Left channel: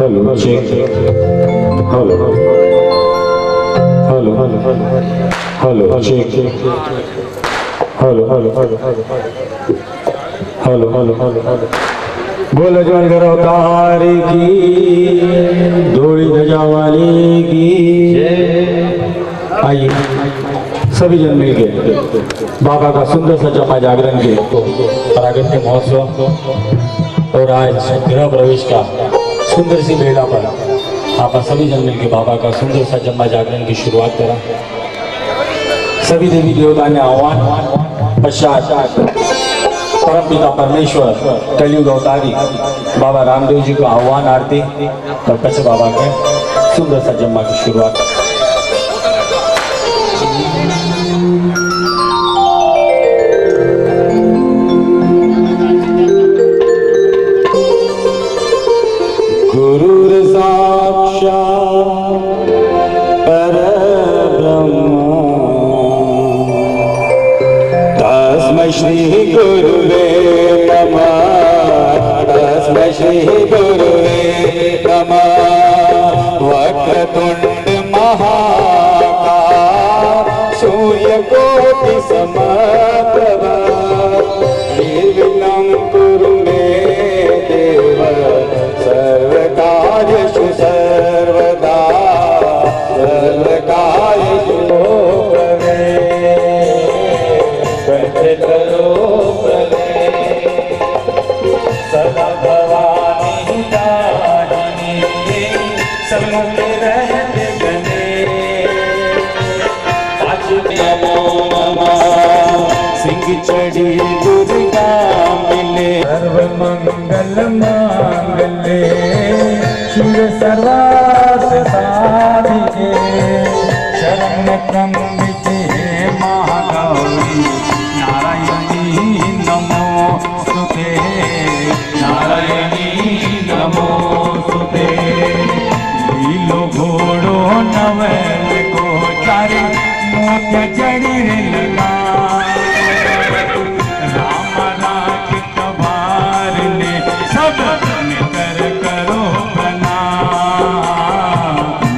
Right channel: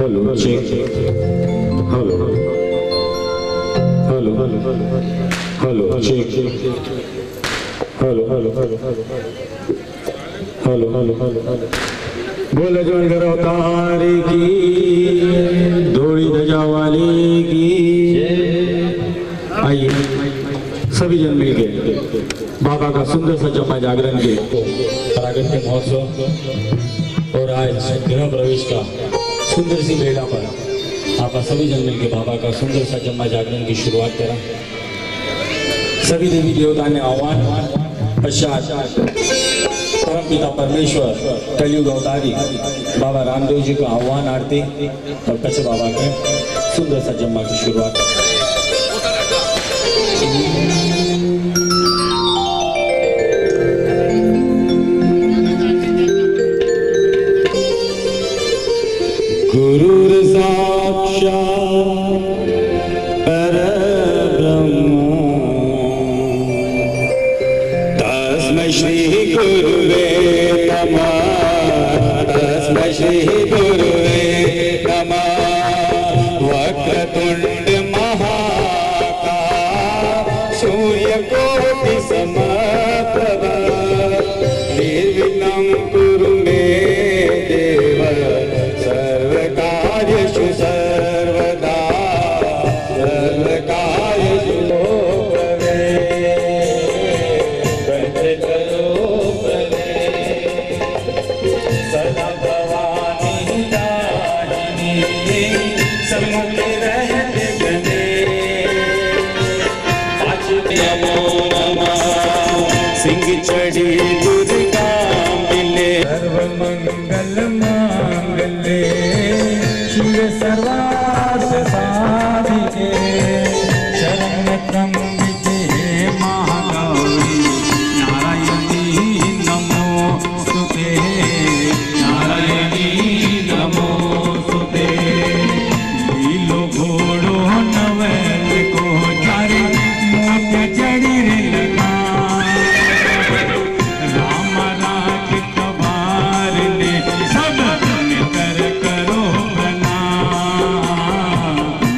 Hello check hello hello hello check hello hello hello hello बोल जवान करो तारी की धोड़ी ध्वजा वाली की। आइए सभी जन मिलके बाबा का सुंदर सा जमा जागरण के प्रागट्य महोत्सव और आज गृह प्रवेश का सुंदर सी बेला पर आप सभी जन मिलके बाबा का सुंदर सा जम्मा जागरण की शुरुआत करा। सभी देवी देवता ने आह्वान पश्चात परम पिता परमेश्वर कलयुग अवतारी बाबा रामदेव जी को आह्वान आरती और कच्छ बाबा के सुंदर सा जम्मा की शुरुआत। गुरुर साक्षात् परब्रह्म तस्मै श्री गुरुवे नमः तस्मै श्री गुरुवे नमः। वक्रतुंड महाकाय सूर्यकोटि समप्रभ निर्विघ्नं कुरु मे देव सर्वकार्येषु सर्वदा सर्वकार्येषु सदा भवानी दाहिनी सन्मुख रहते गणे नमो नमः सिंह चढ़ी दुर्गा मिले सर्व मंगल मांगल्ये शिव सर्वार्थ साधिके शरण त्र्यंबिके महागौरी नारायणी नमोस्तुते नारायणी नमोस्तुते। लीलो घोड़ो नवल को चारे मोत्या जड़ी रे लगा राम राज कबार ने सब निकर करो प्रणाम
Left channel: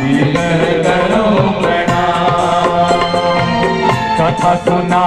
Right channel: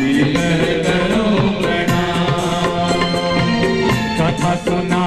निकर करो प्रणाम। कथा सुना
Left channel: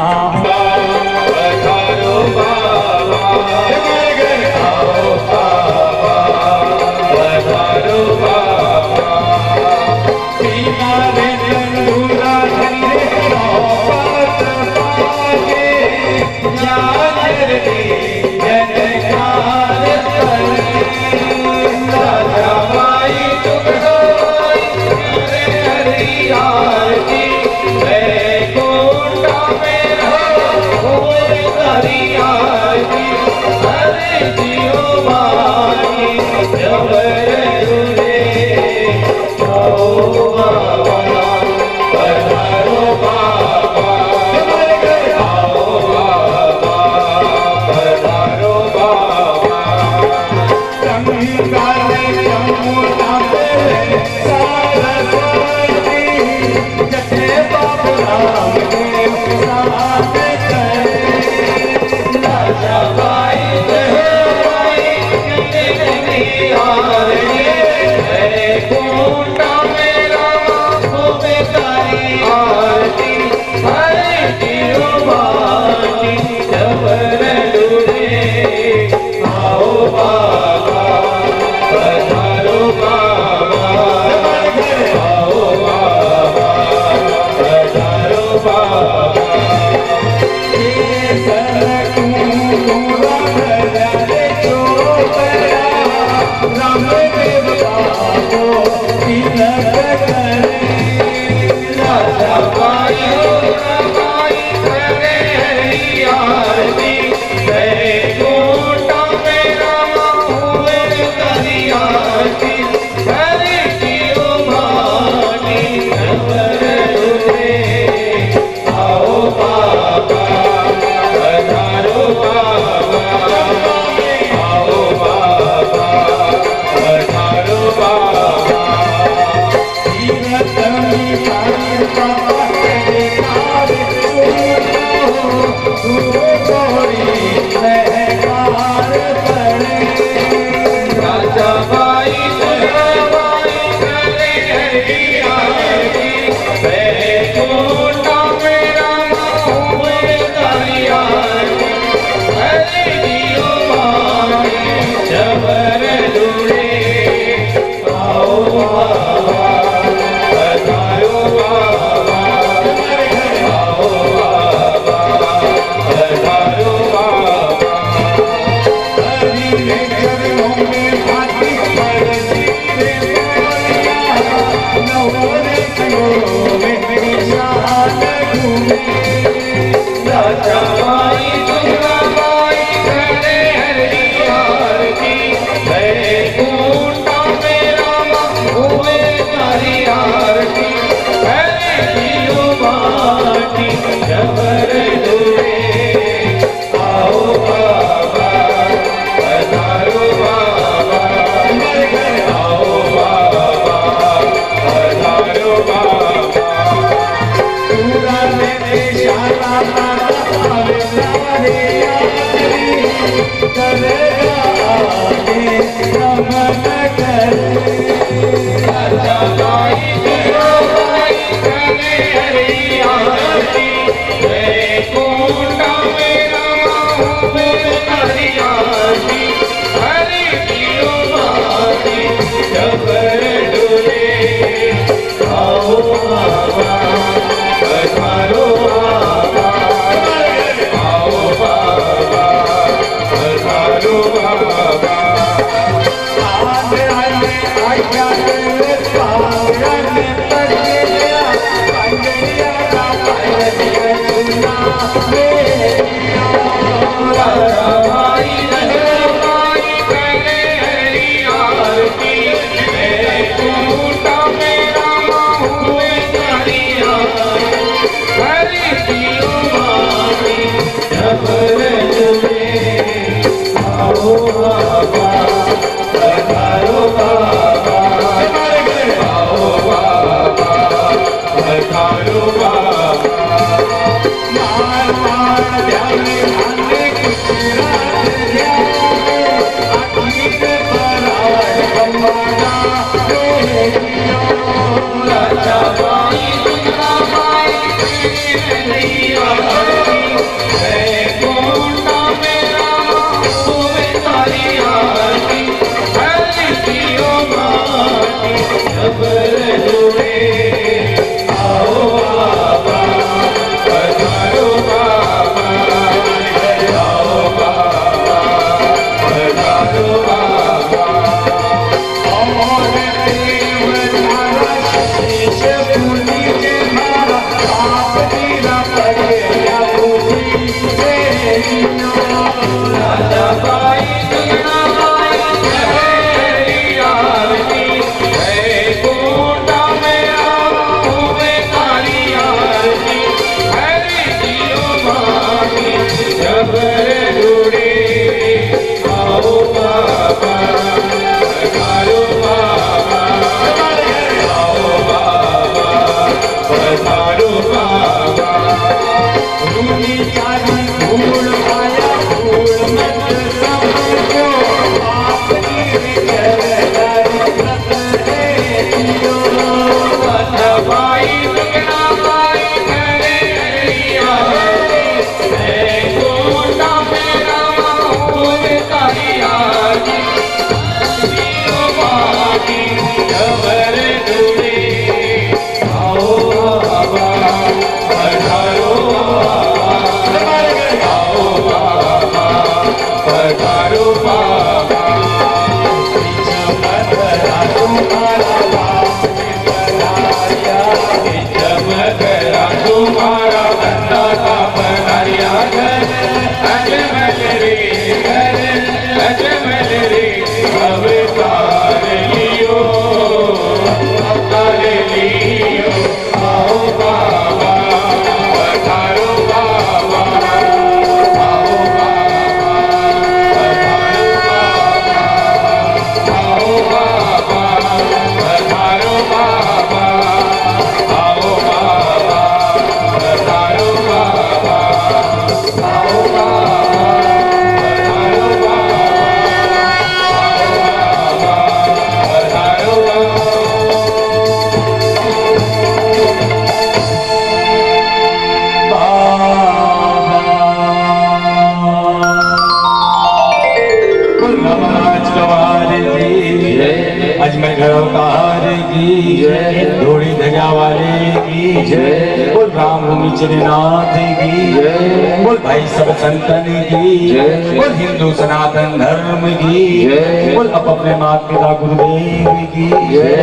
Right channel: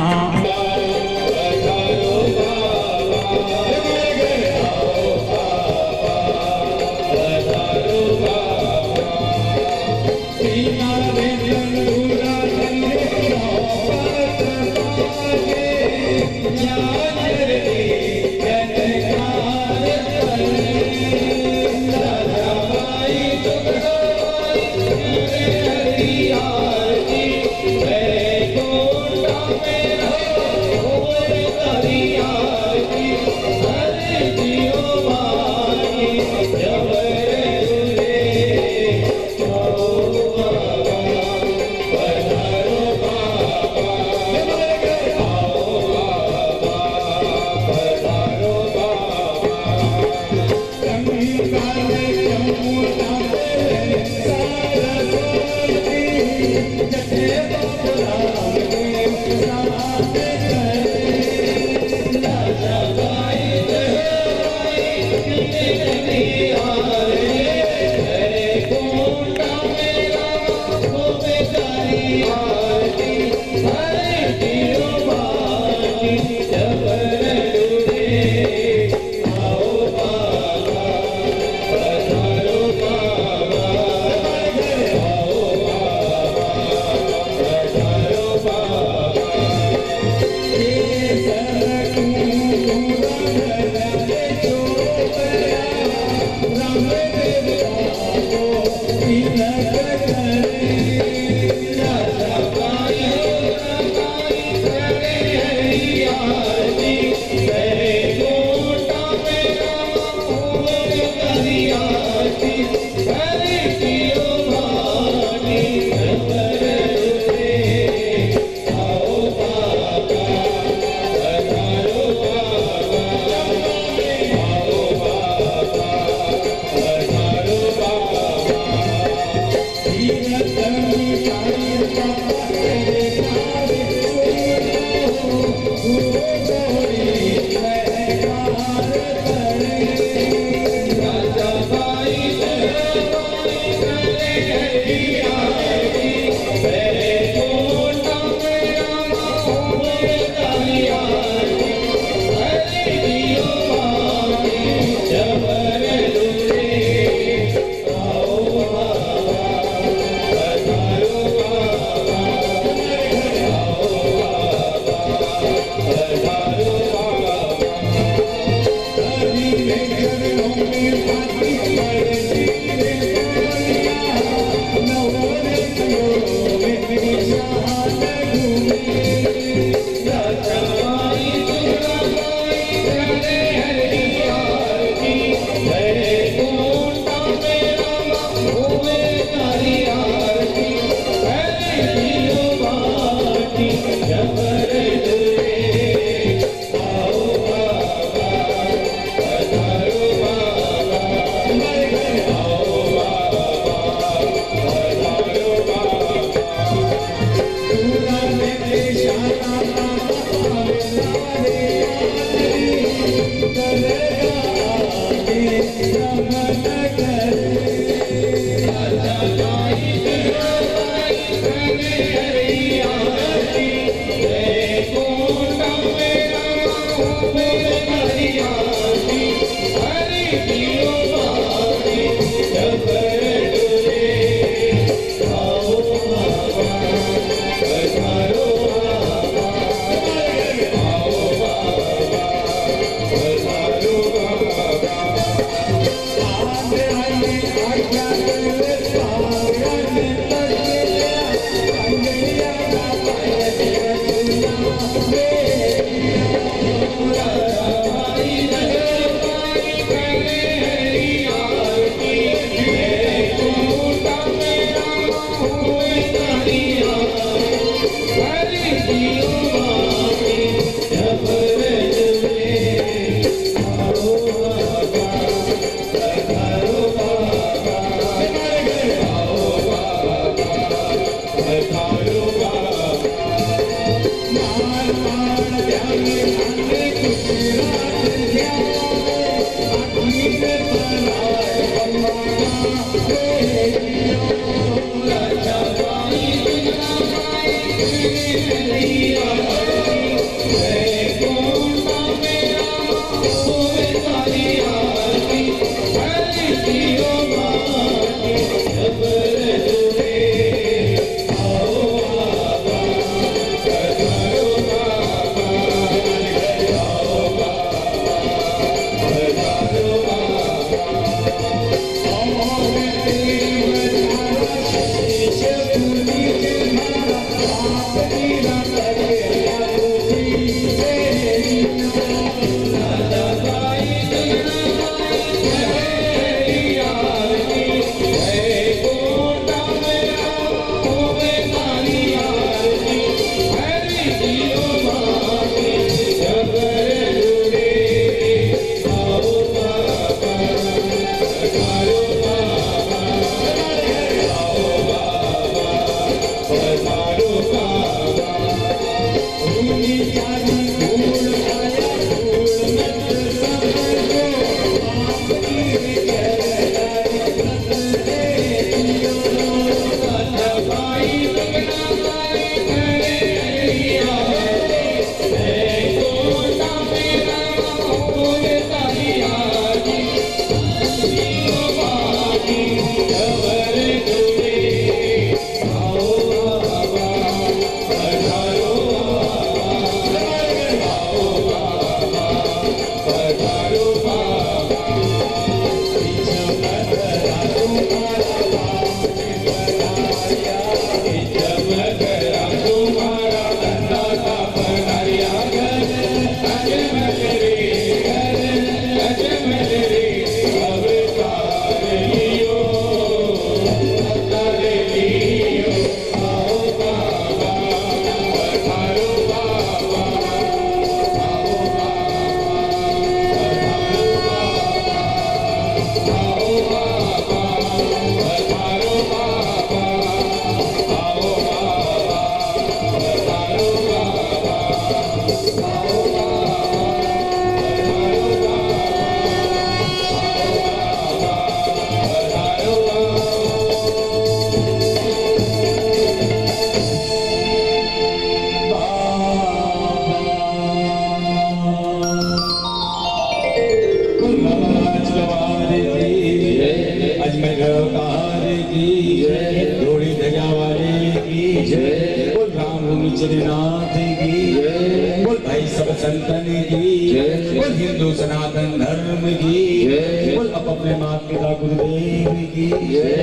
धोड़ी धजा वाले की जय, बोल राम भूमि चरनाथ की जय, बोल भाई सब संतन की जय, बोल हिंदू सनातन धर्म की जय, बोल अपने माता पिता गुरुदेव की जय।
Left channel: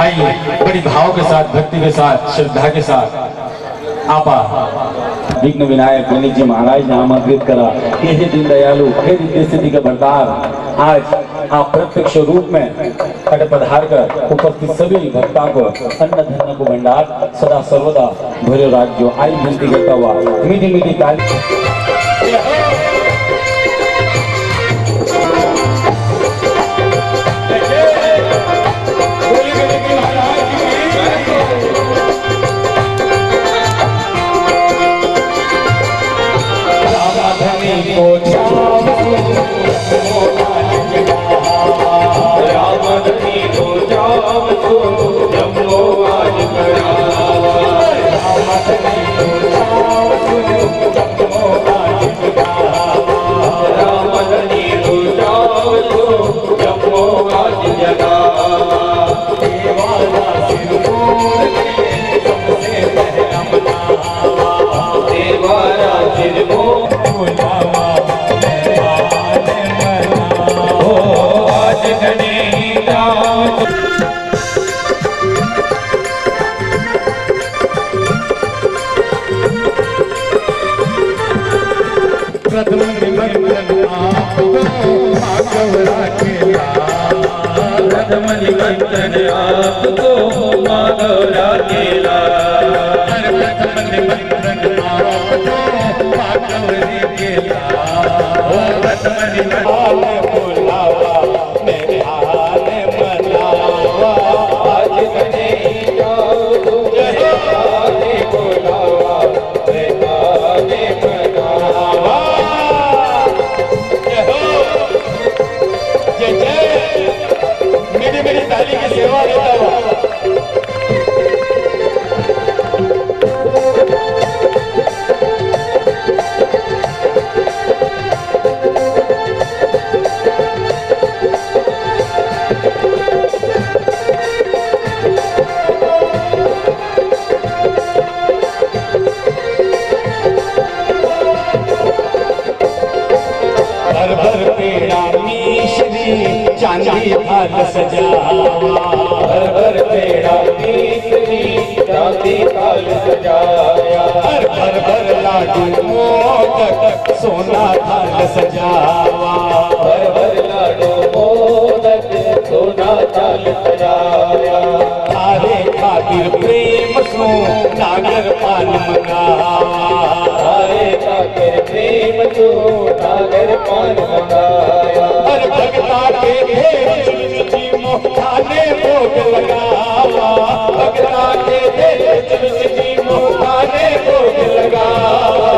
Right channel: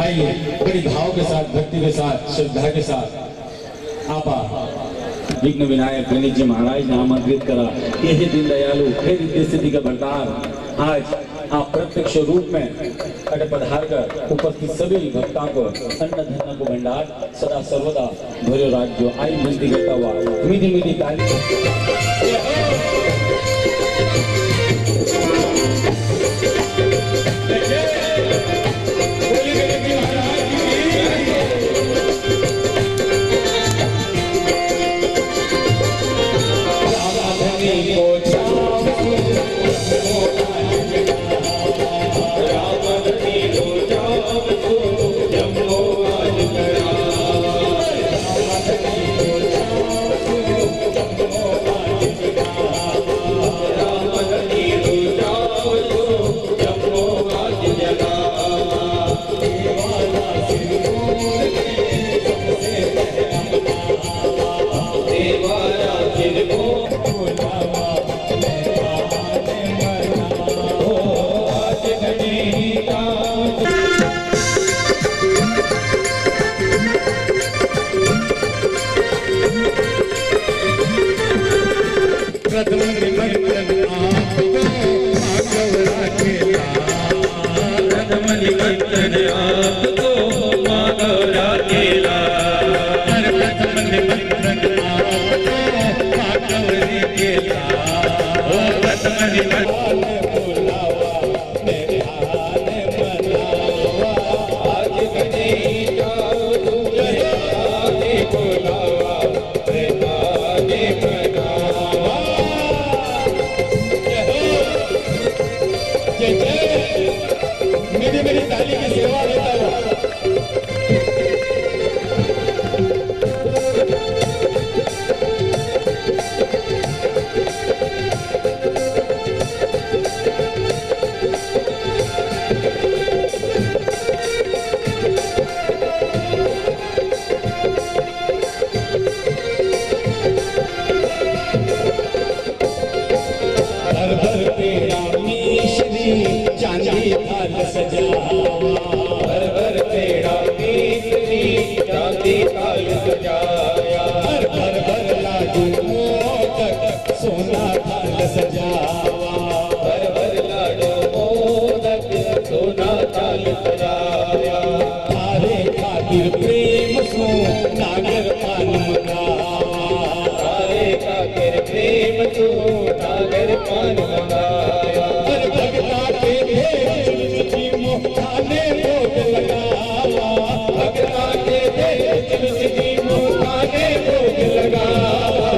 आइए बड़ी भाव के साथ, भक्ति के साथ, श्रद्धा के साथ आपा विघ्न विनायक गणेश जी महाराज ने आमंत्रित करा कि हे दीन दयालु, हे दिव्य स्थिति का भंडार, आज आप प्रत्यक्ष रूप में पधार कर उपस्थित सभी भक्तों को अन्न धन को भंडार सदा सर्वदा भरे राज्य आई विनती करता हुआ मीठी मीठी ताली। खातिर को बुलावा मेहमान मना हो आज कन्हैया प्रथम निमंत्रण आपको माधव राखेला प्रथम निमंत्रण आपको माधव राखेला प्रथम निमंत्रण आपको माधव राखेला ओ प्रथम निमंत्रण बुलावा मेहमान मनावा आज कन्हैया तुझे आगे बुलावा मेहमान मनावा मेरी ताली की सेवा देता हुआ भर भर पेड़ा मिश्री चांदी थाल सजावा भर भर पेड़ा मिश्री चांदी थाल सजाया भर भर लाडू मोदक सोना थाल सजावा भर भर लाडू मोदक सोना थाल सजाया थारे खातिर प्रेम सो नागर पान मंगावा थारे खातिर प्रेम सो नागर पान मंगाया हर भगता के भेष मोहताने भोग लगावा भगता के भेष मोहताने भोग लगावा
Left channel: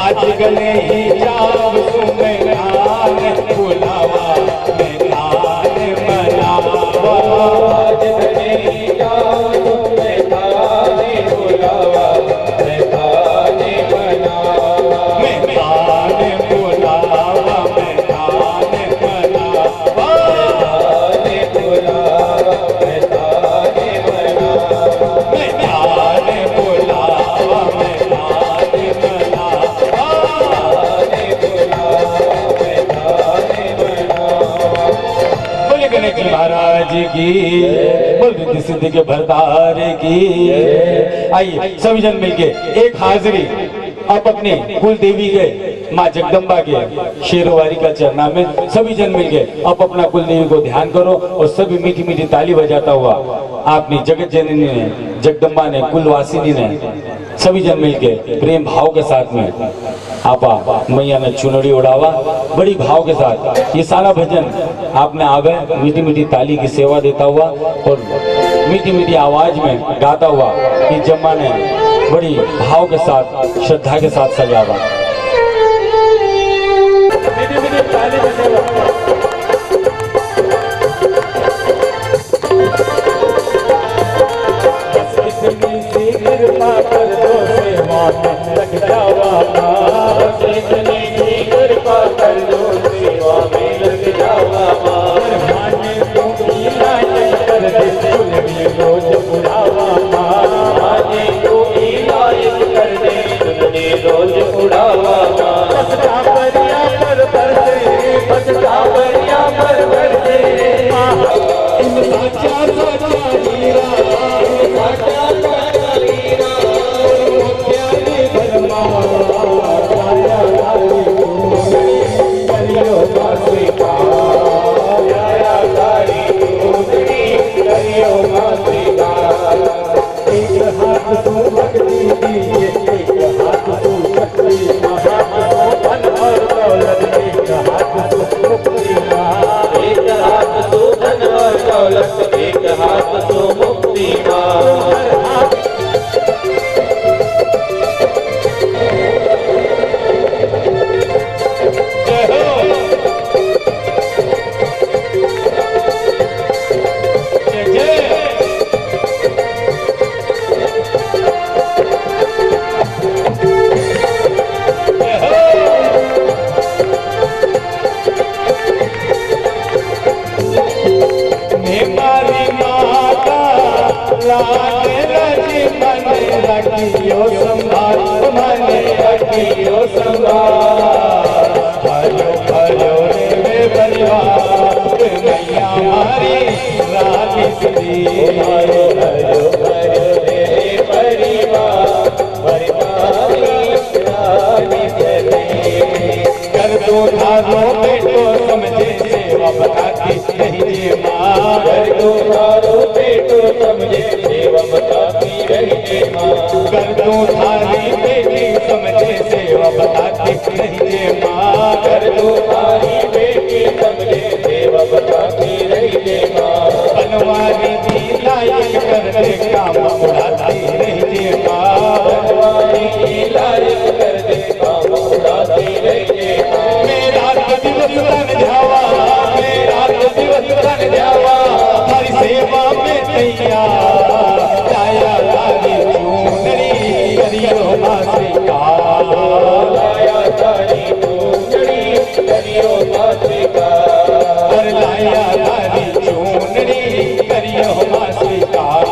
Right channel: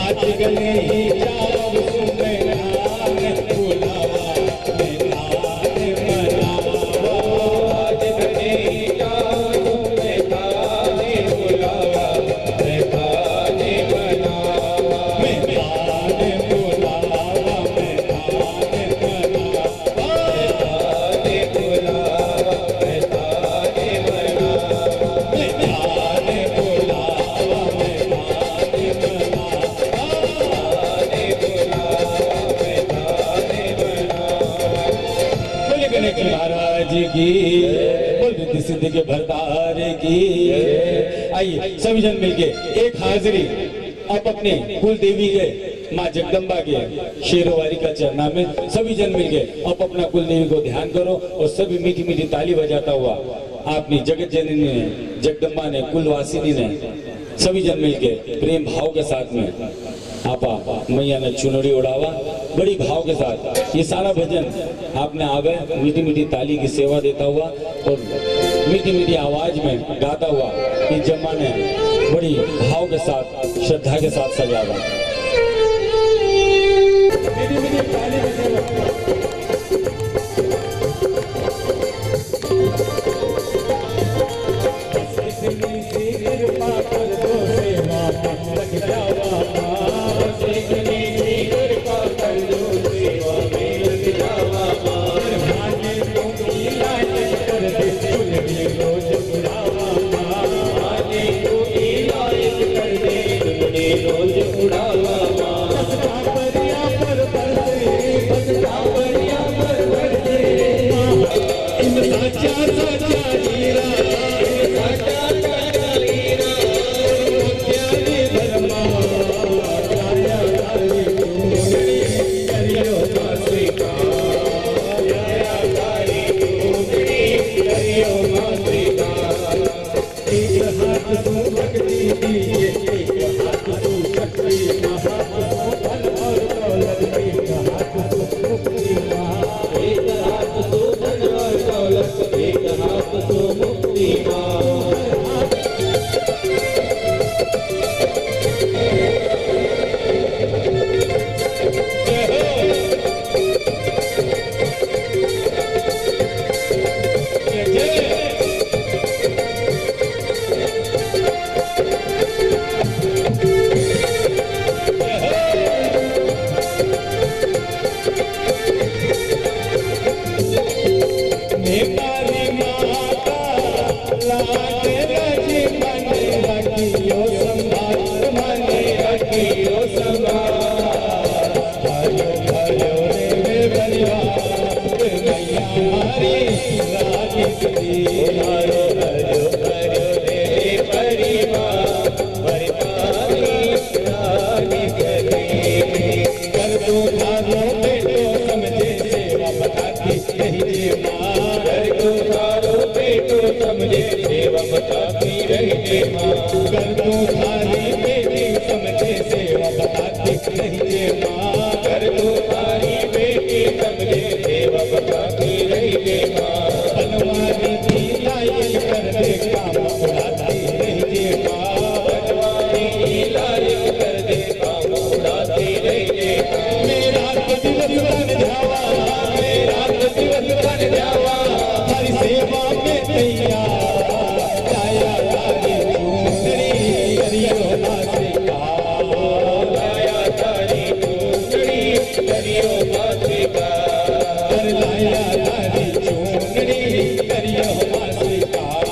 आज गले ही जाव सुमेरान बुलावा मेहमान मनावा आज गले ही जाव सुमेरान बुलावा मेहमान मनावा मेहमान बुलावा मेहमान मनावा मेहमान बुलावा मेहमान मनावा मेहमान बुलावा मेहमान महाराज की बोल रिद्धि सिद्धि के भरतार की। आइए सभी जन मिलके एक हाजिरी आप अपने कुल देवी के माँ जगदम्बा के शेरोवारी का चरना में सभी जन मिलके आप अपना कुल देवी को ध्यान करो और सभी मीठी मीठी ताली बजाता हुआ आपने जगत जननी ने जगदम्बा ने कुलवासिनी ने सभी जन मिलके प्रेम भाव के साथ में आपा मैया ने चुनरी उड़ावा बड़ी भाव के साथ ये सारा भजन आपने आवे मीठी मीठी ताली की सेवा देता हुआ और मीठी मीठी आवाज में गाता हुआ ये जम्मा ने बड़ी भाव के साथ श्रद्धा के साथ सजावा। मीठी मीठी ताली की सेवा रखियो संभाल, माने रखियो संभाल। भयो भयो रे परिवार मैया हमारी रानी सदी। भयो भयो भयो रे परिवार परिवारी रानी सदी। कर दो धारो बेटो समझे सेवा बताती रही माँ। कर दो धारो बेटो समझे सेवा बताती रही माँ। कर दो थारी बेटी समझे सेवा बताती रही माँ। कर दो थारी बेटी समझे सेवा बताती रही माँ। बनवारी की लायक कर दे काम उड़ाती रही माँ। बनवारी की लायक कर दे काम उड़ाती रही माँ। मेरा तो दिवस तन जावा, मेरा तो दिवस तन जावा, हरी सेवा में तैयार। लाया तारी चूनरी करियो माँ स्वीकार। लाया तारी चूनरी करियो माँ स्वीकार। लाया तारी चूनरी करियो माँ स्वीकार।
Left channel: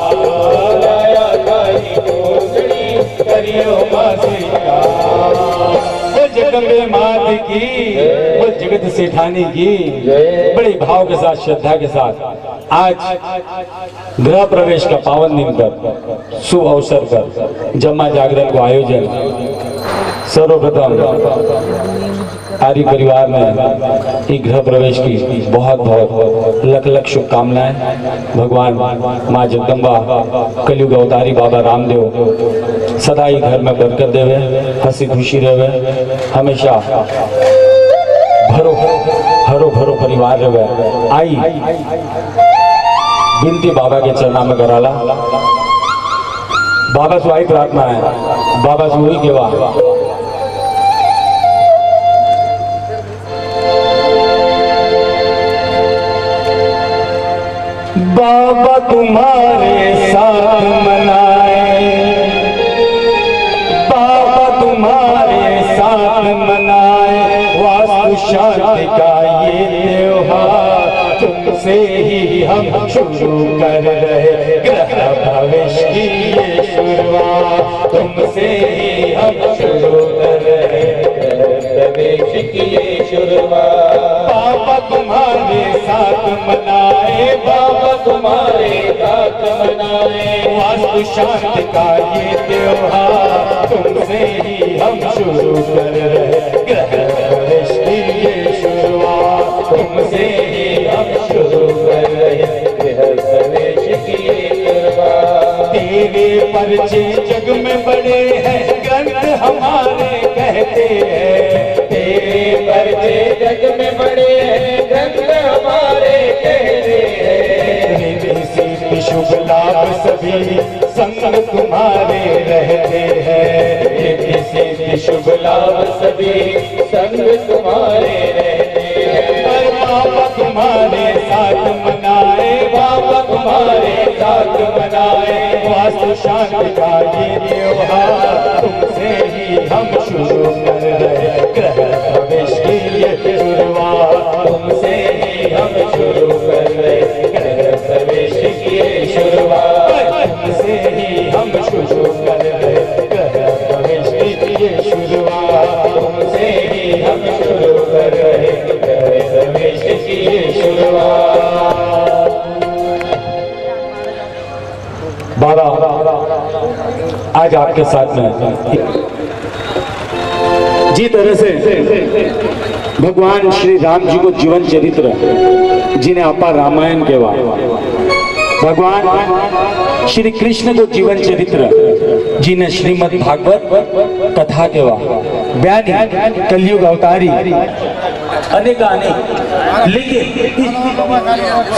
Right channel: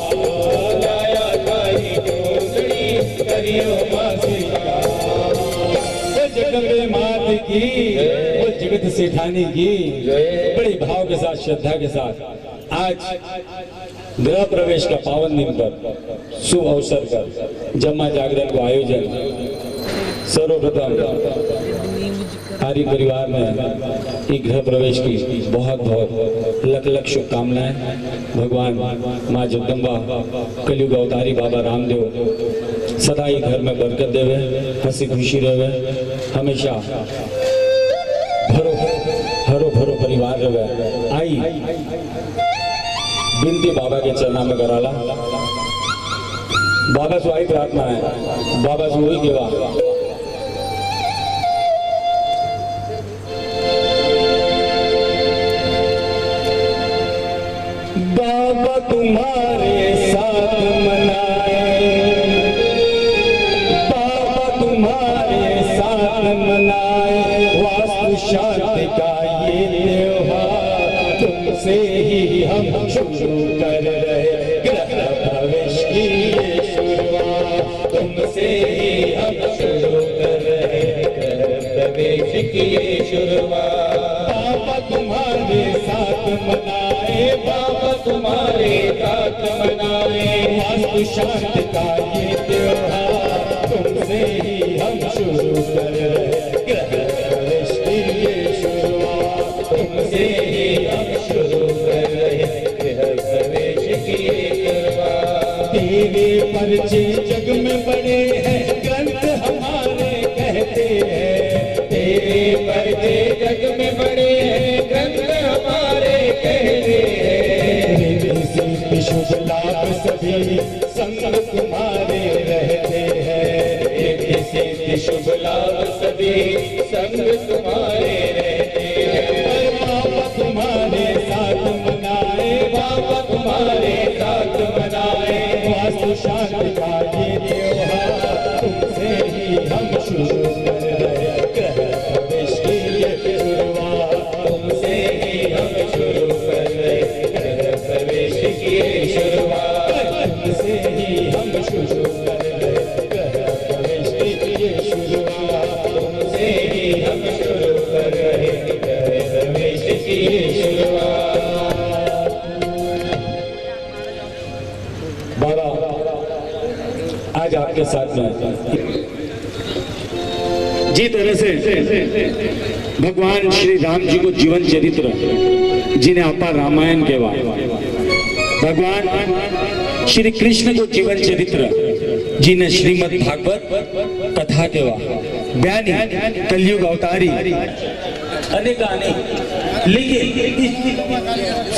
लाया तारी चूनरी करियो माँ स्वीकार। जगदम्बे मात की, वो जगत सेठानी की बड़े भाव के साथ श्रद्धा के साथ आज गृह प्रवेश का पावन दिन पर शुभ अवसर पर जम्मा जागरण को आयोजन। सर्वप्रथम आर्य परिवार में ई गृह प्रवेश की बहुत बहुत लख लख शुभकामनाएं। भगवान माँ जगदम्बा कलयुग अवतारी बाबा रामदेव सदा ही घर में बरकत देवे, हंसी खुशी रहे, हमेशा भरो हरो भरो परिवार रहे। आई बिनती बाबा के चरणा में कराला। बाबा से आई प्रार्थना है, बाबा से वही केवा बाबा तुम्हारे साथ मनाए, बाबा तुम्हारे साथ मनाए वास्तु शांति का ये त्योहार। तुमसे ही हम शुरू कर रहे गृह प्रवेश की ये शुरुआत। तुमसे ही हम शुरू कर रहे गृह प्रवेश की ये शुरुआत। बाबा तुम्हारे साथ मनाए, बाबा तुम्हारे साथ मनाए वास्तु शांति का ये त्योहार। तुमसे ही हम शुरू कर रहे गृह प्रवेश की ये शुरुआत। तुमसे ही हम शुरू कर रहे गृह प्रवेश की ये शुरुआत। तेरे परिचय जग में बड़े हैं ग्रंथ हमारे कहते हैं। तेरे परिचय जग में बड़े हैं ग्रंथ हमारे कहते हैं। शुभ लाभ सभी संग तुम्हारे रहते हैं। शुभ लाभ सभी संग तुम्हारे रहते हैं। बाबा तुम्हारे साथ मनाए, बाबा तुम्हारे साथ मनाए वास्तु शांति का ये त्योहार। तुमसे ही हम शुरू कर रहे गृह प्रवेश की ये शुरुआत। तुमसे ही हम शुरू कर रहे गृह प्रवेश की ये शुरुआत। तुमसे ही हम शुरू कर रहे गृह प्रवेश की ये शुरुआत। तुमसे ही हम शुरू कर रहे गृह प्रवेश की ये शुरुआत। बाबा आज आपके साथ में जी तरह से भगवान श्री राम जी को जीवन चरित्र जिन्हें अपा रामायण कहवा, भगवान श्री कृष्ण को जीवन चरित्र जिन्हें श्रीमद् भागवत कथा कहवा, बयानी कलयुग अवतारी अनेकानेक। लेकिन इस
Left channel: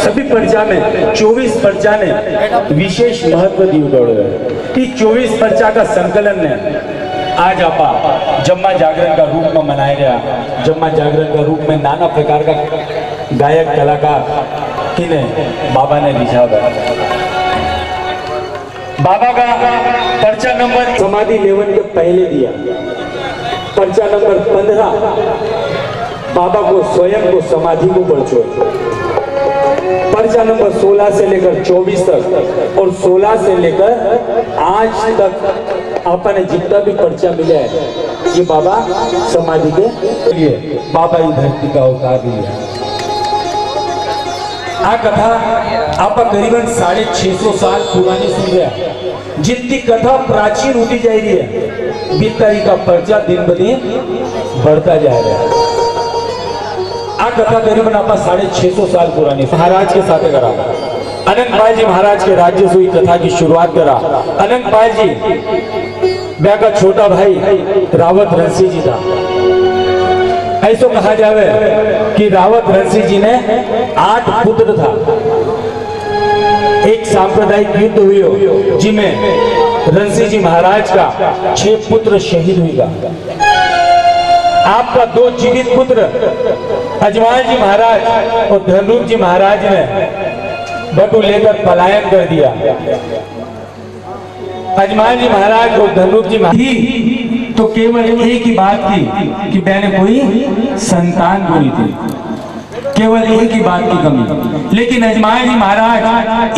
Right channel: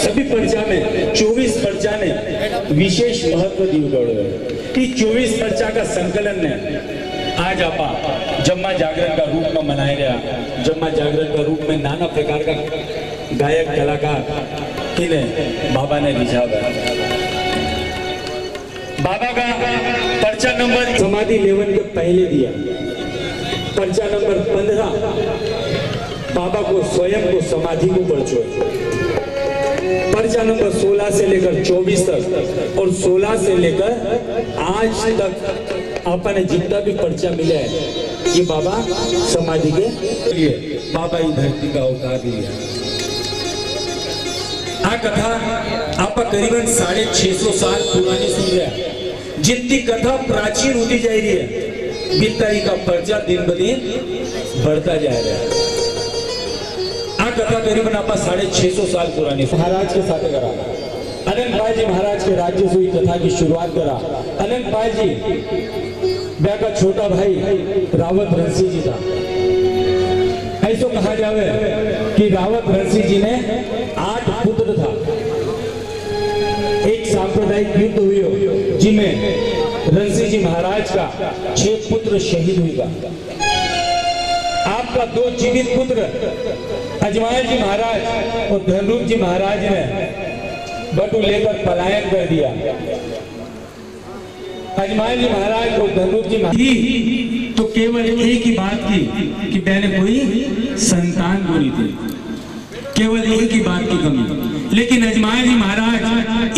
सभी पर्चा में 24 पर्चा ने विशेष महत्व दिया है। इस 24 पर्चा का संकलन ने आज आपा जम्मा जागरण का रूप में मनाया गया। जम्मा जागरण का रूप में नाना प्रकार का गायक कलाकार किन्हें बाबा ने रिझाया। बाबा का पर्चा नंबर समाधि लेवन के पहले दिया। पर्चा नंबर 15 बाबा को स्वयं को समाधि को परचो। पर्चा नंबर 16 से लेकर 24 तक और 16 से लेकर आज तक आपने जितना भी पर्चा मिला है ये बाबा समाधि के लिए बाबा ही धरती का अवतार लिया। आ कथा आप करीबन 650 साल पुरानी सुन रहे हैं। जितनी कथा प्राचीन होती जा रही है बिताई का पर्चा दिन ब दिन बढ़ता जा रहा है। आ कथा करीबन आप 650 साल पुरानी महाराज के साथ करा। अनंतपाल जी महाराज के राज्य से हुई कथा की शुरुआत करा। अनंतपाल जी ब्याह का छोटा भाई रावत रणसी जी था। ऐसा कहा जावे कि रावत रणसी जी ने 8 पुत्र था। एक सांप्रदायिक युद्ध हुई जिसमें रणसी जी महाराज का 6 पुत्र शहीद हुआ। आपका 2 जीवित पुत्र अजमाल जी महाराज और धनरूप जी महाराज ने बटू लेकर पलायन कर दिया। अजमाल जी महाराज और धनरूप जी महाराज तो केवल एक ही बात की कि मैंने कोई संतान को नहीं थी, केवल एक ही बात की कमी। लेकिन अजमाल जी महाराज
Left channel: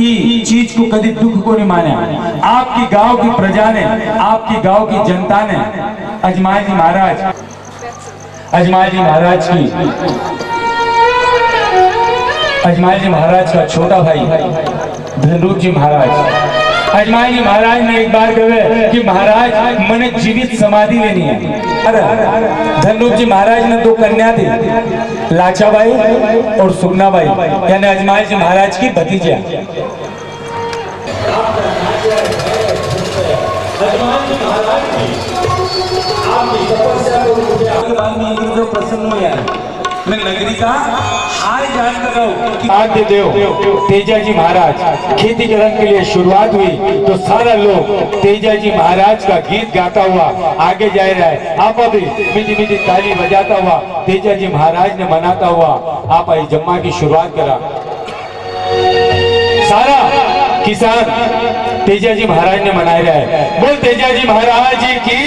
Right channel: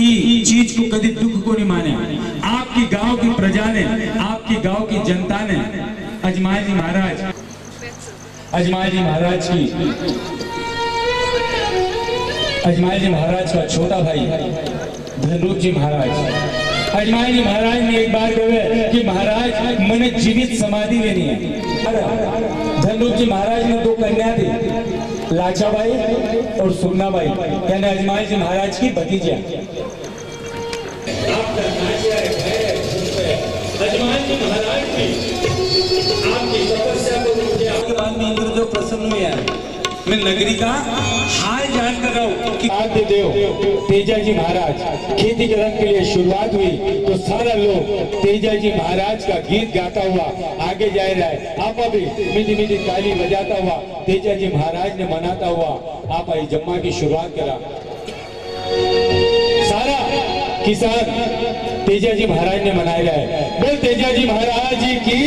इस चीज को कभी दुख को नहीं माना। आपकी गांव की प्रजा ने, आपकी गांव की जनता ने अजमाल जी महाराज का छोटा भाई धनरूप जी महाराज अजमाल जी महाराज ने एक बार कहे कि महाराज मैंने जीवित समाधि लेनी है। धनरूप जी महाराज ने 2 कन्या थी, लाचाबाई और सुगनाबाई, यानी अजमाल जी महाराज की भतीजा। अजमाल जी महाराज की आपकी तपस्या को के बाद में इंद्रदेव प्रसन्न हुए। मैं नगरी का हाल जान कर रहा हूँ कि आद्य देव तेजा जी महाराज खेती करने के लिए शुरुआत हुई तो सारा लोग तेजा जी महाराज का गीत गाता हुआ आगे जा रहा है। आप अभी मीठी मीठी ताली बजाता हुआ तेजा जी महाराज ने मनाता हुआ आप आई जम्मा की शुरुआत करा। सारा किसान तेजा जी महाराज ने मनाया रहा है। बोल तेजा जी महाराज जी की।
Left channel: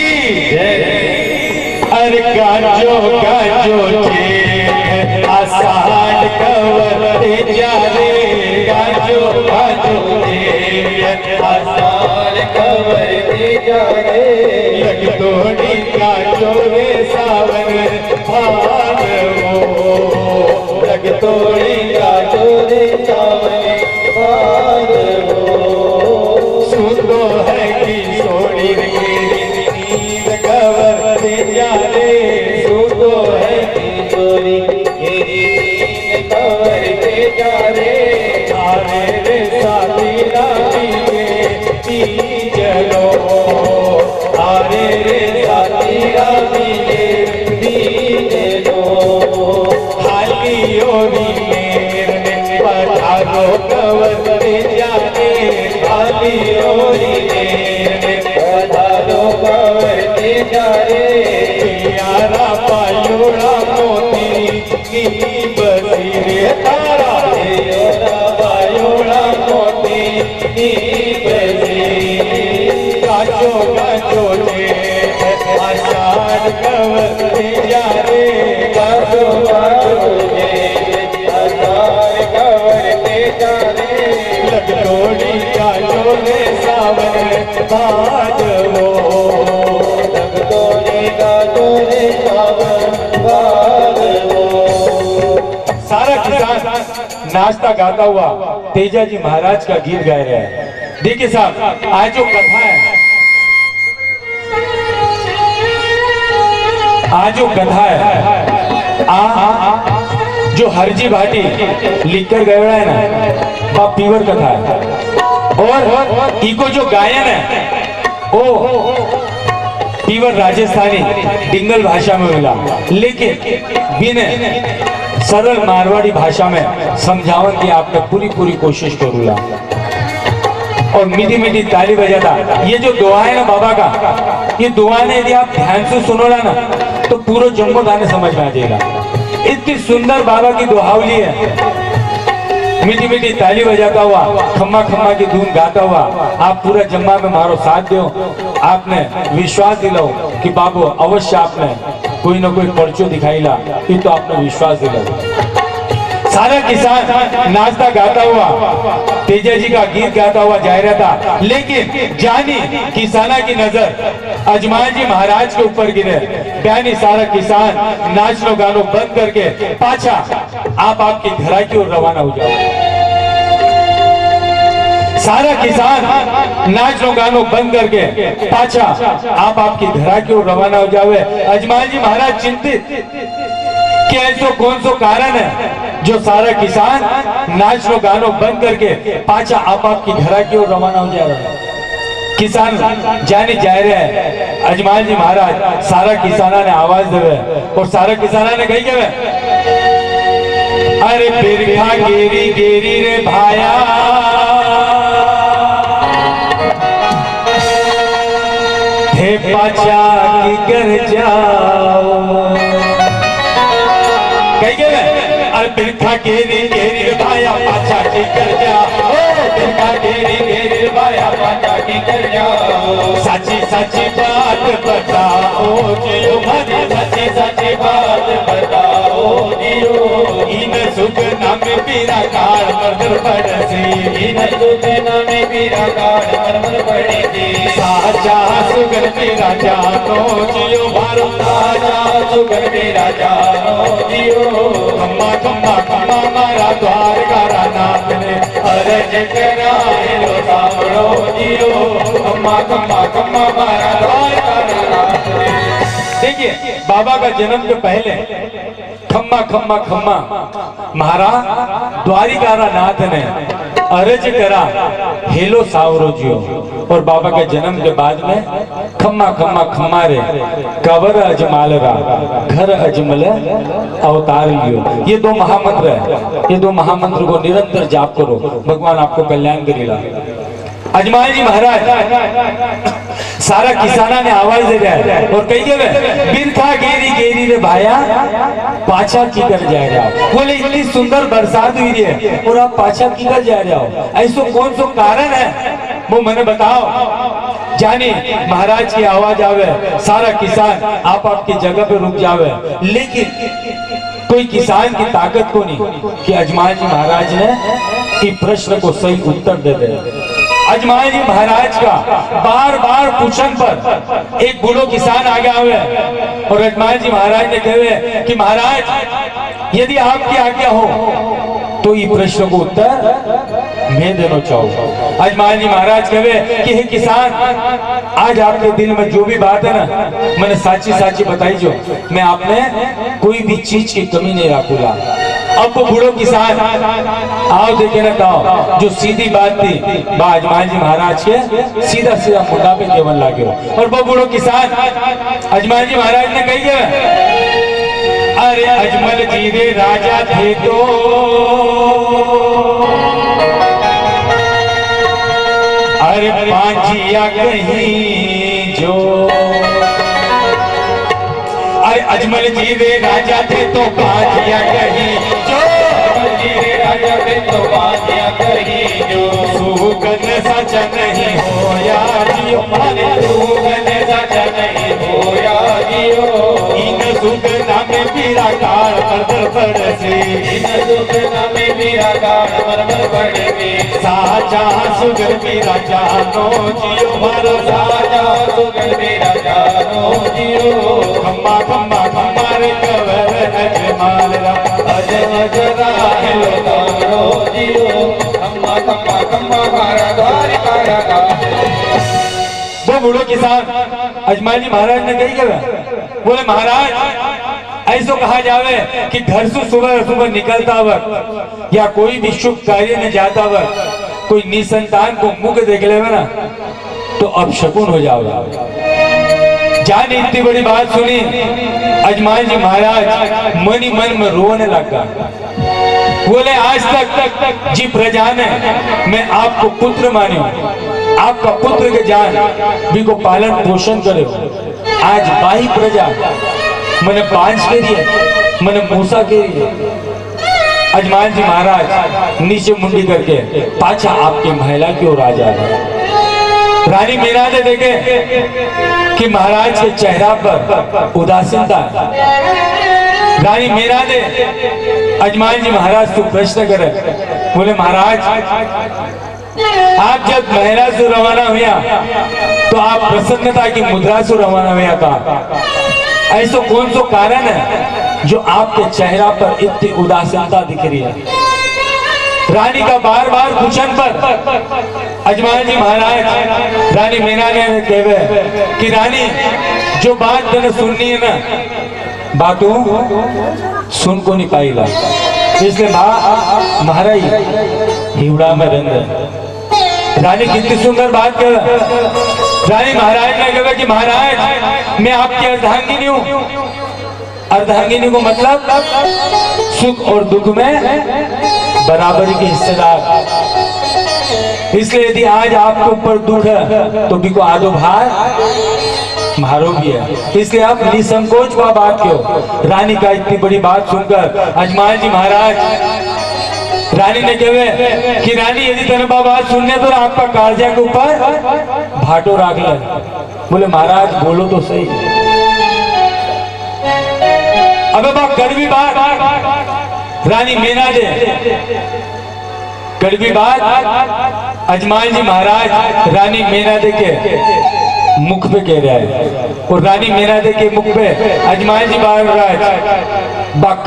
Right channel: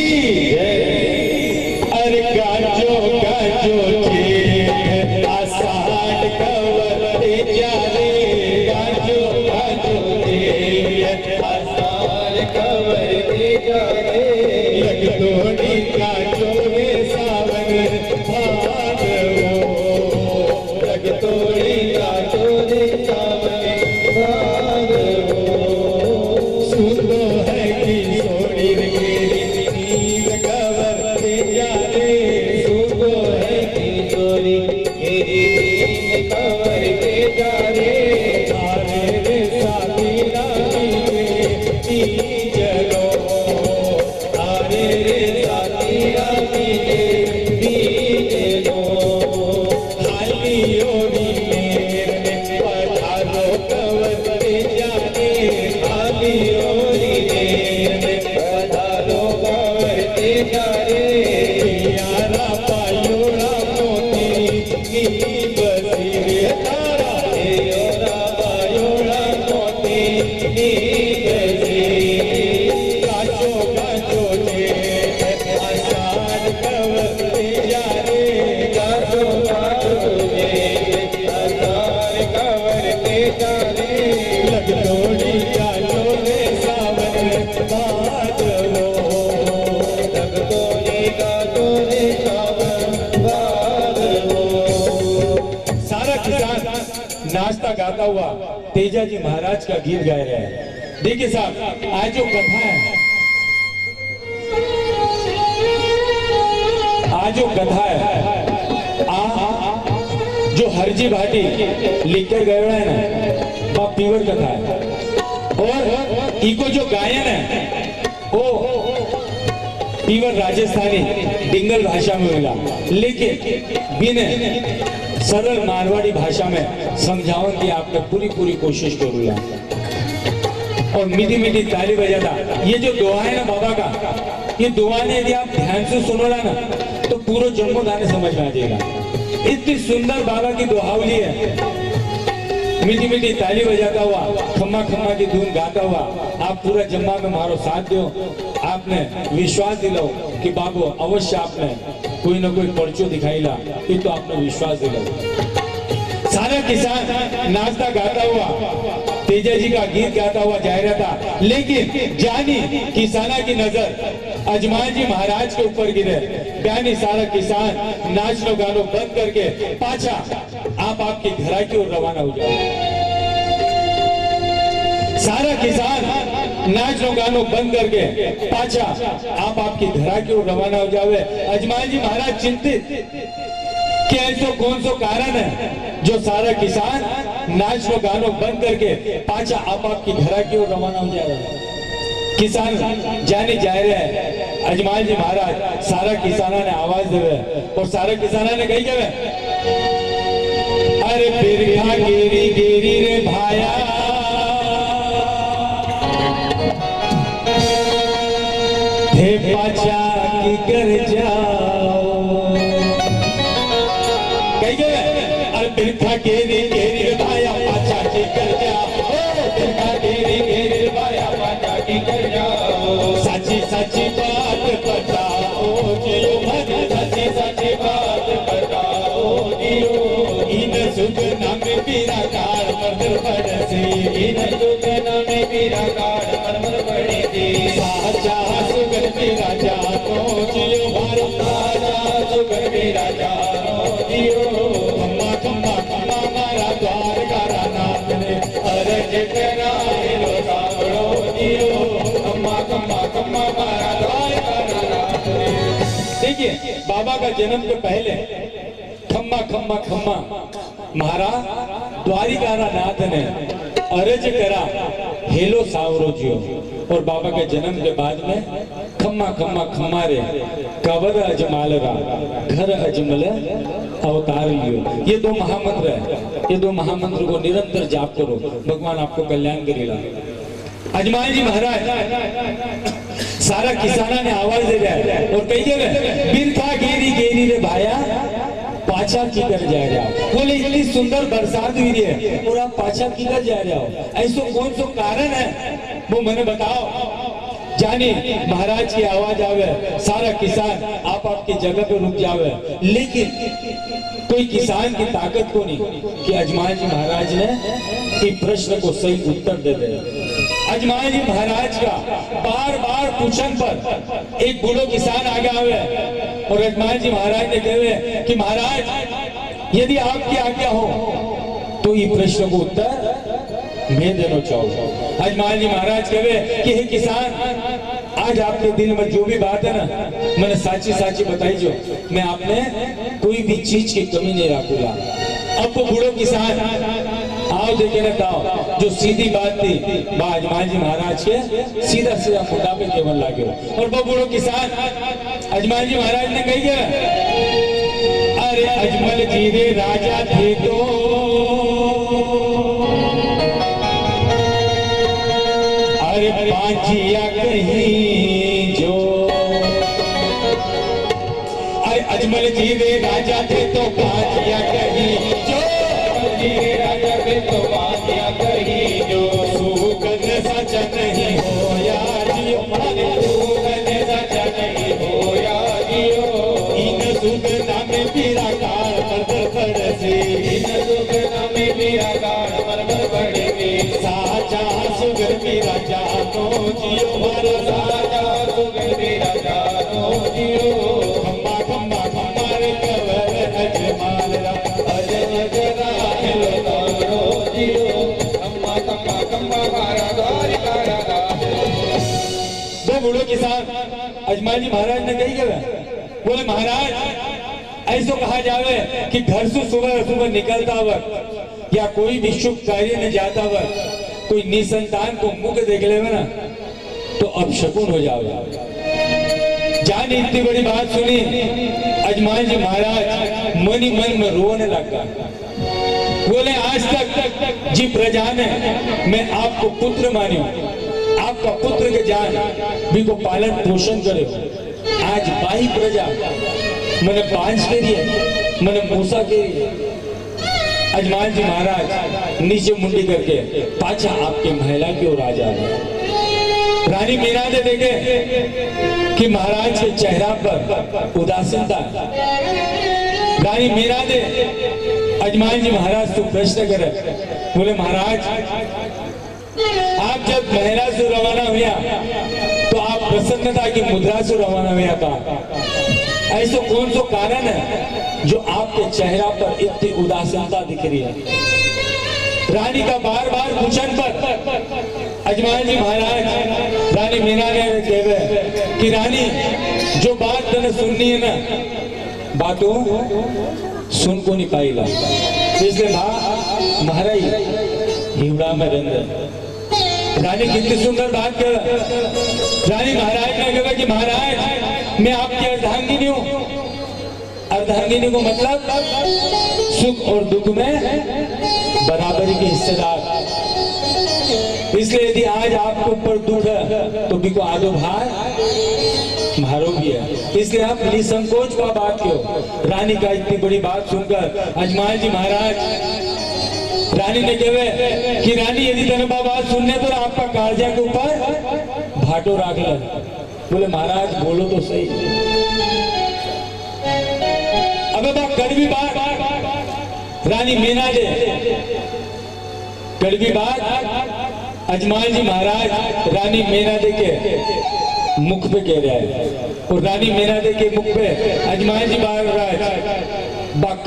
अरे गाजो गाजो आसान कवर तेजा रे, गाजो गाजो आसान कवर तेजा रे, लग तोड़ी गाजो रे सावन भाग वो, लग तोड़ी गाजो रे सावन भाग वो, सुनो है कि सोनी मेरी नींद कवर तेजा रे, सुनो है कि सोनी मेरी नींद कवर तेजा रे, आरे रे साथी रानी के चलो, आरे रे साथी रानी के चलो, हाली ओरी मेरे ने पधारो कवर तेजा रे, हाली ओरी मेरे ने पधारो कवर तेजा रे, यारा पायोड़ा मोती की बसी रे तारा, यारा पायोड़ा मोती की बसी, गाजो गाजो जे आसान कवर तेजा रे, गाजो गाजो जे आसान कवर तेजा रे, लग तोड़ी गाजो रे सावन भाजवो, लग तोड़ी गाजो रे सावन भाजवो। सारा किसान नाचता गाता हुआ तेजा जी महाराज का गीत गा रहे हैं। देखिए साहब, आज जो कथा है, जो हरजी भाटी लिखकर गए है ना, वह पीवर कथा है। और इको जो गायन है वो पीवर राजस्थानी डिंगल भाषा में मिला, लेकिन बिना सरल मारवाड़ी भाषा में समझावन की आपने पूरी कोशिश करूँगा। और मीठी मीठी ताली बजाता। ये जो दुआ है ना बाबा का, ये दुआ ने यदि आप ध्यान से सुनोला ना तो पूरा जन्म दाने समझ में आ जाएगा। इतनी सुंदर बाबा की दुहावली है। मीठी मीठी ताली बजाता हुआ, खम्मा खम्मा की धुन गाता हुआ आप पूरा जम्मा में मारो साथ दो। आपने विश्वास दिलाओ कि बाबू अवश्य आपने कोई ना कोई पर्चो दिखाईला, ये तो आपने विश्वास दिलाओ। सारा किसान नाचता गाता हुआ तेजा जी का गीत गाता हुआ जा रहा था, लेकिन जानी किसाना की नजर अजमान जी महाराज के ऊपर गिरे। बयानी सारा किसान नाचनो गानो बंद करके पाछा आप आपकी घरा की ओर रवाना हो जाओ। सारा किसान नाचनो गानो बंद करके पाछा आप आपकी घरा की ओर रवाना हो जावे। अजमान जी महाराज चिंतित कि ऐसो कौन सो कारण है जो सारा किसान नाचनो गानो बंद करके पाछा आप आपकी घरा की ओर रवाना हो जा रहा है। किसान जाने जा रहे हैं। अजमान जी महाराज सारा किसाना ने आवाज देवे और सारा किसाना ने कही गए, अरे बिरखा गेरी गेरी रे भाया, थे पाछा की कर जाओ। कही गए, अरे बिरखा गेरी गेरी रे भाया, पाछा की कर जाओ। बिरखा गेरी गेरी रे भाया, पाछा की कर जाओ। साची साची बात बताओ जियो, भाई साची साची बात बताओ जियो। इन सुख नाम पीरा कार मरमर पड़सी, इन सुख नाम पीरा कार मरमर पड़सी। साचा सुगर मेरा जानो जियो, मारो साचा सुगर मेरा जानो जियो। खम्मा खम्मा खम्मा मारा द्वार का नाथ ने अरज कराए लो सामरो जियो। खम्मा खम्मा खम्मा मारा द्वार का नाथ ने। देखिए बाबा का जन्म के पहले खम्मा खम्मा खम्मा महाराज द्वारिका नाथ ने अरज करा हेलो सावरो जियो। और बाबा के जन्म के बाद में खम्मा खम्मा खम्मा रे कवर अजमाल रा घर अजमल अवतार लियो। ये दो महामंत्र है, ये दो महामंत्र को निरंतर जाप करो, भगवान आपको कल्याण करेगा। अजमान जी महाराज सारा किसाना ने आवाज दे रहा है और कही गए, बिरखा गेरी गेरी रे भाया, पाछा की कर जाएगा। बोले इतनी सुंदर बरसात हुई है और आप पाछा की कर जा रहे हो, ऐसो कौन सो कारण है वो मैंने बताओ। जानी महाराज की आवाज आवे, सारा किसान आप आपकी जगह पे रुक जावे, लेकिन कोई किसान की ताकत को नहीं कि अजमान जी महाराज ने इस प्रश्न को सही उत्तर दे दे। अजमान जी महाराज का बार बार पूछन पर एक बूढ़ो किसान आ गया हुए और अजमान जी महाराज ने कहे कि महाराज यदि आपकी आज्ञा हो तो ये प्रश्न को उत्तर मैं देना चाहूँ। अजमान जी महाराज कहे कि हे किसान, आज आपके दिल में जो भी बात है ना मैंने साची साची बताई, जो मैं आपने कोई भी चीज की कमी नहीं रखूंगा। अब वो बूढ़ो किसान आओ देखे ना कहो जो सीधी बात थी अजमान जी महाराज के सीधा सीधा मुद्दा पे केवल लागे। और वो बूढ़ो किसान अजमान जी महाराज ने कही गया, अरे अजमल जी रे राजा थे तो अरे पांचिया कहीं जो, अरे अजमल जी रे राजा थे तो पांचिया कहीं जो, अजमल जी रे राजा थे तो पांचिया कहीं जो। सुगन सच नहीं हो या जियो, माने सुगन सच नहीं हो या जियो। इन सुगना में पीरा कार मरमर पड़सी, इन सुगना में पीरा कार मरमर पड़सी। साचा सुगर मेरा जानो जियो, मारो साचा सुगर मेरा जानो जियो। खम्मा खम्मा खम्मा रे कवर अजमाल रा अजय जरा हेलो तारो जियो। खम्मा खम्मा खम्मा मारा द्वारिका रा। वो बूढ़ो किसान अजमान जी महाराज ने कही गया, बोले महाराज ऐसो कहा जावे कि घर से सुबह सुबह निकलता वक्त या कोई भी शुभ कार्य में जाता वक्त कोई निसंतान को मुख देख लेवे ना तो अपशकुन हो जाओगा। जान इतनी बड़ी बात सुनी अजमान जी महाराज मन ही मन में रोने लगा। बोले आज तक जी प्रजा ने मैं आपको पुत्र माने, आपका पुत्र के जान भी को पालन पोषण करे। आज बाही प्रजा मैंने बांझ के लिए मैंने मूसा के लिए। अजमान जी महाराज नीचे मुंडी करके पाछा आपके महिला की ओर आ जाए। रानी मीरा ने देखे कि महाराज के चेहरा पर उदासीनता। रानी मीरा ने अजमान जी महाराज तो प्रश्न करे, बोले महाराज आप जब महला से रवाना हुआ तो आप प्रसन्नता की मुद्रा से रवाना हुआ था, ऐसा कौन सा कारण है जो आपके चेहरा पर इतनी उदासीनता दिख रही है? रानी का बार बार पूछन पर अजमान जी महाराज रानी मीना ने कहे कि रानी जो बात तने सुननी है ना बातों सुन को नहीं पाई ला, इसलिए महाराज हिवड़ा में रंग। रानी कितनी सुंदर बात कर, रानी महाराज ने कहा कि महाराज मैं आपकी अर्धांगिनी हूँ। अर्धांगिनी को मतलब सुख और दुख में बराबरी के हिस्सेदार। इसलिए यदि आज आपके ऊपर दुख है तो बिको आधो भार मारो भी है, इसलिए आप निसंकोच का बात क्यों। रानी का इतनी बड़ी बात सुनकर अजमान जी महाराज रानी ने कहे कि रानी यदि तेरे बात सुनने तो आपका कालजा के ऊपर भाटो राख ले। बोले महाराज बोलो तो सही। अबे बात कड़वी बात रानी मीना दे, कड़वी बात अजमान जी महाराज रानी मीना दे के मुख पे कह रहा है, और रानी मीना दे के मुख पे अजमान जी महाराज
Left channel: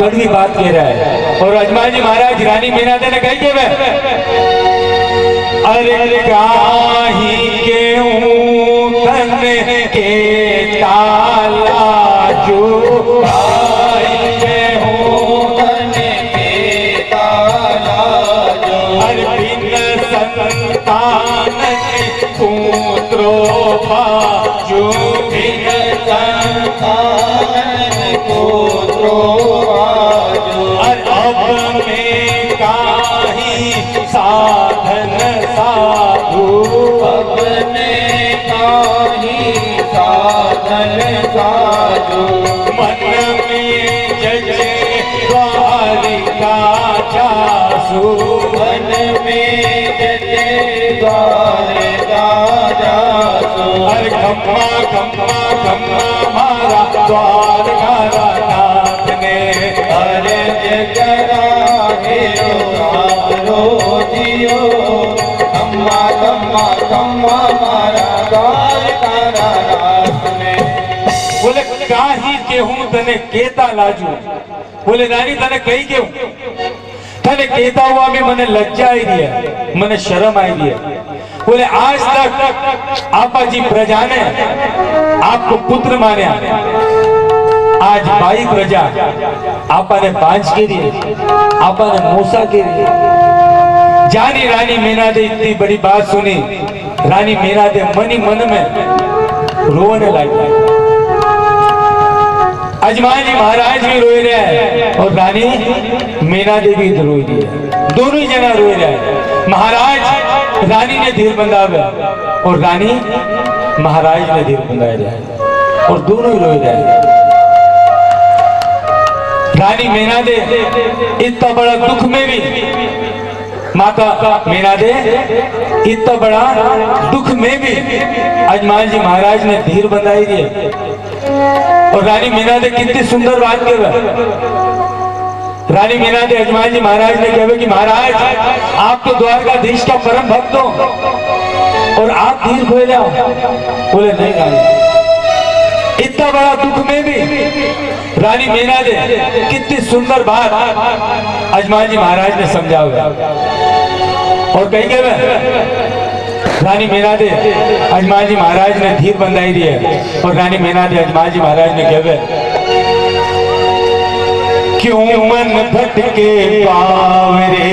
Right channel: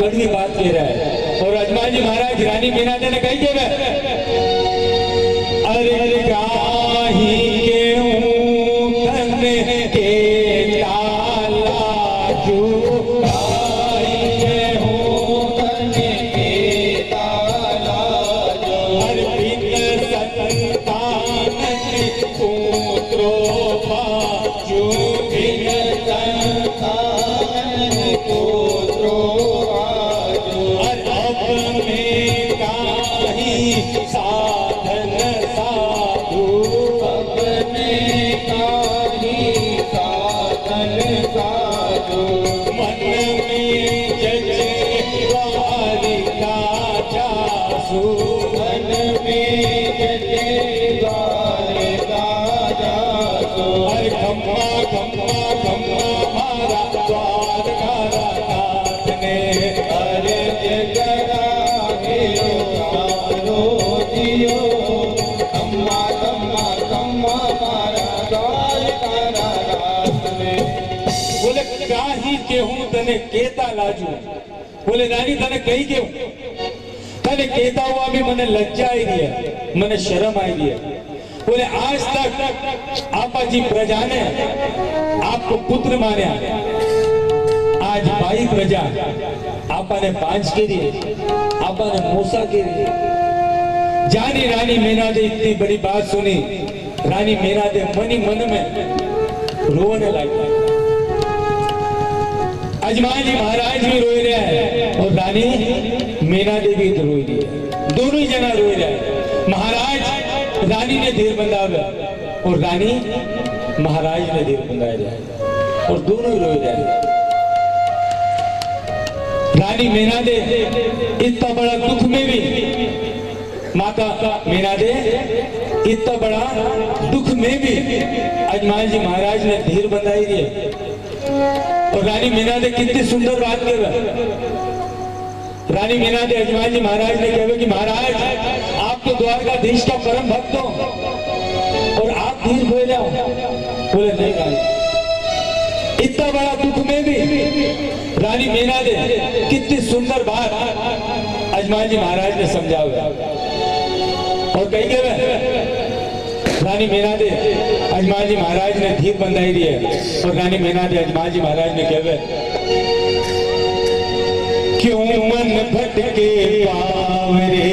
कड़वी बात कह रहा है। और अजमान जी महाराज रानी मीना दे ने कही के अरे गाही के तन के ताला जो तने केता लाजू। बोले रानी तने कही क्यों, तने केता हुआ भी मने लज्जा आई है, मने शर्म आई है। बोले आज तक आपा जी प्रजा ने आपको पुत्र माने, आज बाई प्रजा आपा ने बांझ के दिए, आपा ने मूसा के दिए। जानी रानी मीना दे इतनी बड़ी बात सुनी, रानी मीना दे मनी मन में रोने लगी। अजमान जी महाराज भी रोए रहे और रानी मीना देवी रोई रही है, दोनों ही जना रोए रहे। महाराज रानी ने धीर बंधावे और रानी महाराज ने धीर बंधाए रहे और दोनों ही रोए रहे। रानी मीना दे इतना बड़ा दुख में भी, माता मीना दे इतना बड़ा दुख में भी अजमान जी महाराज ने धीर बंधाई रही। और रानी मीना दे कितनी सुंदर बात कहे, रानी मीना दे अजमान जी महाराज ने कहे कि महाराज आप तो द्वारकाधीश का परम भक्त हो और आप धीर खोए जाओ। बोले नहीं रानी, इतना बड़ा दुख में भी रानी मीना दे कितनी सुंदर बात अजमान जी महाराज ने समझाया। और कही के रानी मीना दे अजमान जी महाराज ने धीर बंधाई दी है। और रानी मीना दे अजमान जी महाराज ने कहे क्यों मन भटके बावरे,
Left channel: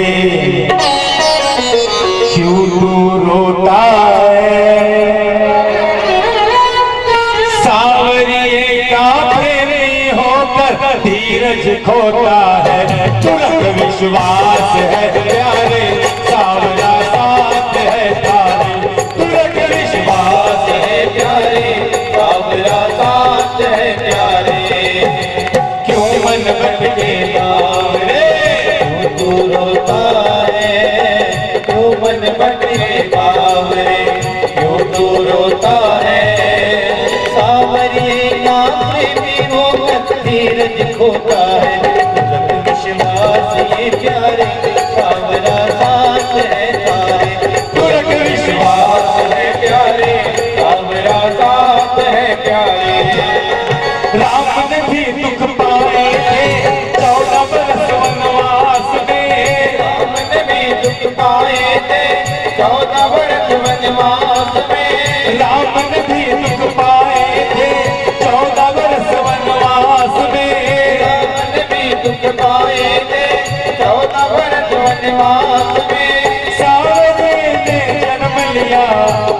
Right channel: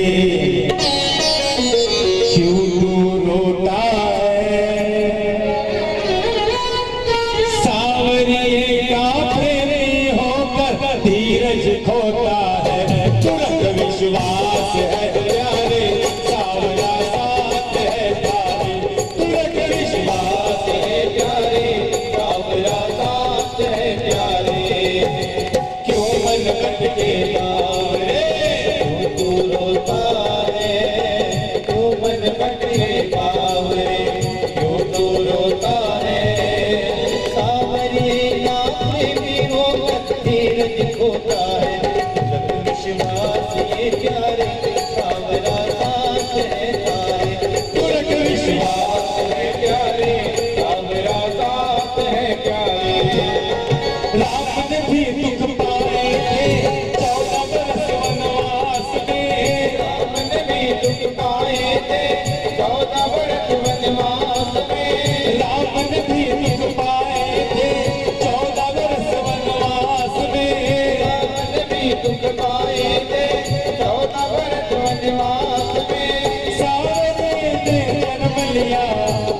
क्यों तू रोता है, सावरिये का प्रेमी होकर धीरज खोता है। तुरंत विश्वास है प्यारे सावरा साथ है तारे, तुरंत विश्वास है प्यारे सावरा साथ है प्यारे। क्यों मन भटके बावरे, तू रोता है, क्यों मन भटके बावरे, क्यों तू रोता है, सावरिये ना प्रेमी होकर धीरज खोता है। तुरंत विश्वास राम ने भी दुख पाए थे 14 वर्ष वनवास में। राम ने भी दुख पाए थे 14 वर्ष वनवास में। राम ने भी दुख पाए थे 14 वर्ष वनवास में। राम ने भी दुख पाए थे 14 वर्ष वनवास में। सावरे ने जन्म लिया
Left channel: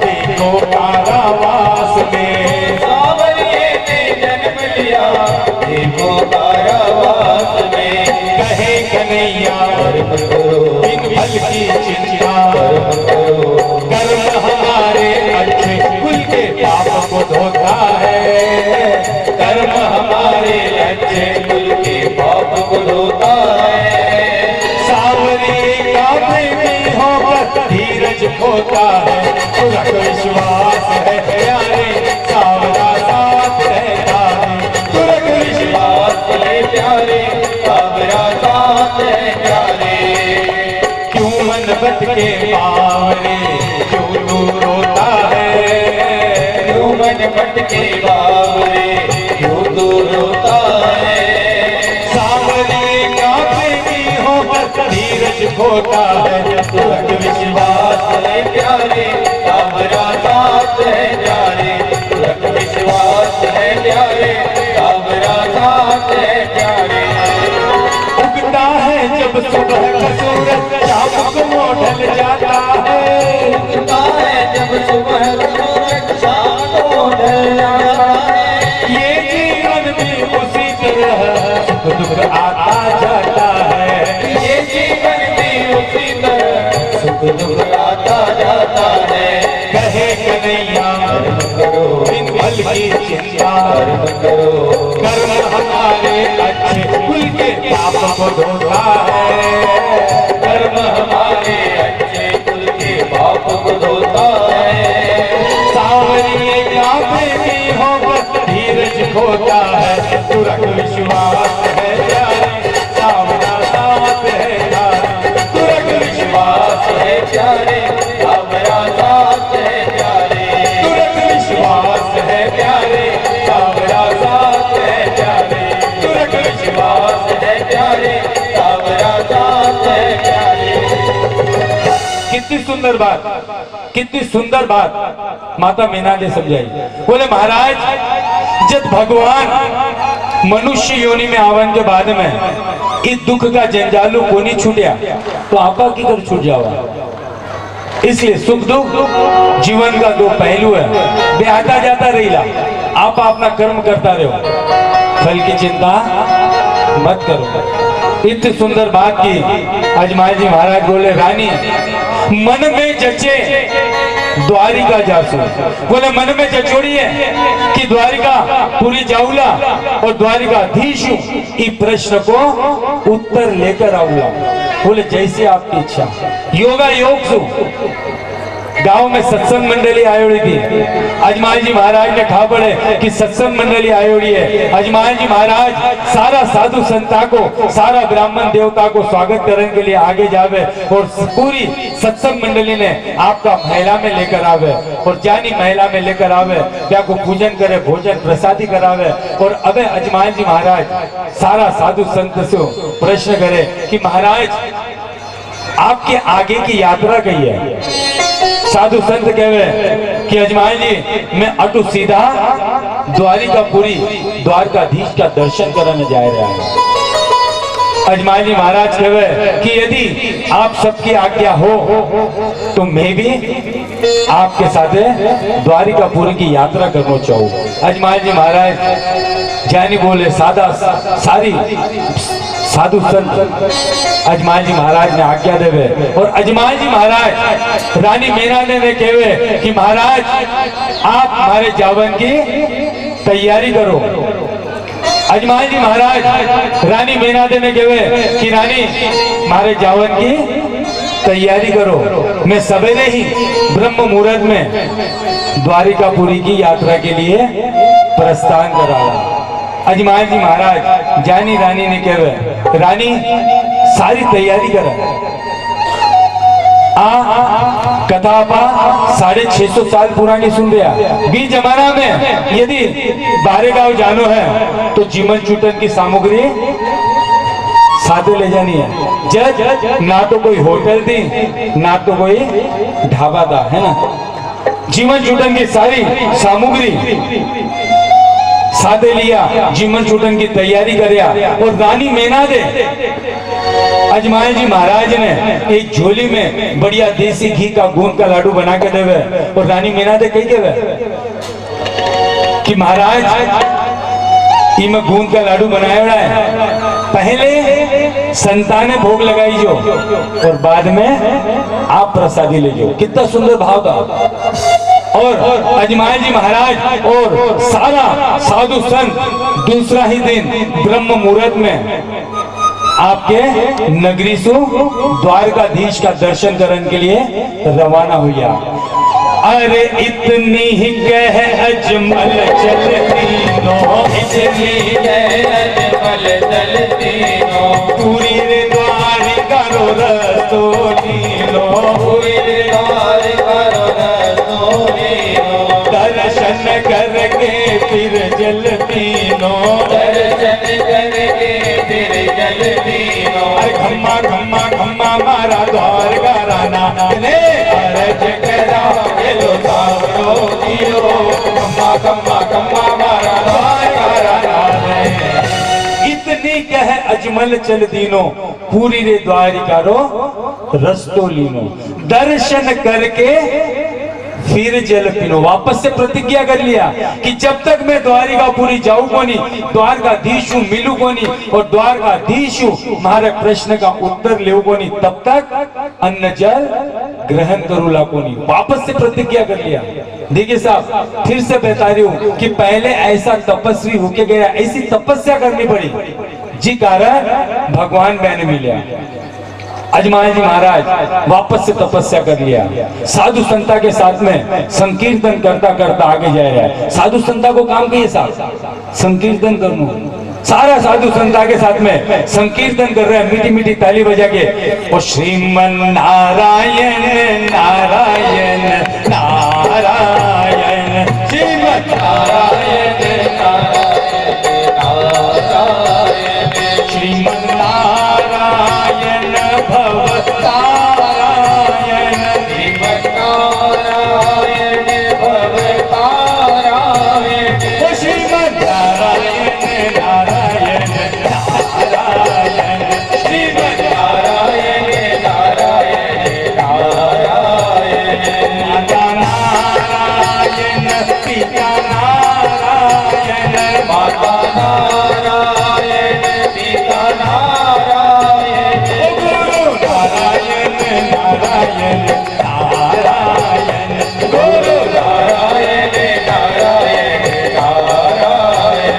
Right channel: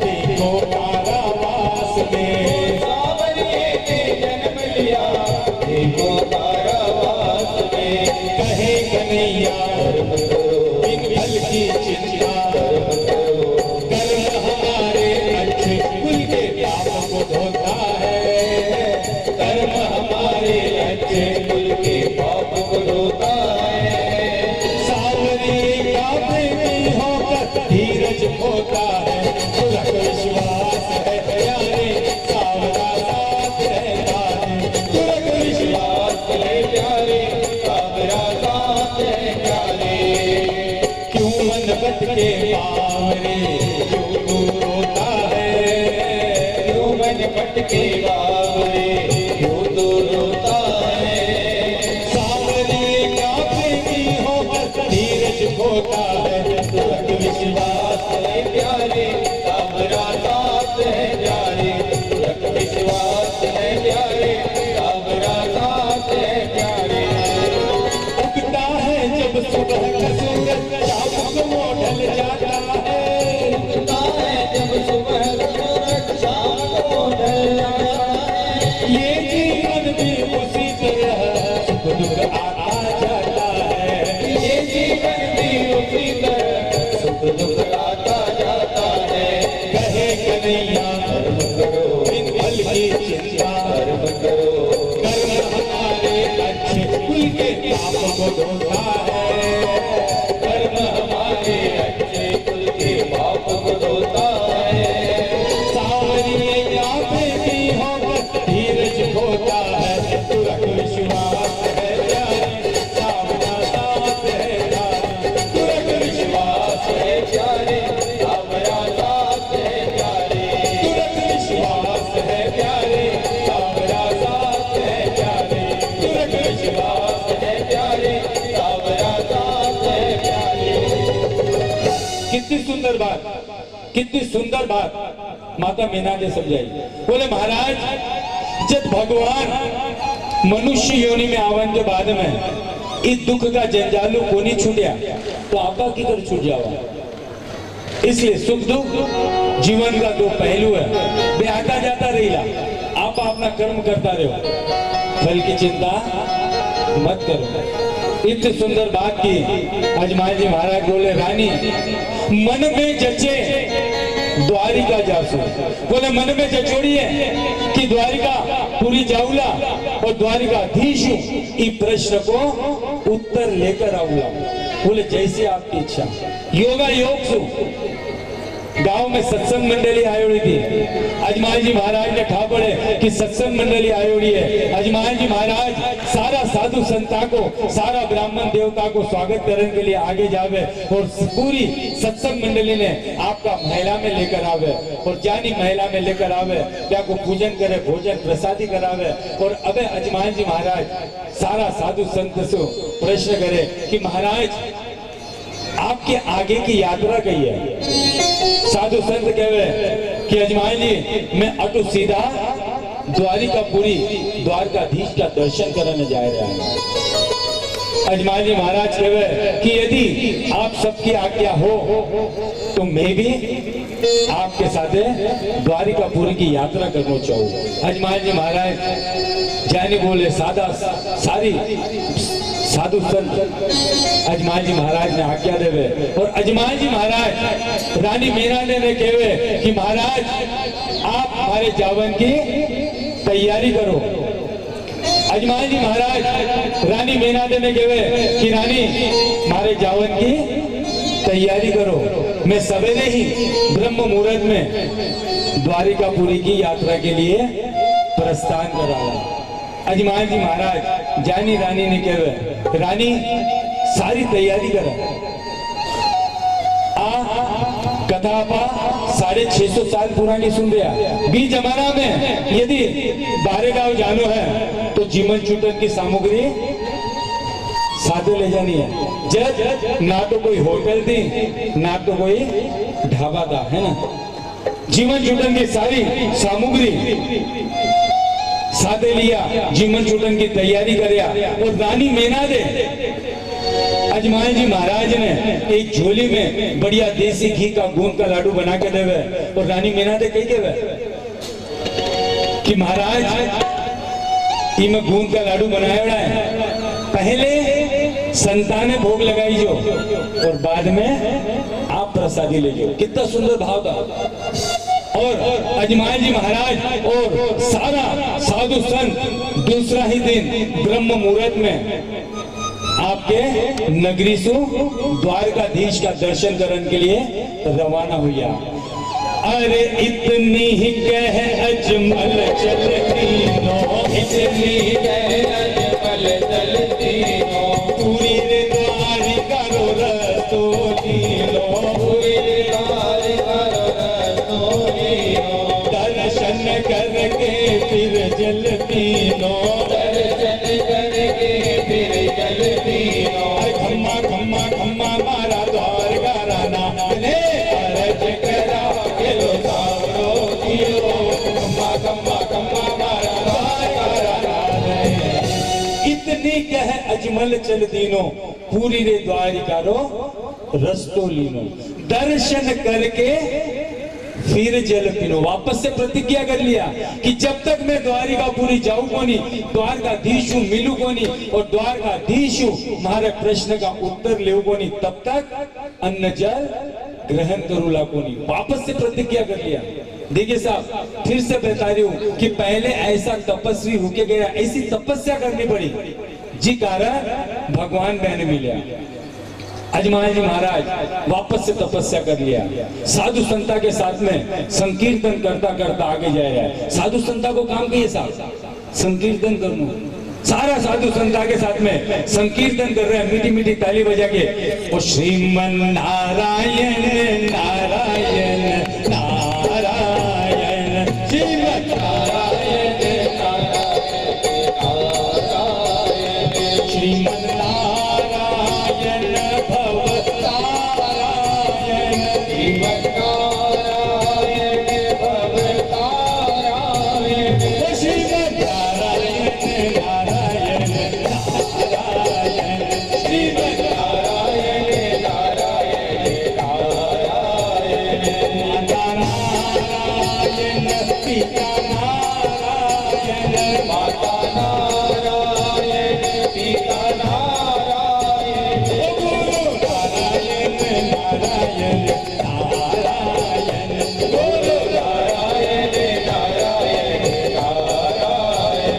देखो कारावास में। सावरे ने जन्म लिया देखो कारावास में। कहे कन्हैया बिन फल की चिंता कर्म हमारे अच्छे कुल के पाप को धोता है। कर्म हमारे अच्छे कुल के पाप को धोता है। सावरे का प्रेमी होकर धीरज खोता है। पूरा विश्वास है प्यारे सावरा साथ रहता है। पूरा विश्वास है प्यारे सावरा साथ है प्यारे। क्यों मन भटके बावरे क्यों तू रोता है। क्यों मन भटके बावरे क्यों तू रोता है। सावरे का प्रेमी होकर धीरज खोता है। तुरंत विश्वास है प्यारे सावरा साथ है प्यारे। तुरंत विश्वास है प्यारे सावरा साथ है प्यारे। उगता है जब सुबह का सूरज शाम को वो ढल जाता है। उगता है जब सुबह सूरज शाम को ढल जाता है। ये जीवन भी उसी तरह सुख दुख आता जाता है। ये जीवन भी उसी तरह सुख दुख आता जाता है। कहे कन्हैया करो बिन फल की चिंता करो कर्म हमारे अच्छे कुल के पाप को धोता है। कर्म हमारे अच्छे कुल के पाप को धोता है। सावरिये का प्रेमी होकर धीरज खोता है। तुरंत विश्वास है प्यारे सावरा साथ है प्यारे। तुरंत विश्वास है प्यारे सावरा साथ है प्यारे। तुरंत विश्वास है प्यारे सावरा साथ है प्यारे। तुरंत विश्वास है प्यारे सावरा साथ है प्यारे। कितनी सुंदर बात, कितनी सुंदर बात माता मीना ने समझाई। बोले महाराज जब भगवान मनुष्य योनि में आवन के बाद में इस दुख का जंजालू को नहीं छूटिया तो आपा की कर छूट जावा। इसलिए सुख दुख जीवन का दो पहलू है। बे आता जाता रहीला। आप अपना कर्म करता रहो, फल की चिंता मत करो। इतनी सुंदर बात की अजमाई जी महाराज बोले रानी मन में जचे द्वारिका जासू। बोले मन में जचोड़िए कि द्वारिका पूरी जाऊला और द्वारिकाधीश इस प्रश्न को उत्तर लेकर आऊला। बोले जैसी आपकी इच्छा। योगा योग सु गांव में सत्संग मंडली आयोड़ी थी। अजमाई जी महाराज ने ठा पड़े कि सत्संग मंडली आयोड़ी है। अजमाई जी महाराज सारा साधु संता को सारा ब्राह्मण देवता को स्वागत करने के लिए आगे जावे और पूरी सत्संग मंडली ने आपका महिला में लेकर आवे और जानी महिला में लेकर आवे क्या को पूजन करे भोजन प्रसादी करावे। और अब अजमाई जी महाराज सारा साधु संत से प्रश्न करे कि महाराज आपके आगे की यात्रा कही है। साधु संत कहवे कि अजमाई जी मैं अटू सीधा द्वारिकापुरी द्वारकाधीश का दर्शन करने जा रहा है। अजमाई जी महाराज कहवे कि यदि आप सबकी आज्ञा हो तो मैं भी आपके साथ द्वारिकापुरी की यात्रा करना चाहूँ। अजमाई जी महाराज जानी बोले सादा सारी साधु संत अजमाई जी महाराज ने आज्ञा देवे और अजमाई जी महाराज रानी मीना ने कहवे कि महाराज आप हमारे जावन की तैयारी करो। अजमाई जी महाराज रानी मीना ने कहवे कि रानी हमारे जावन की तैयारी करो। मैं सवेरे ही ब्रह्म मुहूर्त में द्वारिकापुरी की यात्रा के लिए प्रस्थान करा रहा। अजमाई जी महाराज जानी रानी ने कहे रानी सारी तैयारी कर कथा आप 650 साल पुरानी सुन रहा। बीच जमाना में यदि बारेगांव जानो है तो जीवन चूटन की सामग्री साथे ले जानी है। जज ना तो कोई होटल थी ना तो कोई ढाबा था, है ना। जीवन चूटन की सारी सामग्री साथे लिया, जीवन चूटन की तैयारी करिया और रानी मेनादे अजमाल जी महाराज ने एक झोली में बढ़िया देसी घी का गूंद का लाडू बना के देवे और रानी मेनादे कही देवे कि महाराज ये मैं गूंद का लाडू बनाया है, पहले संताने भोग लगाई जो और बाद में आप प्रसादी ले जो। कितना सुंदर भाव था। और अजमाल जी महाराज और सारा साधु संत दूसरा ही दिन ब्रह्म मुहूर्त में आपके नगरी से द्वारकाधीश का दर्शन करने के लिए रवाना हुआ। अरे इतनी ही कह अजमल चलती नो, इतनी कह अजमल चलती नो, पूरी द्वारिका रो रसोली लो, पूरी द्वारिका रो रसोली नो, दर्शन करके फिर जलती नो, दर्शन करके फिर जलती नो। अरे खम्मा खम्मा खम्मा मारा द्वार का राना ने अरज करा ये लो सावरो दियो, कम्मा कम्मा कम्मा मारा द्वार का राना रे। इतनी कह अजमल चल दीनो, पूरी रे द्वारिका रो रस्तो लीनो, दर्शन करके फिर जल पीनो। वापस से प्रतिज्ञा कर लिया कि जब तक मैं द्वारिकापुरी जाऊं कोनी, द्वारकाधीश मिलू कोनी और द्वारकाधीश हमारे प्रश्न का उत्तर ले कोनी, तब तक अन्न जल ग्रहण करूला कोनी। वापस से प्रतिज्ञा कर लिया। देखिए साहब, फिर से बता रही हूँ कि पहले ऐसा तपस्वी होके गया, ऐसी तपस्या करनी पड़ी जी कारण भगवान बहने मिले। अजमाल जी महाराज वापस से तपस्या कर लिया, साधु संता के साथ में संकीर्तन करता करता आगे जा रहा है। साधु संता को काम किए साहब संकीर्तन करना, सारा साधु संता के साथ में संकीर्तन कर रहे हैं, मीठी मीठी ताली बजा के। और श्रीमन नारायण नारायण नारायण, श्रीमन नारायण श्रीमन नारायण भव तारायण, श्रीमन नारायण भव तारायण, ओ श्रीमन नारायण नारायण नारायण, श्रीमन नारायण नारायण नारायण, माता नारायण पिता नारायण, माता नारायण पिता नारायण, ओ गुरु नारायण नारायण नारायण, गुरु नारायण नारायण नारायण,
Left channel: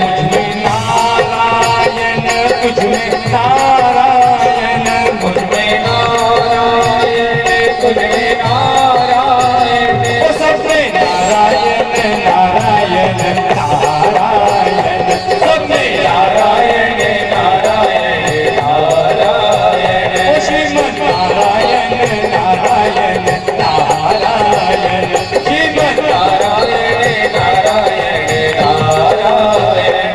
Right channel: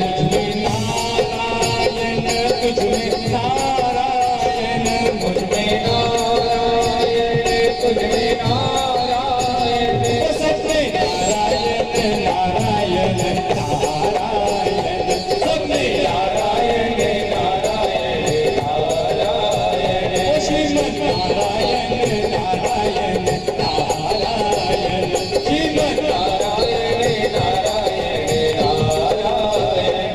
मुझ में नारायण तुझ में नारायण, मुझ में नारायण तुझ में नारायण, ओ सब में नारायण नारायण नारायण, सब में नारायण नारायण नारायण, ओ श्रीमन नारायण नारायण नारायण, श्रीमन नारायण नारायण नारायण।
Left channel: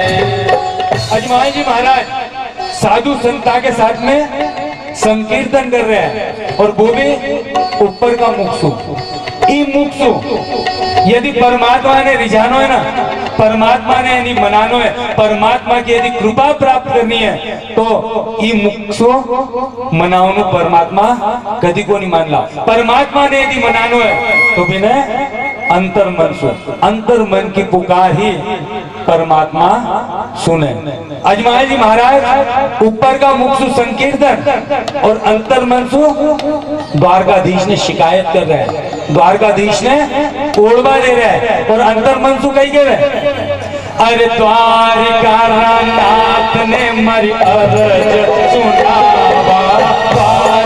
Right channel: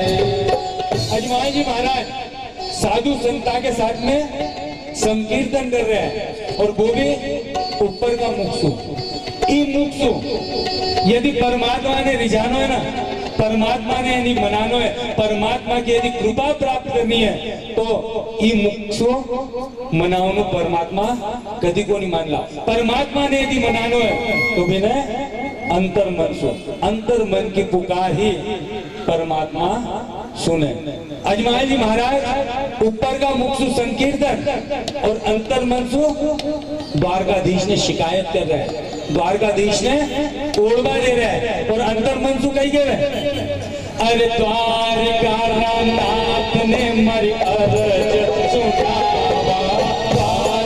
अजमाल जी महाराज साधु संता के साथ में संकीर्तन कर रहे हैं और वो भी ऊपर का मुक्सु ई मुक्सु। यदि परमात्मा ने रिझानो है ना, परमात्मा ने यदि मनानो है, परमात्मा की यदि कृपा प्राप्त करनी है तो ई मुक्सु मनाओ परमात्मा कदी को नहीं मान ला। परमात्मा ने यदि मनानो है तो भी ने अंतर मन सु, अंतर मन की पुकार ही परमात्मा सुने। अजमाल जी महाराज ऊपर का मुक्सु संकीर्तन और अंतर मनसु द्वारकाधीश ने शिकायत कर रहे हैं, द्वारकाधीश ने कोड़वा ले रहे हैं और अंतर मनसु कही कह रहे, अरे द्वारिका नाथ ने मरी अरज सुना, द्वारका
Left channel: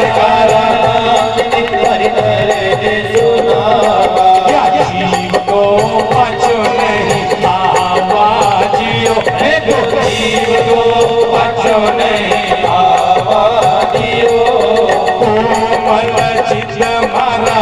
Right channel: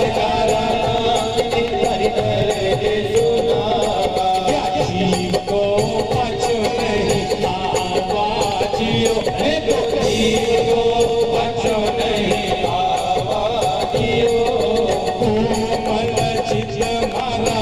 जीव को बचो नहीं आवाजियो, जीव को बचो नहीं आवाजियो, कोमल चित मारा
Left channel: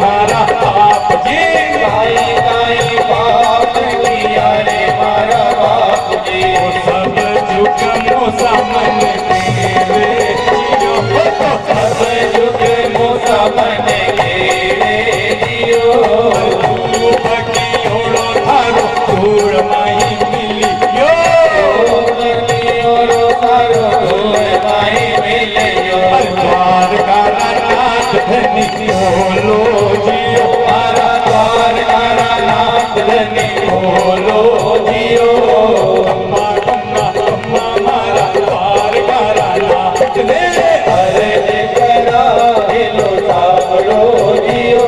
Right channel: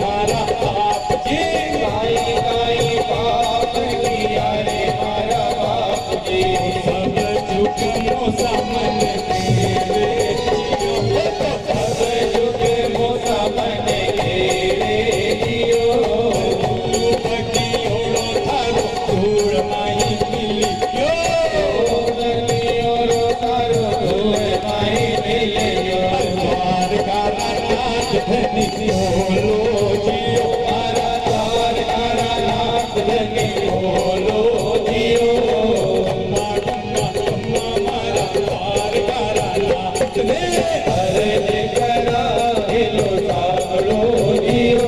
मारा बाप जी। काई काई पाप किया रे मारा बाप जी। सब जुग मोसा मन खेवे जियो, सब जुग मोसा मन खेवे जियो। रूप की ओढ़ो थारो धूड़ माही मिलियो। ओरो सारो धूड़ माही मिलियो। द्वार का नाथ धनी बोलो जियो, मारा द्वार का नाथ धनी बोलो जियो। अम्मा अम्मा अम्मा मारा द्वार का नाथ ने। अर्ज करा हिलो सावड़ो जियो।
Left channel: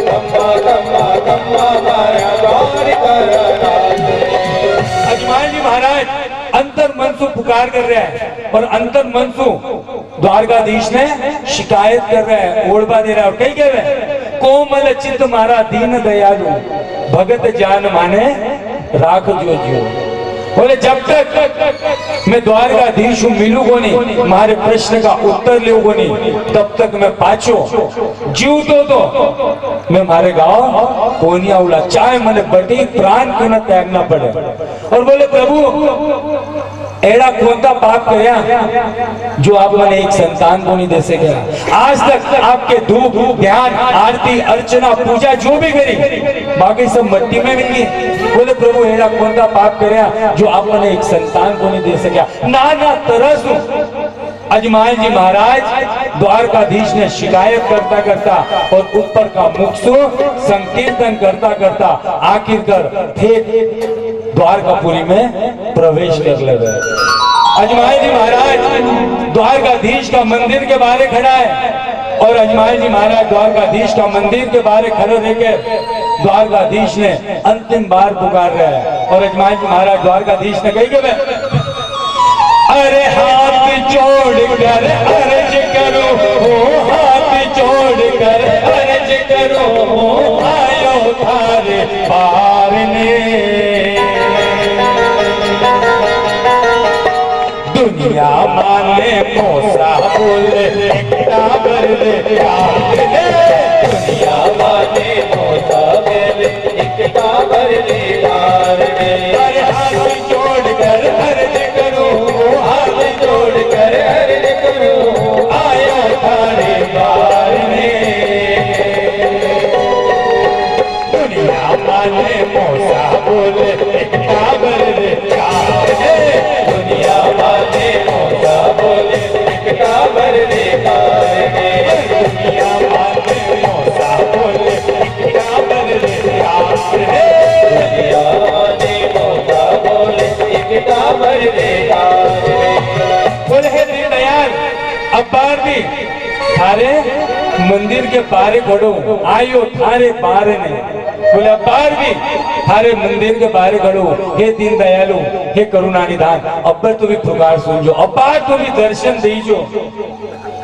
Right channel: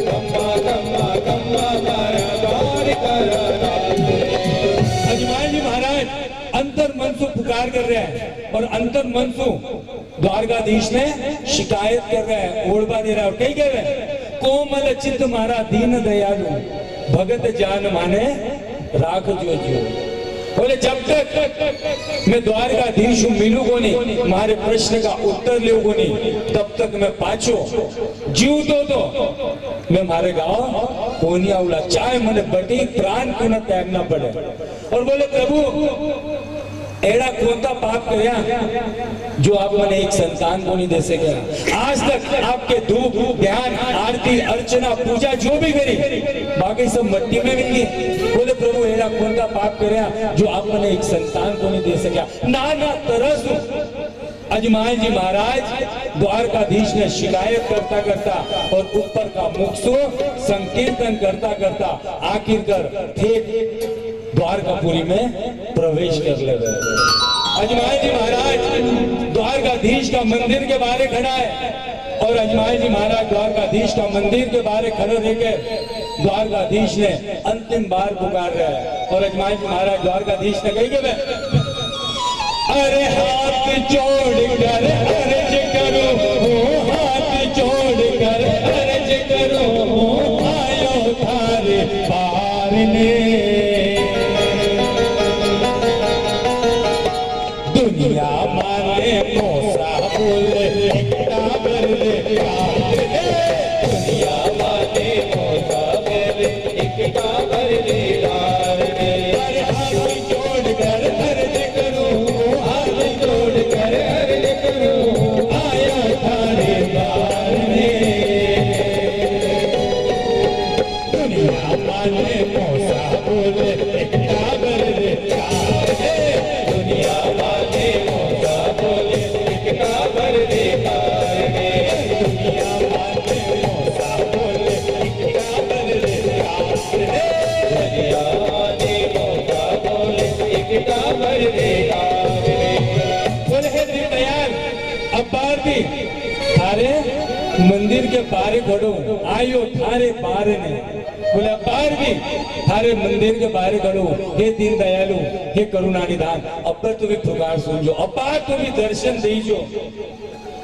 कम्मा कम्मा कम्मा मारा द्वार का नाथ। अजमान जी महाराज अंतर मनसु पुकार कर रहे हैं और अंतर मनसु द्वारकाधीश ने शिकायत कर रहे हैं, ओढ़वा दे रहा है और कही कह रहे हैं, कोमल चित्त मारा दीन दयालु भगत जान माने राख जो जियो। बोले जब तक मैं द्वारकाधीश मिलू को नहीं, तुम्हारे प्रश्न का उत्तर ले को नहीं, तब तक मैं पाछो जीव तो मैं मारे गाँव कोनिया उला, चाहे मैंने बटी प्राण क्यों न त्यागना पड़े। और बोले प्रभु एड़ा कोणता पाप करया जो आप मैंने एक संतान को नहीं दे सके। आज तक आपके धूप ध्यान आरती अर्चना पूजा जो भी करी बाकी सब मट्टी में मिल गई। बोले प्रभु एड़ा कोणता पाप करया जो आप मैंने एक संतान को नहीं दे सका। ना तरस अजमाल जी महाराज द्वारकाधीश ने शिकायत करता करता और ऊपर का मुखसु संकीर्तन करता करता आखिरकार ठेठ द्वारकापुरी में प्रवेश कर लगे। अजमाल जी महाराज द्वारकाधीश का मंदिर के बाहर खड़ा है और अजमाल जी महाराज द्वारकाधीश का मंदिर के बाहर खड़े रहकर द्वारकाधीश ने अंतिम बार पुकार रहे हैं। और अजमाल जी महाराज द्वारकाधीश ने कही कि अरे हाथ जोड़ कर अर्ज करो, हाथ जोड़ कर अर्ज करो, आयो थारे पार ने। दुनिया माने मोसा बोले एकता भर दे प्यार ने। दुनिया माने मोसा बोले एकता भर दे प्यार ने। अरे हाथ जोड़ कर अर्ज करो, हाथ जोड़ कर अर्ज करो, आयो थारे पार ने। दुनिया माने मोसा बोले एकता भर दे प्यार ने। दुनिया माने मोसा बोले एकता भर दे प्यार ने। दुनिया माने मोसा बोले एकता भर दे प्यार ने। दुनिया माने मोसा बोले एकता भर दे प्यार ने। बोले हे दीनदयाल अब्बार भी थारे मंदिर के बारे खड़ो, आयो थारे बारे ने। बोले अब्बार भी थारे मंदिर के बारे खड़ो, हे दीन दयालु हे करुणा निधान अब्बर तो भी पुकार सुनजो, अब्बार तो भी दर्शन दीजो।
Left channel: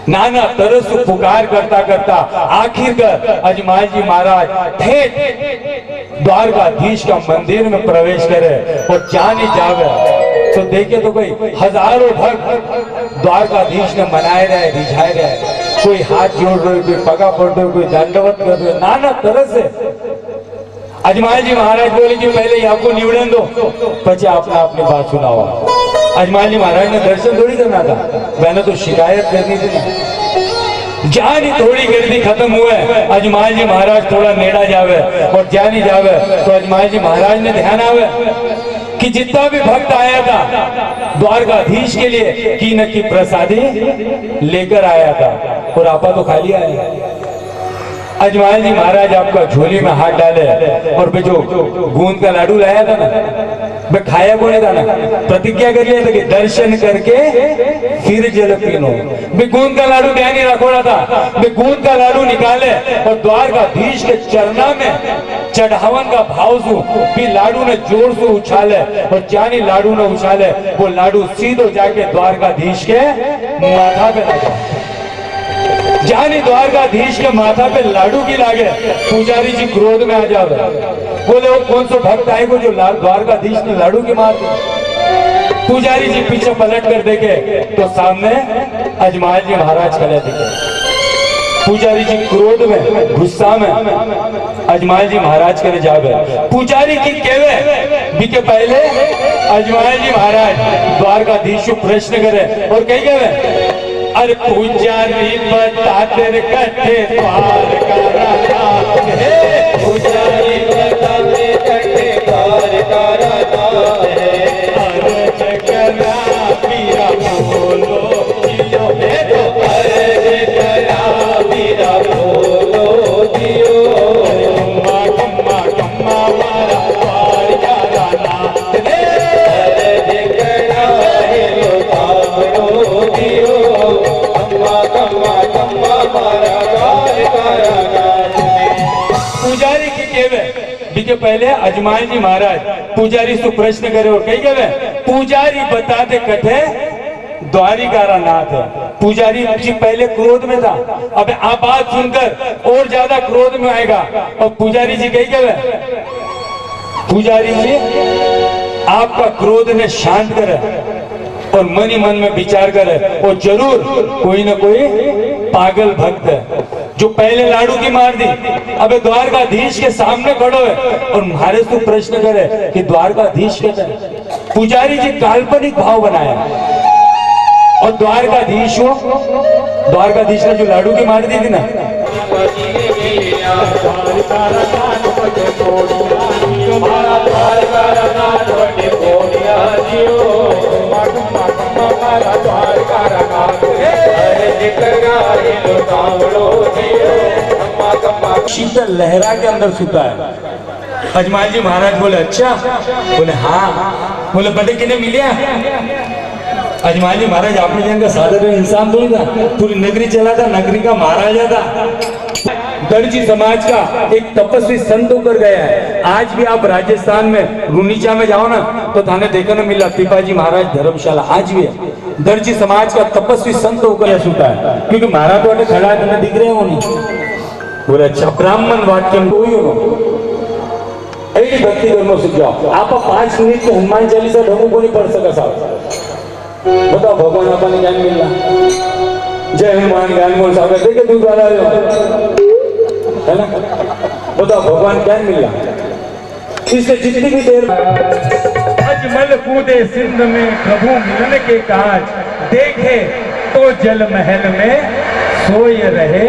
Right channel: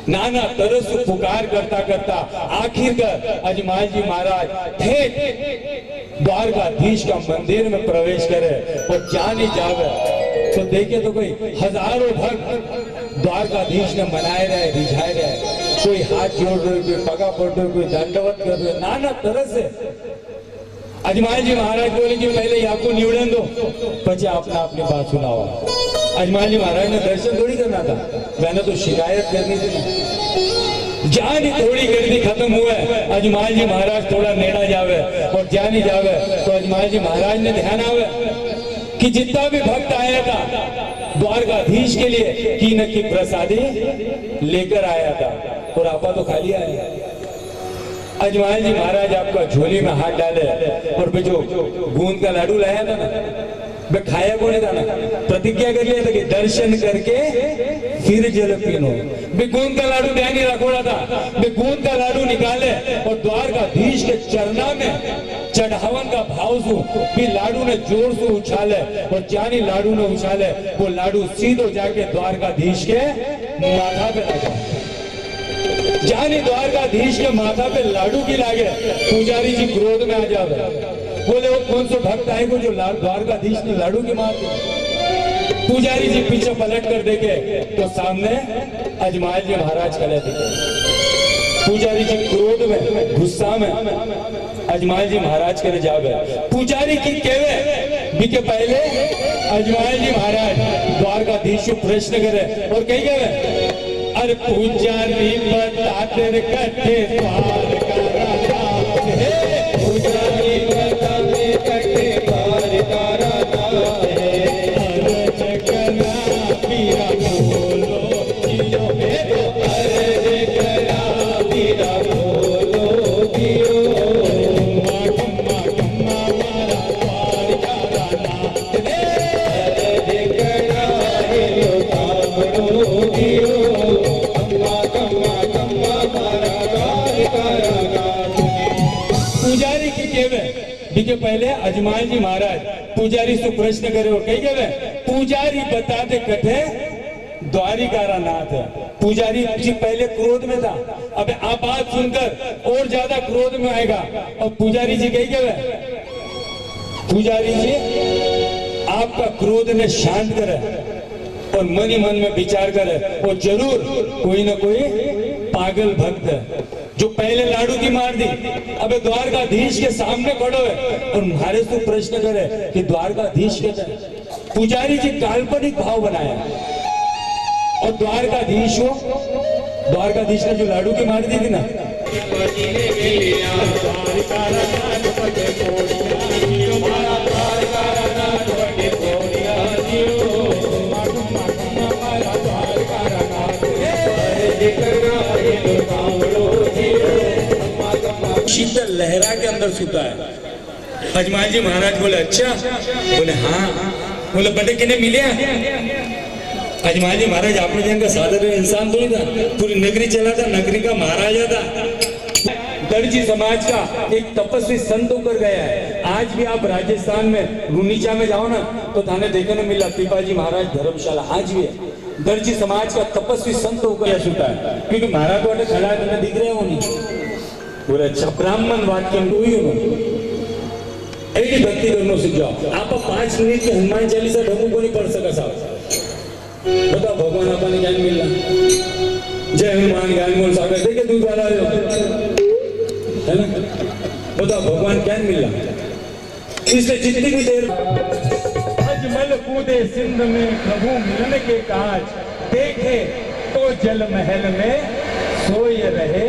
नाना तरस पुकार करता करता आखिरकार अजमाल जी महाराज ठेठ द्वारकाधीश का मंदिर में प्रवेश करे और जाने जावे तो देखे तो कोई हजारों भक्त द्वारकाधीश ने मनाए रहे रिझाए रहे, कोई हाथ जोड़ रहे, कोई पगा पड़ रहे, कोई दंडवत कर रहे, नाना तरह से। अजमाल जी महाराज बोले कि पहले आपको निवड़न दो पचे आपने अपनी बात सुनाओ। अजमाल जी महाराज ने दर्शन थोड़ी करना था, मैंने तो शिकायत करनी थी। जानी थोड़ी गर्दी खत्म हुए, अजमाल जी महाराज थोड़ा नेड़ा जावे और जानी जावे तो अजमाल जी महाराज ने ध्यान आवे कि जितना भी भक्त आया था द्वारकाधीश के लिए की न की प्रसादी लेकर आया था और आपा तो खाली आया। अजमाल जी महाराज आपका झोली में हाथ डाले और जो गूंद का लाडू लाया था ना मैं खाया को नहीं था ना, प्रतिज्ञा कर लिया था कि दर्शन करके फिर जल पीनो। मैं गूंद का लाडू ध्यान नहीं रखोड़ा था, मैं गूंद का लाडू निकाले और द्वारकाधीश के चरना में चढ़ावन का भाव सु भी लाडू ने जोर से उछाले और जानी लाडू ने उछाले वो लाडू सीधो जाके द्वारकाधीश के माथा पे लगा। जानी द्वारकाधीश के माथा पे लाडू की लागे, पुजारी जी क्रोध में आ जावे, बोले वो कौन सा भक्त आएगा जो द्वारकाधीश ने लाडू की मार दी। पुजारी जी पीछे पलट कर देखे तो सामने अजमाल जी महाराज खड़े दिखे। पुजारी जी क्रोध में गुस्सा में अजमाल जी महाराज करे जावे पुजारी की केवे बिके पहले अजमाल जी महाराज द्वारकाधीश प्रश्न करे और कही केवे अरे पुजारी बता तेरे कट्ठे द्वार का राजा है पुजारी बता दे कट्ठे द्वार का राजा है अर्ज करा मीरा बोलो जियो है तो अर्ज करा मीरा बोलो दियो कम्मा कम्मा मारा द्वार का राजा है अर्ज करा है लो सामनो दियो कम्मा कम्मा कम्मा मारा द्वार का राजा पुजारी की केवे बिके पहले अजमाल जी महाराज पुजारी से प्रश्न करे और कही गए पुजारी बता दे कथे द्वारिका नाथ पुजारी जी पहले क्रोध में था अब आप बात सुनकर और ज्यादा क्रोध में आएगा और पुजारी जी कही गए पुजारी जी आपका क्रोध ने शांत करे और मन ही मन में विचार करे और जरूर कोई ना कोई पागल भक्त है जो पहले लाडू की मार दी अबे द्वारकाधीश के सामने खड़ो है और महाराज से प्रश्न करे कि द्वारकाधीश कहते हैं पुजारी जी काल्पनिक भाव बनाया और द्वारकाधीश ने जो लाडू की मार दी थी ना शीतल लहरा के अंदर सुता है अजमाल जी महाराज बोले अच्छा बोले हाँ बोले बड़े किने मिलिया अजमाल जी महाराज आपने जन साधारण इंसान थोड़ी था पूरी नगरी चला था नगरी का महाराजा था दर्जी समाज का एक तपस्वी संत होकर गया है आज भी आप राजस्थान में रुनीचा में जाओ ना तो थाने देखने मिला पिपाजी महाराज धर्मशाला आज भी है दर्जी समाज का तपस्वी संत होकर सुता है क्योंकि महाराज वाले खड़ा है दिख रहे हो नहीं बोले अच्छा ब्राह्मण वाक्य कोई हो ऐसी भक्ति करना सीख जाओ आप 5 मिनट में हनुमान चालीसा ढंगू को नहीं पढ़ सका साहब बताओ भगवान आपने ज्ञान मिल रहा जय हनुमान ज्ञान बोल साहब देखे दूध वाला है ना बताओ भगवान ज्ञान मिल रहा इसलिए जितनी भी देर अजमल कूदे सिंध में प्रभु मिलन के काज देखे तो जल महल में सोए रहे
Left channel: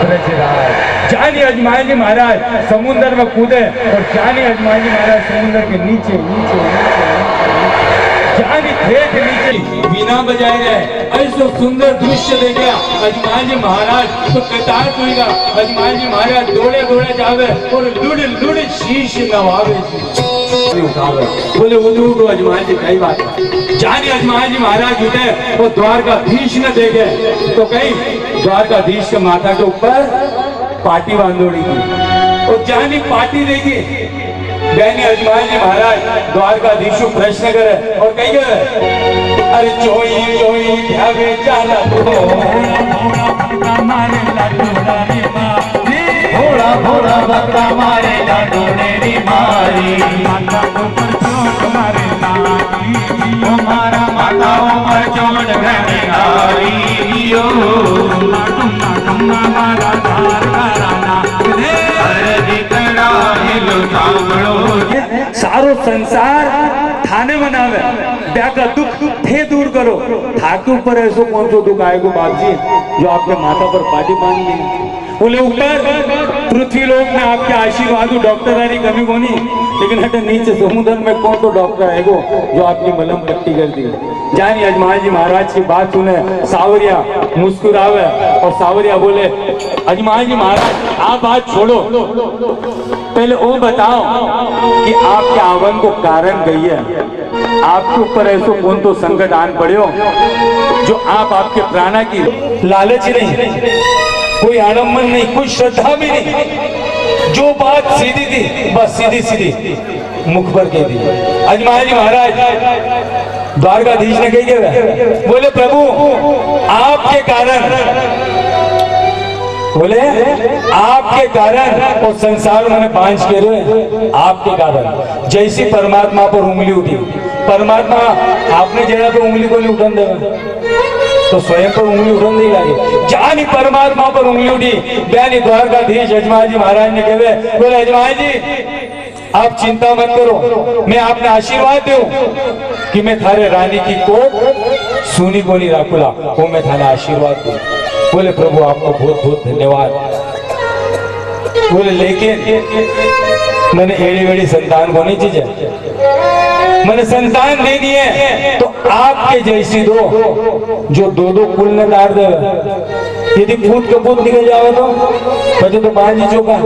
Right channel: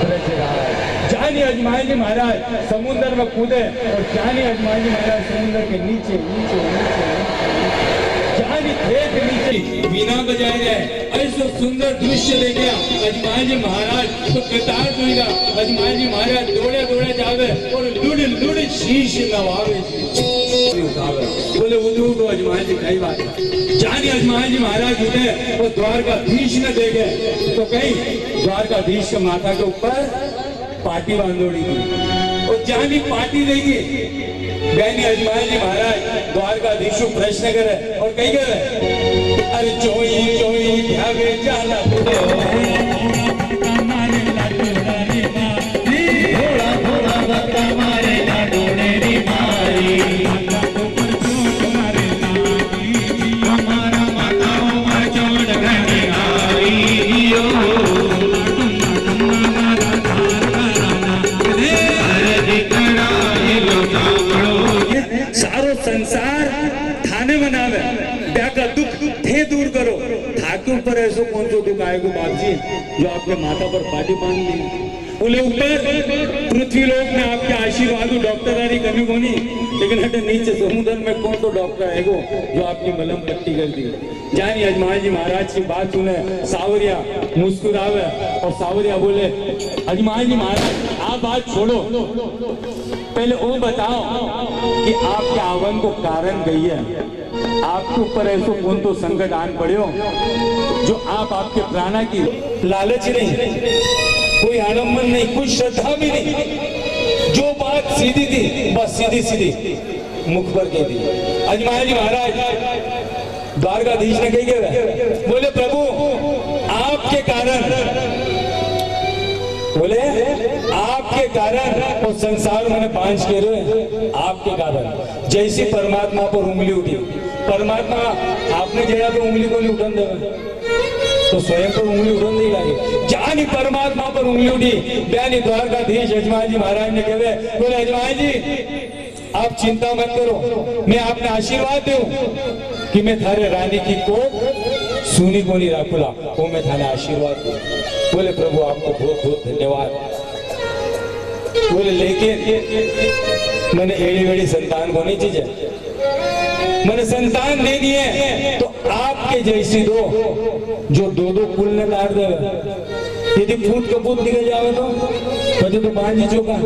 ब्रजराज जानी अजमाल जी महाराज समुद्र में कूदे और जानी अजमाल जी महाराज समुद्र के नीचे नीचे नीचे जानी ठेठ नीचे बिना बजाए रहे ऐसा सुंदर दृश्य देखे अजमाल जी महाराज तो कतार कोईगा अजमाल जी महाराज दौड़े दौड़े जावे और लुड़ लुड़ शीश नवावे उठावे बोले उठो अजमाल जी कई बात जानी अजमाल जी महाराज उठे और द्वारकाधीश ने देखे तो कहीं द्वारकाधीश के माथा के ऊपर पाटी बांधोड़ी की और जानी पाटी देगी बहनी अजमाल जी महाराज द्वारकाधीश प्रश्न करे और कही गए अरे चोई चोई ध्यावे जाना भोला भोला बकरा मारे लाडोड़े री मारी ओ मारा माता उमर चोट घनी आई यो सारो संसार थाने बनावे का दुख थे दूर करो थाके ऊपर ऐसो कौन सो दुख आएगो बाप जी जो आपके माथा पर पाटी बांध ली बोले ऊपर पृथ्वी लोक में आपके आशीर्वाद डॉक्टर आरी कमी कोनी लेकिन हटे नीचे समुद्र में कौन तो डॉक्टर आएगो जो आपकी मलहम पट्टी कर दी जानी अजमाल जी महाराज की बात सुने सावरिया मुस्कुरावे और सावरिया बोले अजमाल जी महाराज आप बात छोड़ो पहले वो बताओ कि आपके आवन को कारण गई है आपके ऊपर ऐसो कौन तो संकट आन पड़े जो आप आपके प्राणा की लालच नहीं कोई आडम्बर नहीं कोई श्रद्धा भी नहीं जो बात सीधी थी बस सीधी सीधी मुख पर कह दी अजमाल जी महाराज द्वारकाधीश ने कही गए बोले प्रभु आपके कारण बोले आपके कारण और संसार मैंने 5 के रहे आपके कारण जैसी परमात्मा पर उंगली उठी परमात्मा आपने जरा तो उंगली को नहीं उठन देगा तो स्वयं पर उंगली उठन नहीं लगी, जानी परमात्मा पर उंगली उठी। बयानी द्वारकाधीश यजमान जी महाराज ने कहे, बोले यजमान जी आप चिंता मत करो, मैं आपने आशीर्वाद दूं कि मैं थारे रानी की कोख सुनी को नहीं राखुला, वो मैं थाने आशीर्वाद दूं। बोले प्रभु आपको बहुत बहुत धन्यवाद। बोले लेकिन मैंने एड़ी वेड़ी संतान को नहीं चीजे, मैंने संतान दे दिए तो आपके जैसी दो जो दो दो कुल न डार दे, यदि पूत कपूत निकल जावे तो पचे तो बाजी चुका।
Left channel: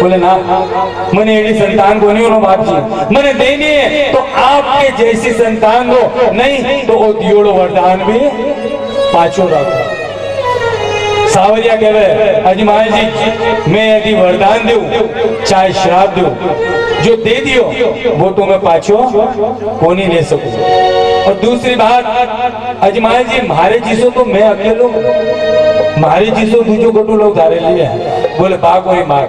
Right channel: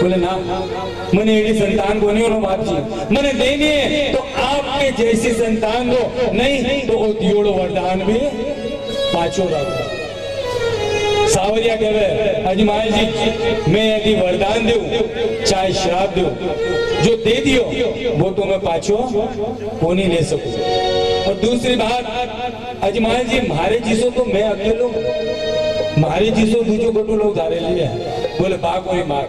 बोले ना मैंने एड़ी संतान को नहीं होना बाप जी, मैंने देनी है तो आपके जैसी संतान दो, नहीं तो वो दियोड़ो वरदान भी पांचों रखो। सावरिया कहे अजमान जी मैं यदि वरदान दूं चाहे श्राप दूं, जो दे दियो वो तो मैं पाछो को नहीं ले सकूं। और दूसरी बात अजमान जी मारे जिसो तो मैं अकेलो, मारे जिसो दूजो कटू लोग धारे लिए। बोले बा कोई मार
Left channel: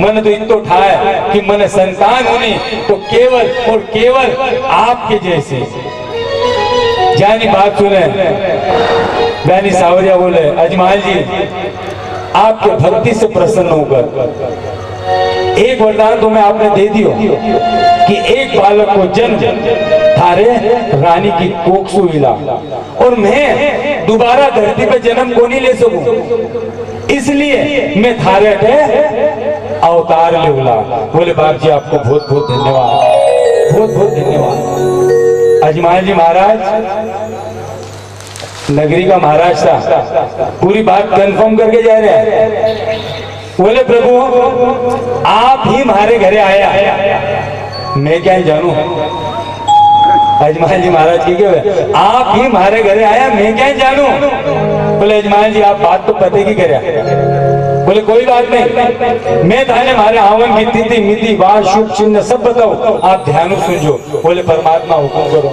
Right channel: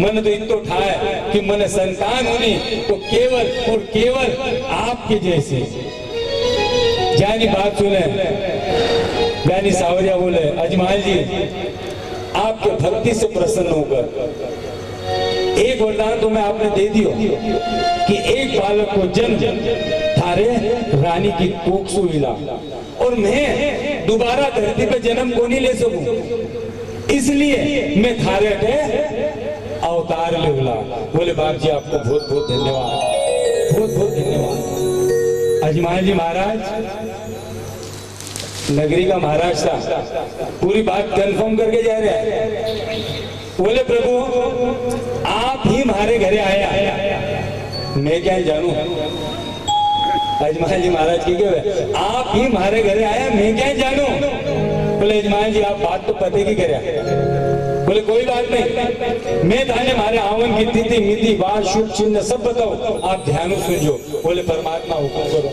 मन तो इतो ठाए कि मन संतान होनी तो केवल और केवल आपके जैसे। जानी बात सुने बयानी सावरिया बोले अजमाल जी आपके भक्ति से प्रसन्न होकर एक वरदान तो मैं आपने दे दियो कि एक बालक को जन्म थारे रानी की कोख से मिला, और मैं दोबारा धरती पे जन्म को नहीं ले सकूं, इसलिए मैं थारे पे अवतार ले उला। बोले बाप जी आपको बहुत बहुत धन्यवाद, बहुत बहुत धन्यवाद। अजमाल जी महाराज नगरी का महाराज था, पूरी बात कंफर्म करके जा रहे हैं। बोले प्रभु आप ही हमारे घरे आया, मैं क्या जानू। अजमान जी महाराज की क्या आप ही हमारे घरे आया, मैं क्या जानू। बोले अजमान जी आप बात तो पते की करे। बोले कोई बात नहीं, मैं थाने हमारे आवन की तिथि मिति वार शुभ चिन्ह सब बताओ, आप ध्यान सुनजो। बोले परमात्मा हुक्म करो।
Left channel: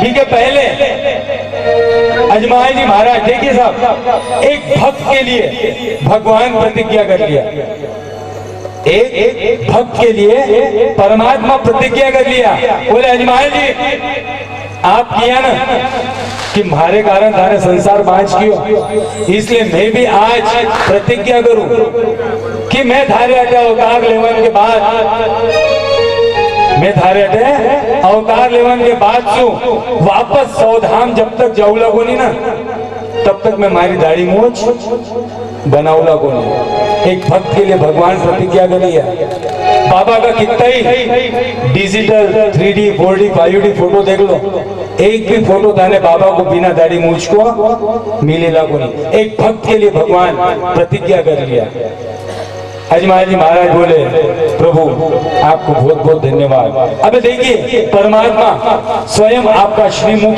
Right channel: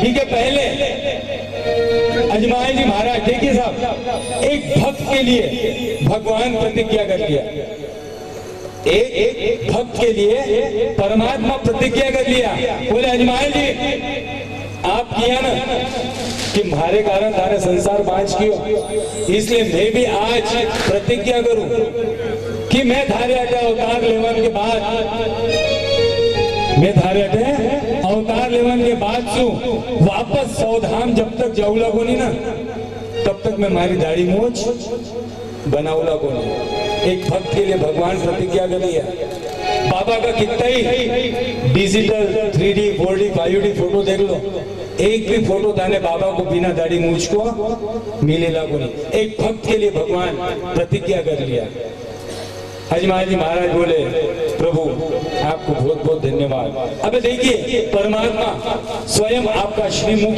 ठीक है, पहले अजमान जी महाराज देखिए साहब, एक भक्त के लिए भगवान प्रतिज्ञा कर लिया, एक भक्त के लिए परमात्मा प्रतिज्ञा कर लिया। बोले अजमान जी आप किया ना कि हमारे कारण थाने संसार बांच कियो, इसलिए मैं भी आज प्रतिज्ञा करूं कि मैं थारे अवतार लेवन के बाद, मैं थारे अवतार लेवन के बाद सु वापस सौधाम जब तक जाऊला को नहीं ना तब तक मैं मारी दाढ़ी मूछ बनाऊला को नहीं। एक भक्त के लिए भगवान प्रतिज्ञा कर लिया। बाबा का कितना ही digital 3D 4D 5D photo देख लो, एक भी फोटो थाने बाबा को बिना दाढ़ी मूछ को मिलेला को नहीं। एक भक्त के लिए भगवान प्रतिज्ञा कर लिया। अजमान जी महाराज बोले प्रभु आपको बहुत बहुत धन्यवाद। अब देखिए परमात्मा स्वयं आपका श्रीमुख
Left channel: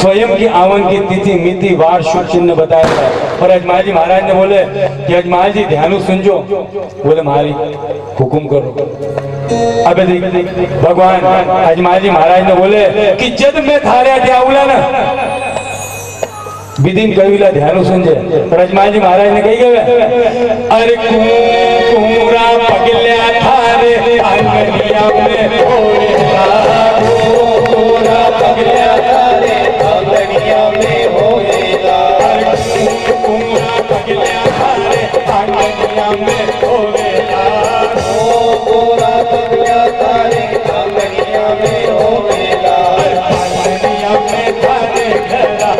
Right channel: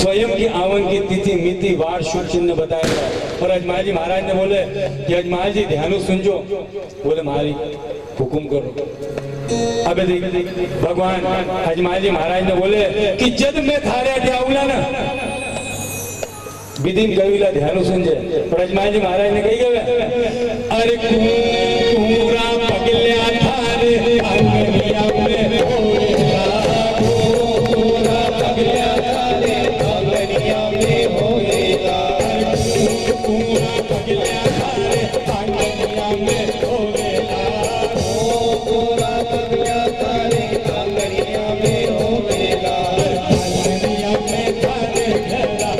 स्वयं की आवन की तिथि मिति वार शुभ चिन्ह बताया है। और अजमान जी महाराज ने बोले कि अजमान जी ध्यान सुनजो। बोले महारी हुकुम करो। अब देखिए भगवान अजमान जी महाराज ने बोले कि जब मैं थारे आउला ना विदिन कविला ध्यान सुनजे। पर अजमान जी महाराज ने कही गए अरे कुमरा पगल्या थारे आंगनिया में होएगा, कुमरा पगल्या थारे आंगनिया में होएगा, कुमरा पगल्या थारे आंगनिया में होएगा, कुमरा पगल्या थारे आंगनिया में होएगा, आंगनिया में थारे घरा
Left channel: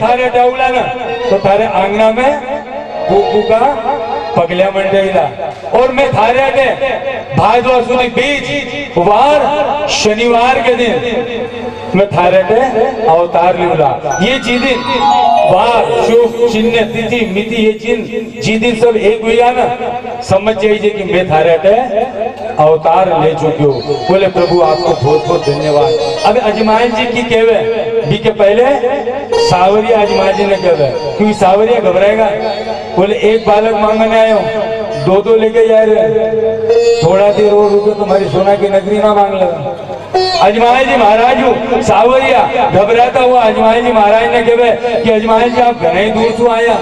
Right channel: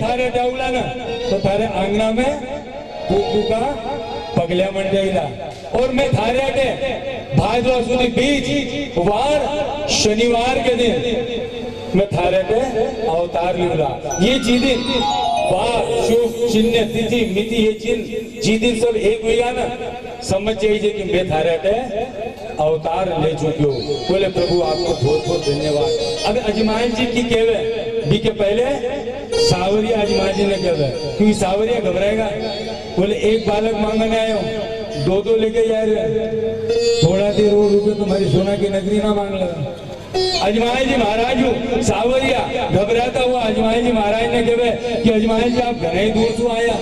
थारे डाउला ना तो थारे आंगना में कुकू का पगलिया बन जाएगा। और मैं थारे आगे भादवा सुधी बीज वार शनिवार के दिन मैं थारे पे अवतार लिवला। ये जिदिन वार शुभ चिन्ह तिथि मिति ये चिन्ह जिदिन सब एक हुआ ना, समझ जाइए कि मैं थारे पे अवतार ले चुकी हूँ। बोले प्रभु आपको बहुत बहुत धन्यवाद। अब अजमान जी की कहवे भी के पहले सावरिया अजमान जी ने कहवे, क्योंकि सावरिया घबराएगा। बोले एक बालक मांगने आए हो, दो दो लेके जा रहे, थोड़ा देर और रुको तुम्हारी सोना की नगरी ना मांग लेगा। अजमाल जी महाराज हूँ सावरिया घबराता हुआ अजमाल जी महाराज ने कहे कि अजमाल जी आप घने ही दूर से आया,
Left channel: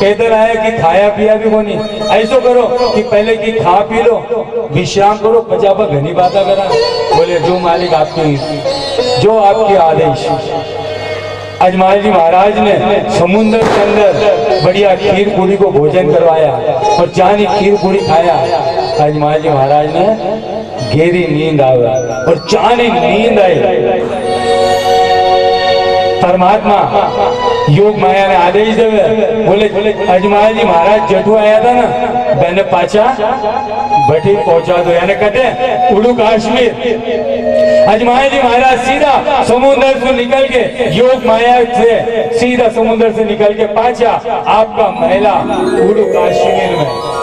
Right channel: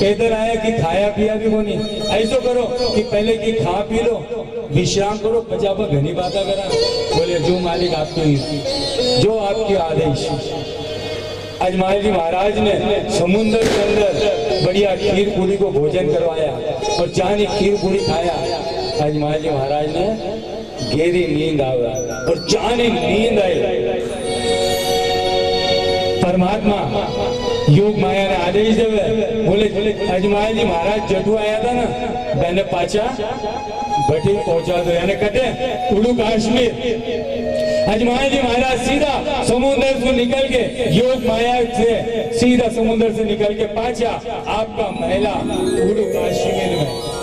पैदल आया कि खाया पिया भी कोनी। ऐसो करो कि पहले की खा पी लो, विश्राम करो, पचापा घनी बातें करा। बोले जो मालिक आपकी, जो आपके आदेश। अजमाल जी महाराज ने समुद्र के अंदर बढ़िया खीर पूरी को भोजन करवाया और जानी खीर पूरी खाया। अजमाल जी महाराज ने गहरी नींद आया और जानी नींद आई, परमात्मा योग माया ने आदेश देवे। बोले अजमाल जी महाराज जटू आया था ना, मैंने पाचा बठी पहुंचा दो, यानी कटे उड़ू काश्मीर। अजमाल जी महाराज सीधा समुद्र से निकल के, योग माया से सीधा समुद्र से निकल के पाचा आपका महिला उड़ू काश्मीर में।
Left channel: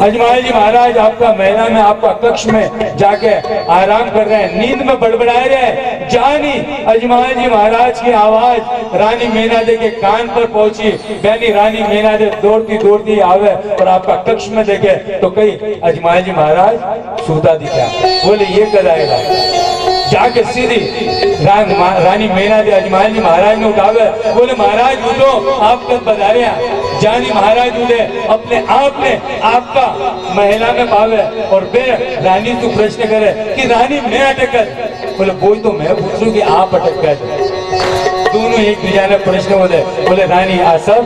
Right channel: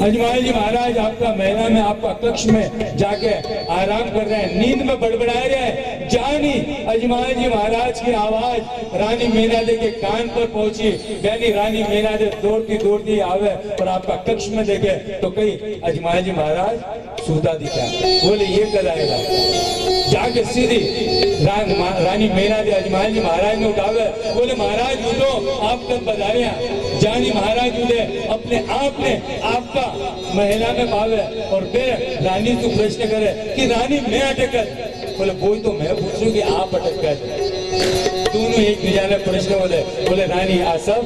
अजमाल जी महाराज आपका महिला में, आपका कक्ष में जाके आराम कर रहे हैं, नींद में बड़बड़ा रहे हैं। जानी अजमाल जी महाराज की आवाज रानी मीनादे के कान पर पहुंची। यानी रानी मीनादे दौड़ती दौड़ती आवे और आपका कक्ष में देखे तो कई अजमाल जी महाराज सूता दिखा। बोले ये कर आएगा, जाके सीधी रानी मीनादे अजमाल जी महाराज ने उठावे। बोले महाराज उठो, आप कब बधाया। जानी महाराज उठे, अपने आप में आपका महिला में पावे और बे रानी तू प्रश्न करे कि रानी मैं अटक कर। बोले वही तो मैं पूछूं कि आप अटक कर। दोनों एक दूसरे ने प्रश्न होते। बोले रानी आ सब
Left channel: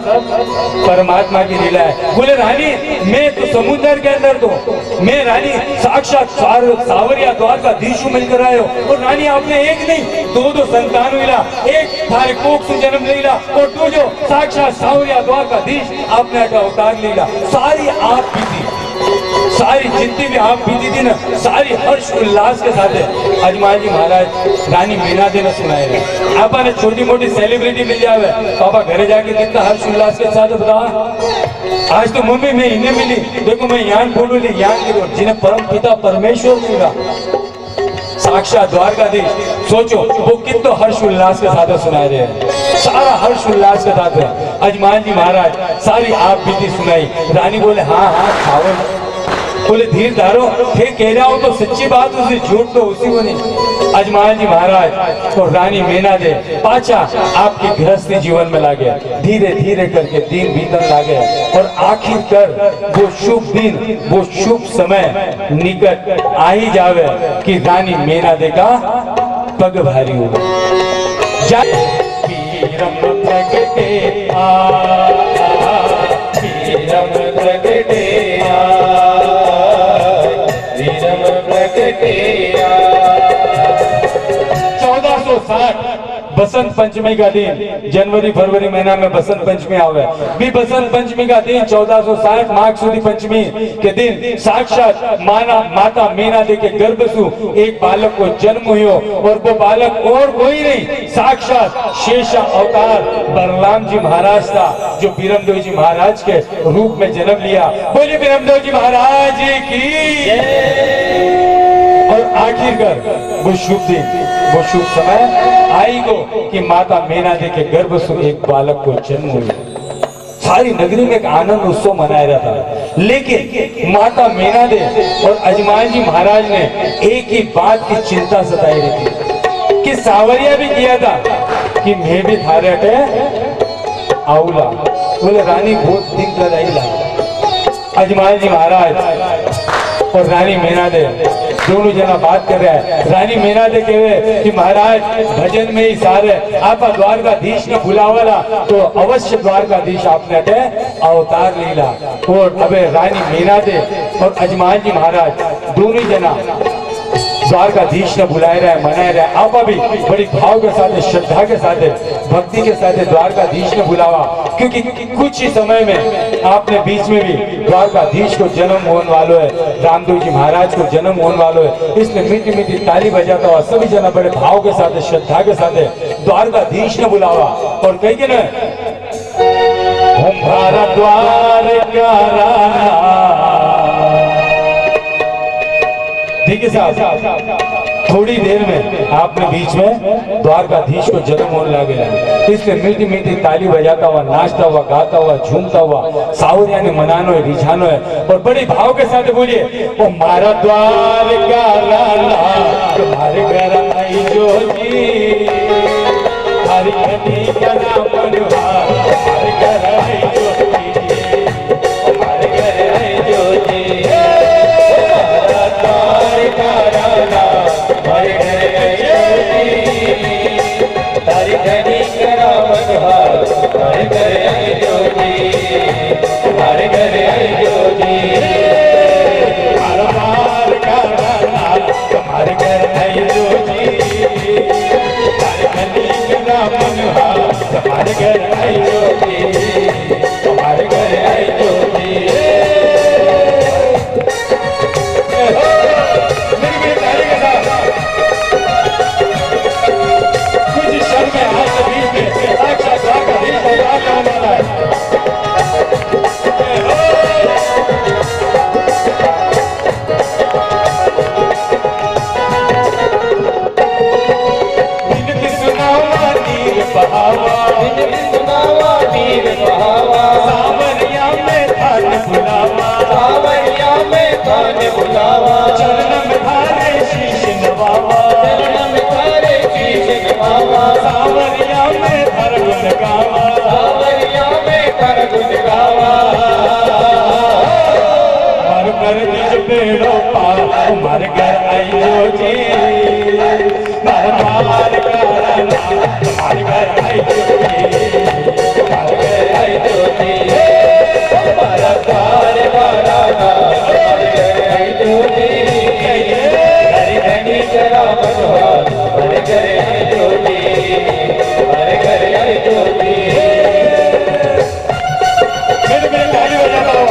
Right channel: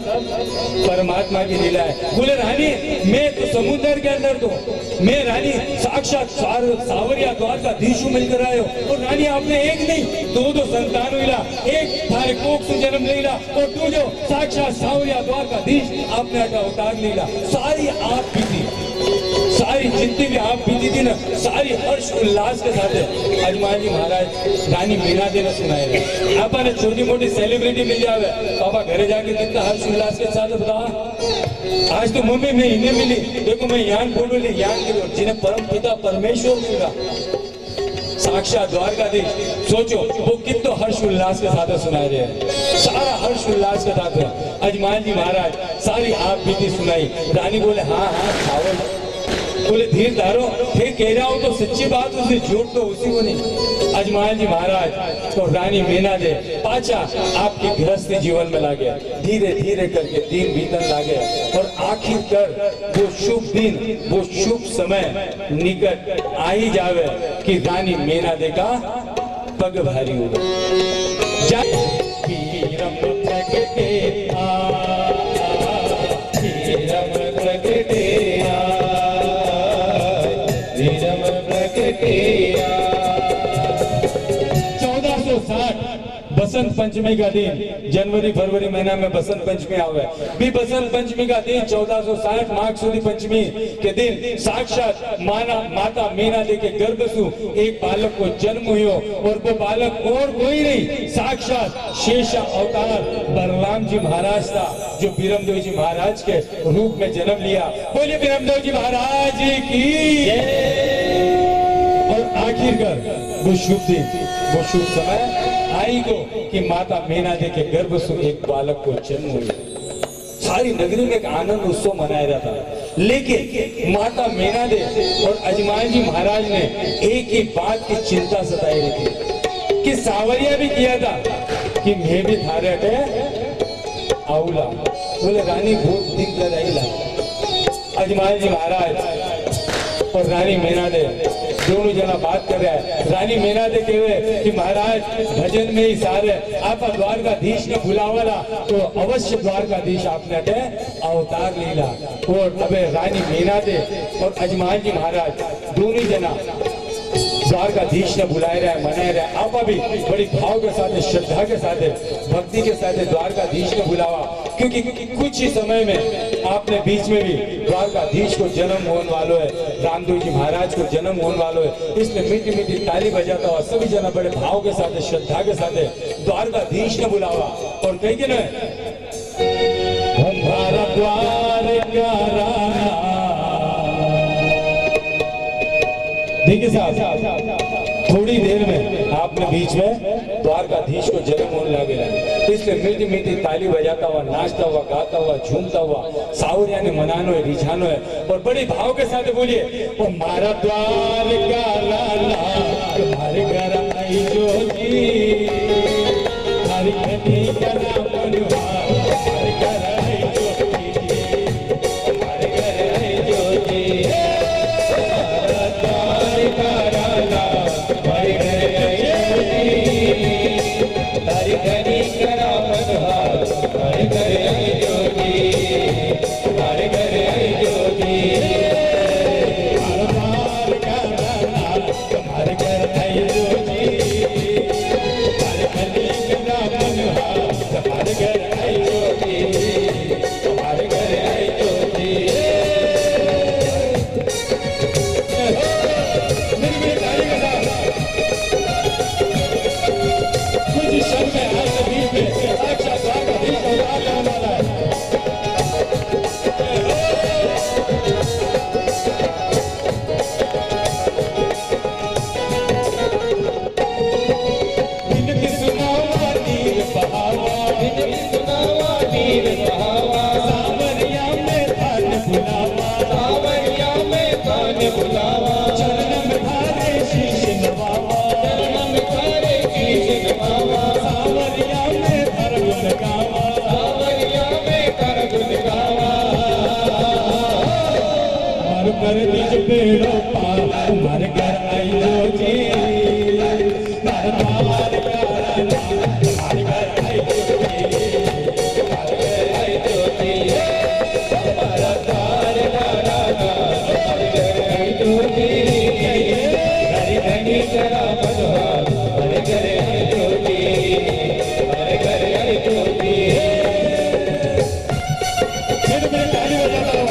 परमात्मा की लीला है। बोले रानी मैं तो समुद्र के अंदर तो, मैं रानी साक्षात सावरिया द्वारकाधीश मिलकर आयो और रानी आपने एक नहीं दो संतान हुईला, एक थारे कोख से जन्म लीला और तू जो साक्षात सावरिया द्वारकाधीश आपने अवतार लीला। सारी आप बीती, सारी जितनी भी आप बीती थी ना, सारी हर्ष उल्लास के साथ अजमाल जी महाराज रानी मीनादे ने सुनाए रहे। आपने छोटी मोटी सेलिब्रिटी मिल जावे, पापा घरे जाके कितना हर्ष उल्लास के साथ बताओ। आज तो मम्मी मैं इन्हें मिली, देखो मैं यान बोलू ली, यान की जिन्हें परम पिता परमेश्वर मिला, साक्षात द्वारकाधीश। सोचो वो कितना हर्ष उल्लास के साथ सुनाए रहे हैं, सारा हर्ष उल्लास के साथ है। अजमाल जी महाराज सारी आप बीती सुनाई। रानी बोले हाँ हाँ खाओ। बोले धीर धारो, फिर कह रहा हूं तो सच्ची बात, उसे झूठ तो उसी को नहीं। अजमाल जी महाराज और रानी मीनादे पाचा आपके गृहस्थी जीवन में लागे, धीरे धीरे करके दिन बीतन लागे और आखिर कर वो शुभ दिन, वो शुभ समय निकट आ ही जावे कि रानी मीनादे का पग भारी हो। वीरम प्रगटे वीरम प्रगटे वीरम प्रगटे। 1460 बसंत पंचमी का दिन, जनवरी फरवरी महीना में बसंत पंचमी आवे भी। बसंत पंचमी का दिन 1460 माघ सुदी पंचमी के दिन साक्षात माता मीनादे के गर्भ से एक बालक को जन्म हुआ और वो बालक और कोई नहीं, साक्षात शेषा अवतार बलराम जी महाराज था, जो बीरमदेव जी महाराज के रूप में जन्म लिया। बोलिए बीरमदेव जी महाराज की। और आखिरकार वो शुभ दिन, वो शुभ समय आई को कि माता मीनादे के गर्भ से एक बालक को जन्म हुआ। सारी नगरी में एक आनंद उत्सव मनाया रहा था, लेकिन माता मीनादे और अजमाल जी महाराज ने एक ही बात की चिंता सताई रही थी कि सावरिया भी किया था कि मैं भी थारे हटे आऊला। बोले रानी बहुत दिन कर आई। अजमाल जी महाराज और रानी मीनादे दोनों जना बात कर रहे हैं। रानी मीनादे कहे कि महाराज भजन में ही सारे आपा द्वारकाधीश ने बुलावाला तो अवश्य द्वारकाधीश आपने अटे अवतार लीला। और अबे रानी मीनादे और अजमाल जी महाराज दोनों जना द्वारकाधीश ने बुलाए रहे मनाए रहे। आप अभी बड़ी भाव के साथ, श्रद्धा के साथ, भक्ति के साथ द्वारकाधीश ने बुलावा, क्योंकि कुछ ही समय में आपने बीच में भी द्वारकाधीश को जन्म होने वालों है, रामदेव जी महाराज को जन्म होने वालों है। इसलिए मीठी मीठी ताली बजाता हुआ सभी जना बड़े भाव के साथ, श्रद्धा के साथ द्वारकाधीश ने बुलावा और कही के ना भारत द्वार का राना। देखिए साहब, थोड़ी देर में आपने बीच में द्वारकाधीश को जन्म होने लगे, इसलिए मीठी मीठी ताली बजाता हुआ, नाचता हुआ, गाता हुआ, झूमता हुआ सावरिया ने मनानो है, रिझानो है और बड़े भाव के साथ बोलिए ओ मारा द्वार का राना तुम्हारे घर आई जो जी, हरि कटी का नाम मनोहर, हमारे घर आई जो जी, हमारे घर आई जो जी, मारा द्वार का राना हमारे घर आई जो जी, हरि कटी का नाम मनोहर, हमारे घर आई जो जी, हमारे घर आई जो जी, मारा द्वार का राना तुम्हारे घर आई जो जी, हरि कटी का नाम मनोहर, हमारे घर आई जो जी, हमारे घर आई जो जी। मेरी ताली के साथ कुछ क्षण में आज के बीच में साक्षात द्वारकाधीश अवतार होने वाला है। विनती सुनावा नीर बहावा, विनती सुनावा नीर बहावा, सावरिया में थान बुलावा, सावरिया में थान बुलावा, चरण में थारे शीश नवावा, चरण में थारे शीश नवावा, सावरिया में थर गुण गावा, सावरिया में थर गुण गावा, हर कर निज बेड़ो पार, हमारे घर आई जो जी, हमारे द्वार का राना हमारे घर आई जो जी, हमारे घर आई जो जी, हमारा द्वार का राना हमारे घर आई जो जी, हरि धनी जरा मनोहर, हमारे घर आई जो जी, हमारे घर आई जो जी। मेरे ताली बजाता हूँ।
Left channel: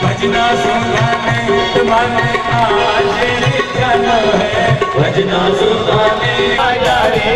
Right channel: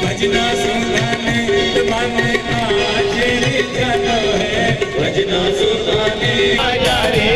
भजना सुनाने मन आ जाना है भजना सुनाने आजा रे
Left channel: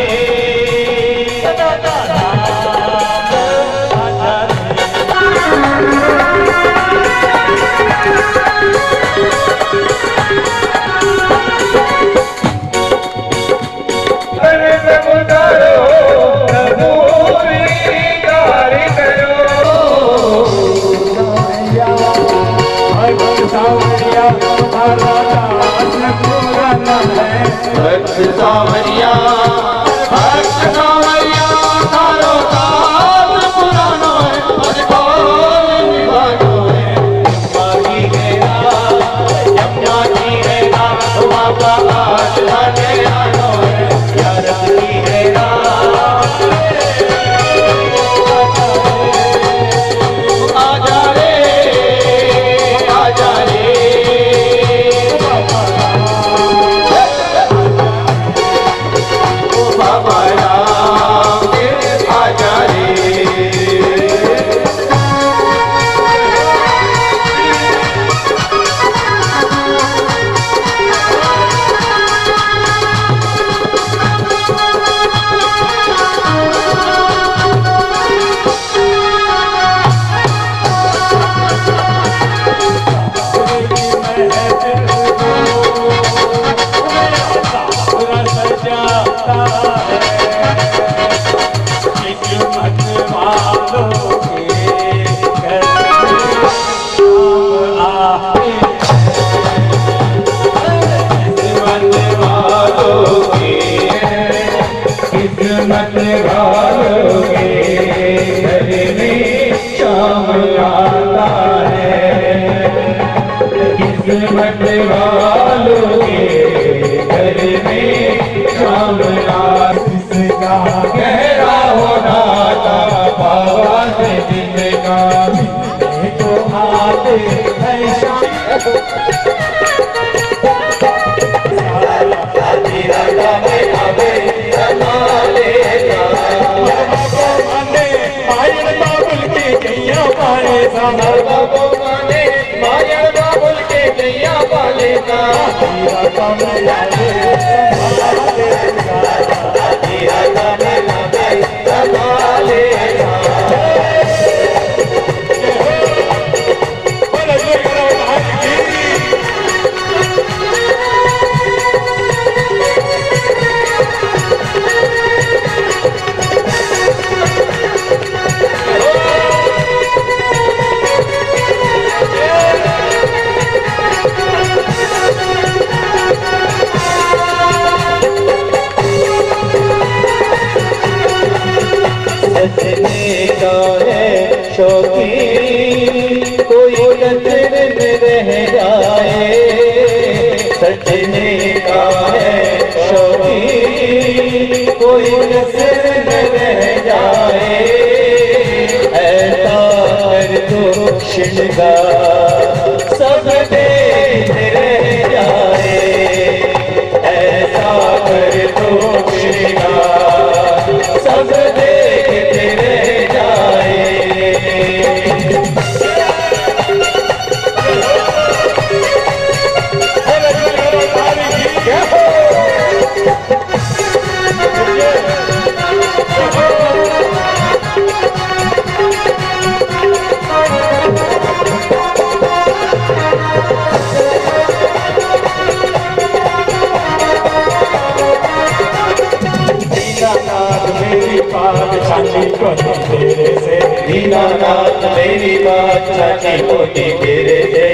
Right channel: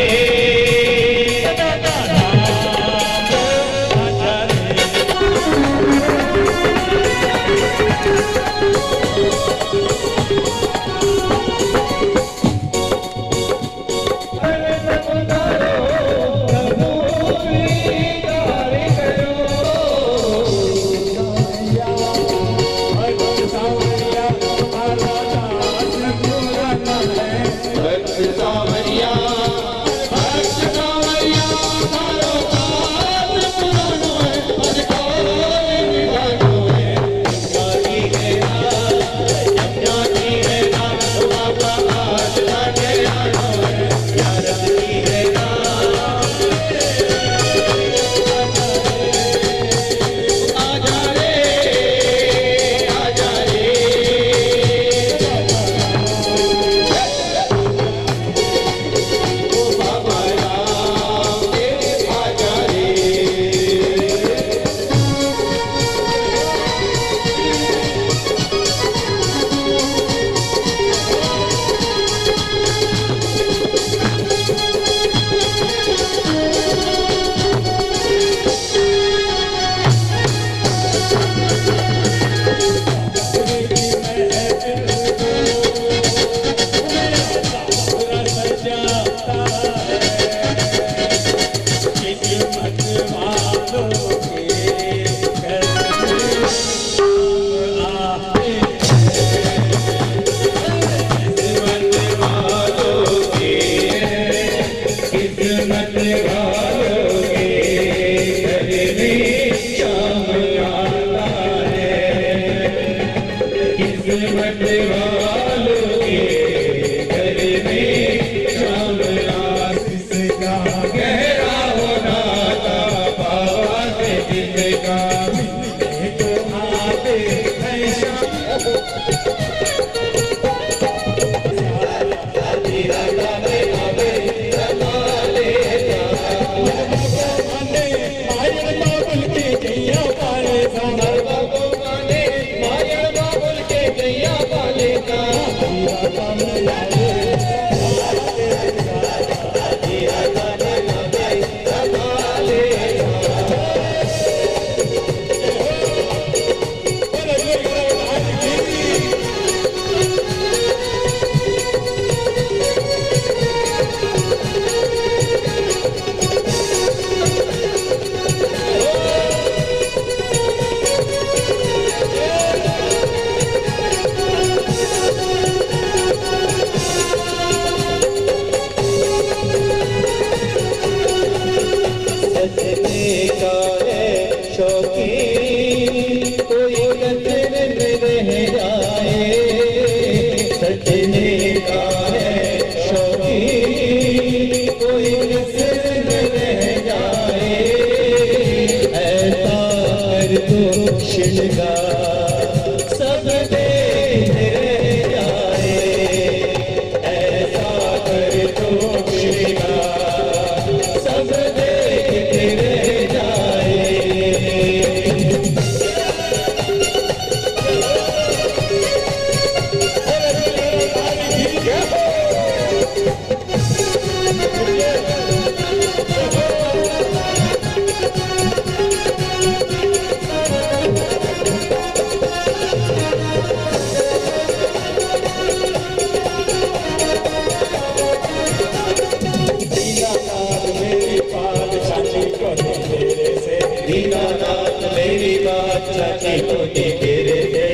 दीनानाथ मेरी बात छाती कोटी तेरे दे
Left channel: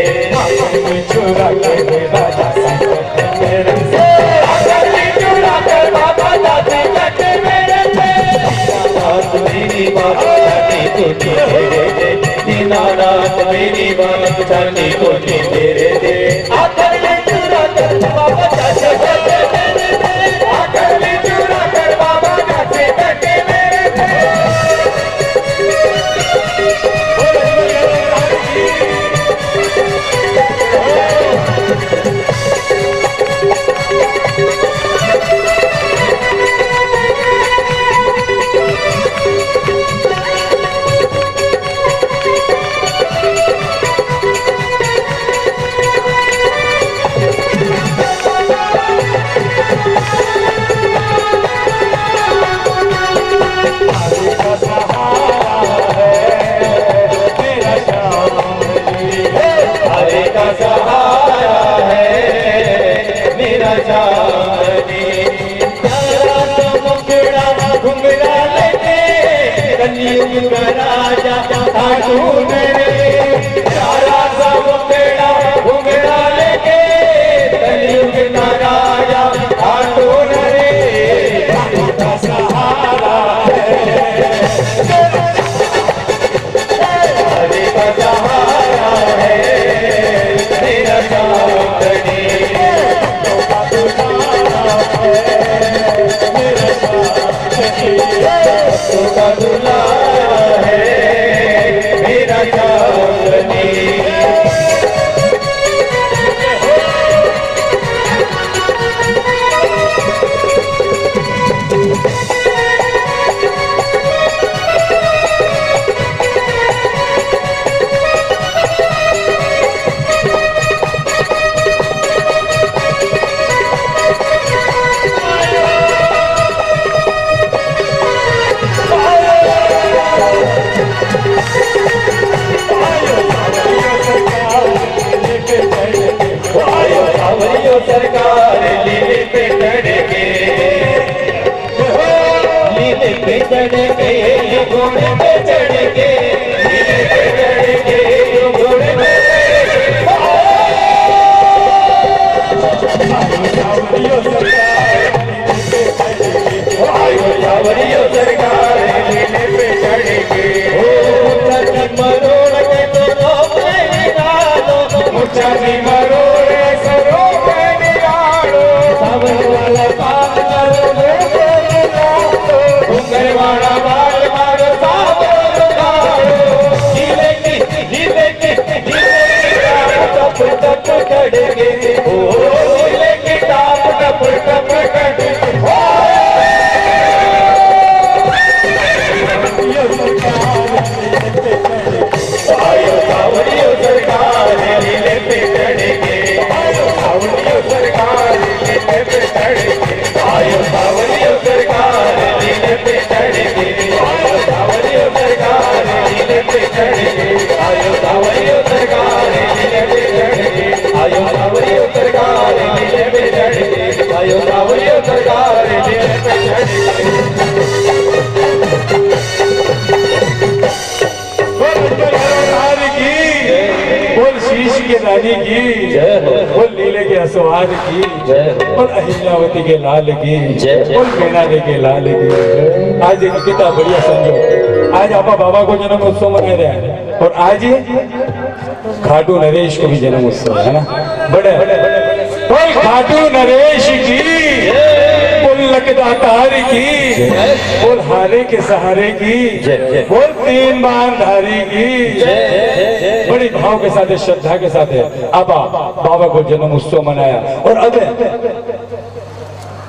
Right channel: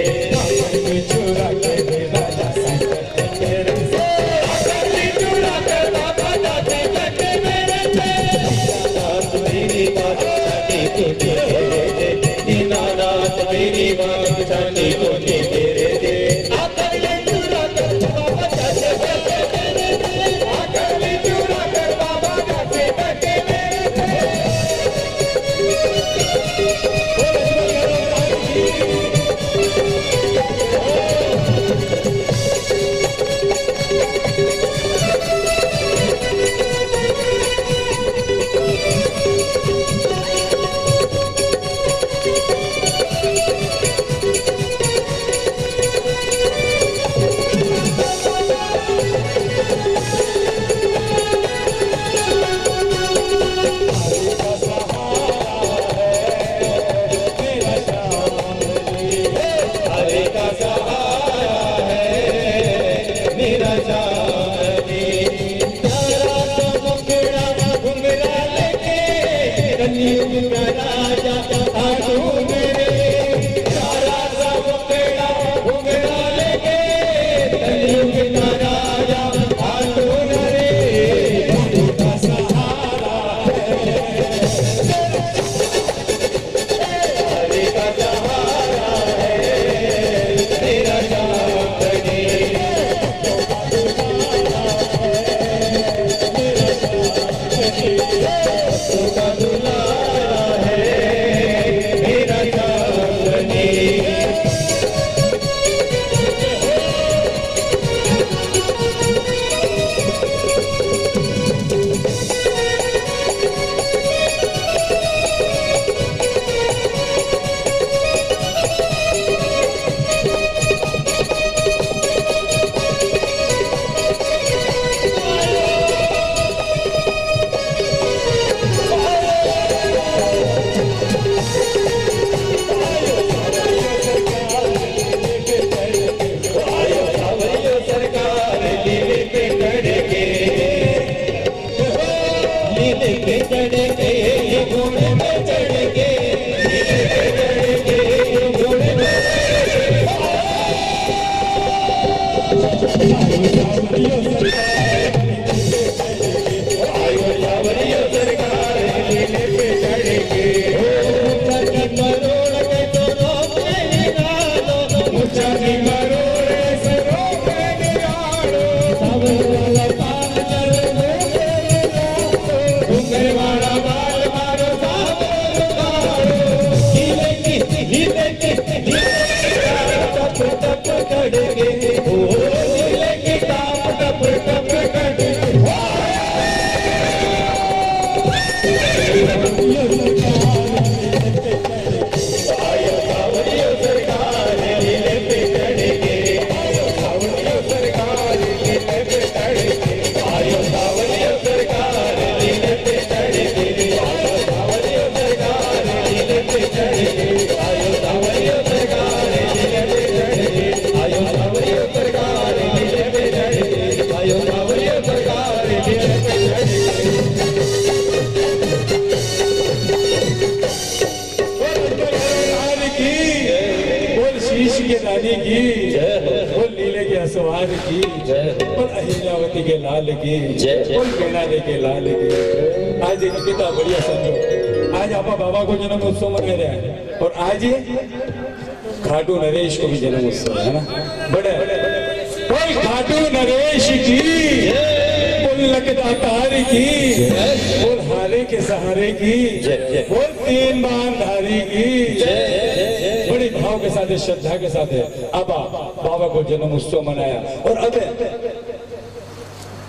चुरा के राजा संकट मेरे से चुरा कर बाबा जाते कट मेरे से दीनानाथ मेरी बात छाती कोटी तेरे दे दीनानाथ मेरी बात छाती कोटी तेरे दे आकर ले चुरा कर बाबा जाते कट मेरे से आकर ले चुरा कर बाबा जाते कट मेरे से की रानी की जय हो। बोल नीले के असवार की जय हो। बोल अहिल्यावती के लाल की जय। बोल मीना दे के लाल की। आज देखिए कितना बढ़िया संजो, आज आपा बाबा को जन्म उत्सव मना रहे हैं और आज खाटू नरेश को भी जन्म उत्सव है ना। बड़े बोल खाटू नरेश की, बोल लकदातार की, बोल हारे के सहारे की, बोल तीन बाण धारी की। बड़ी भाव के साथ श्रद्धा के साथ आपा बाबा को जन्म उत्सव मनाया और अब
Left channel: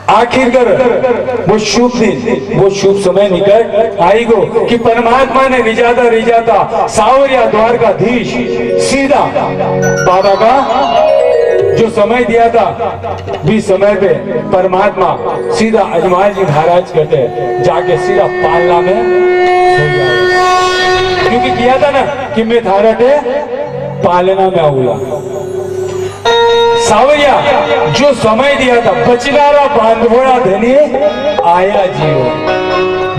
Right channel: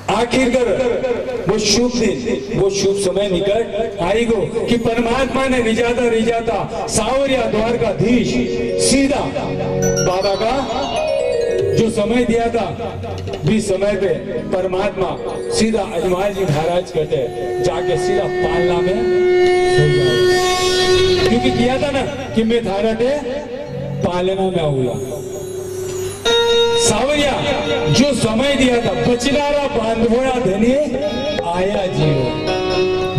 आखिरकार वो शुभ दिन, वो शुभ समय निकट आएगो कि परमात्मा ने रिजाता सावरिया द्वारकाधीश सीधा बाबा का जो समय दिया था भी समय पे परमात्मा सीधा अजमाल जी महाराज कहते जाके सीधा पालना में सो जाए, क्योंकि किया था ना कि मैं थारा टे पालना में आऊंगा। सावरिया जो समय दिया था बचनारा बांधोड़ा धनी आया जियो,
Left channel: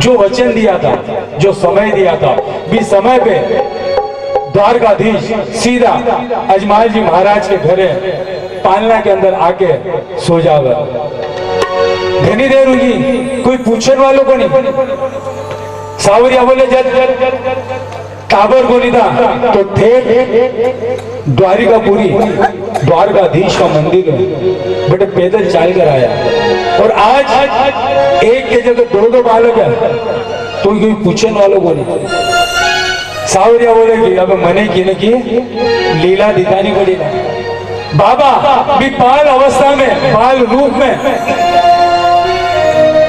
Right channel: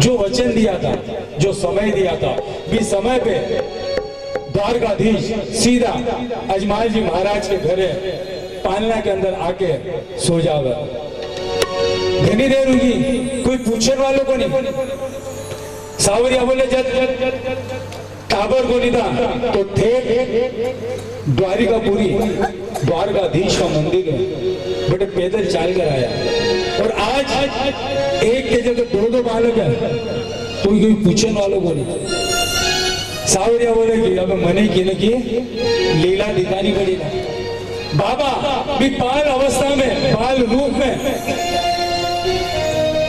जो वचन दिया था, जो समय दिया था भी समय पे द्वारकाधीश सीधा अजमाल जी महाराज के घरे पालना के अंदर आके सो जावे। घनी देर हुई कोई पूछने वालों को नहीं। सावरिया बोले जब काबर को नहीं था तो थे द्वारिकापुरी द्वारकाधीश का मंदिर है, बेटे पैदल चल कर आया और आज एक के जगह दो बालक है तो कोई पूछने वालों को नहीं। सावरिया बोले कि अब मने की लीला दिखानी पड़ी ना। बाबा भी बाल अवस्था में, बाल रूप में,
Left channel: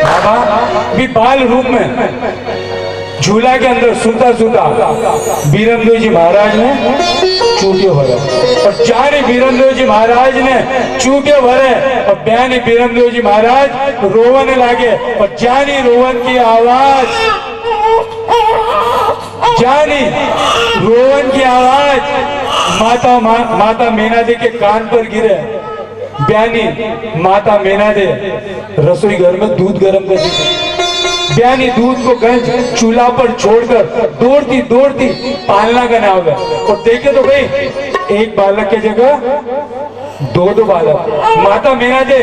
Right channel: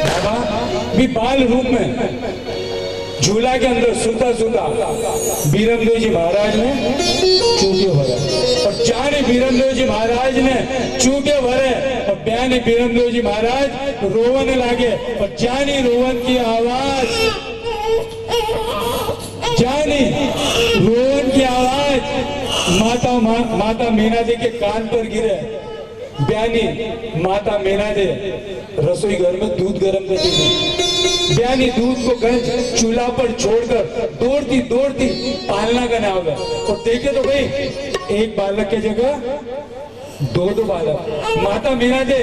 बाबा भी बाल रूप में झूला के अंदर सूता सूता बीरमदेव जी महाराज ने चूटे भरे और जाने बीरमदेव जी महाराज ने चूटे भरे और बयानी बीरमदेव जी महाराज रोवन लागे और जानी रोवन की आवाज, जानी रोवन की आवाज माता मीना दे के कान पर गिरे। बयानी माता मीना दे रसोई घर में दूध गर्म कर दी। बयानी दूध को गंज चूल्हा पर छोड़कर दौड़ती दौड़ती पालना करने आ गए और देखे तो भाई एक बालक के जगह दो बालक। माता मीना दे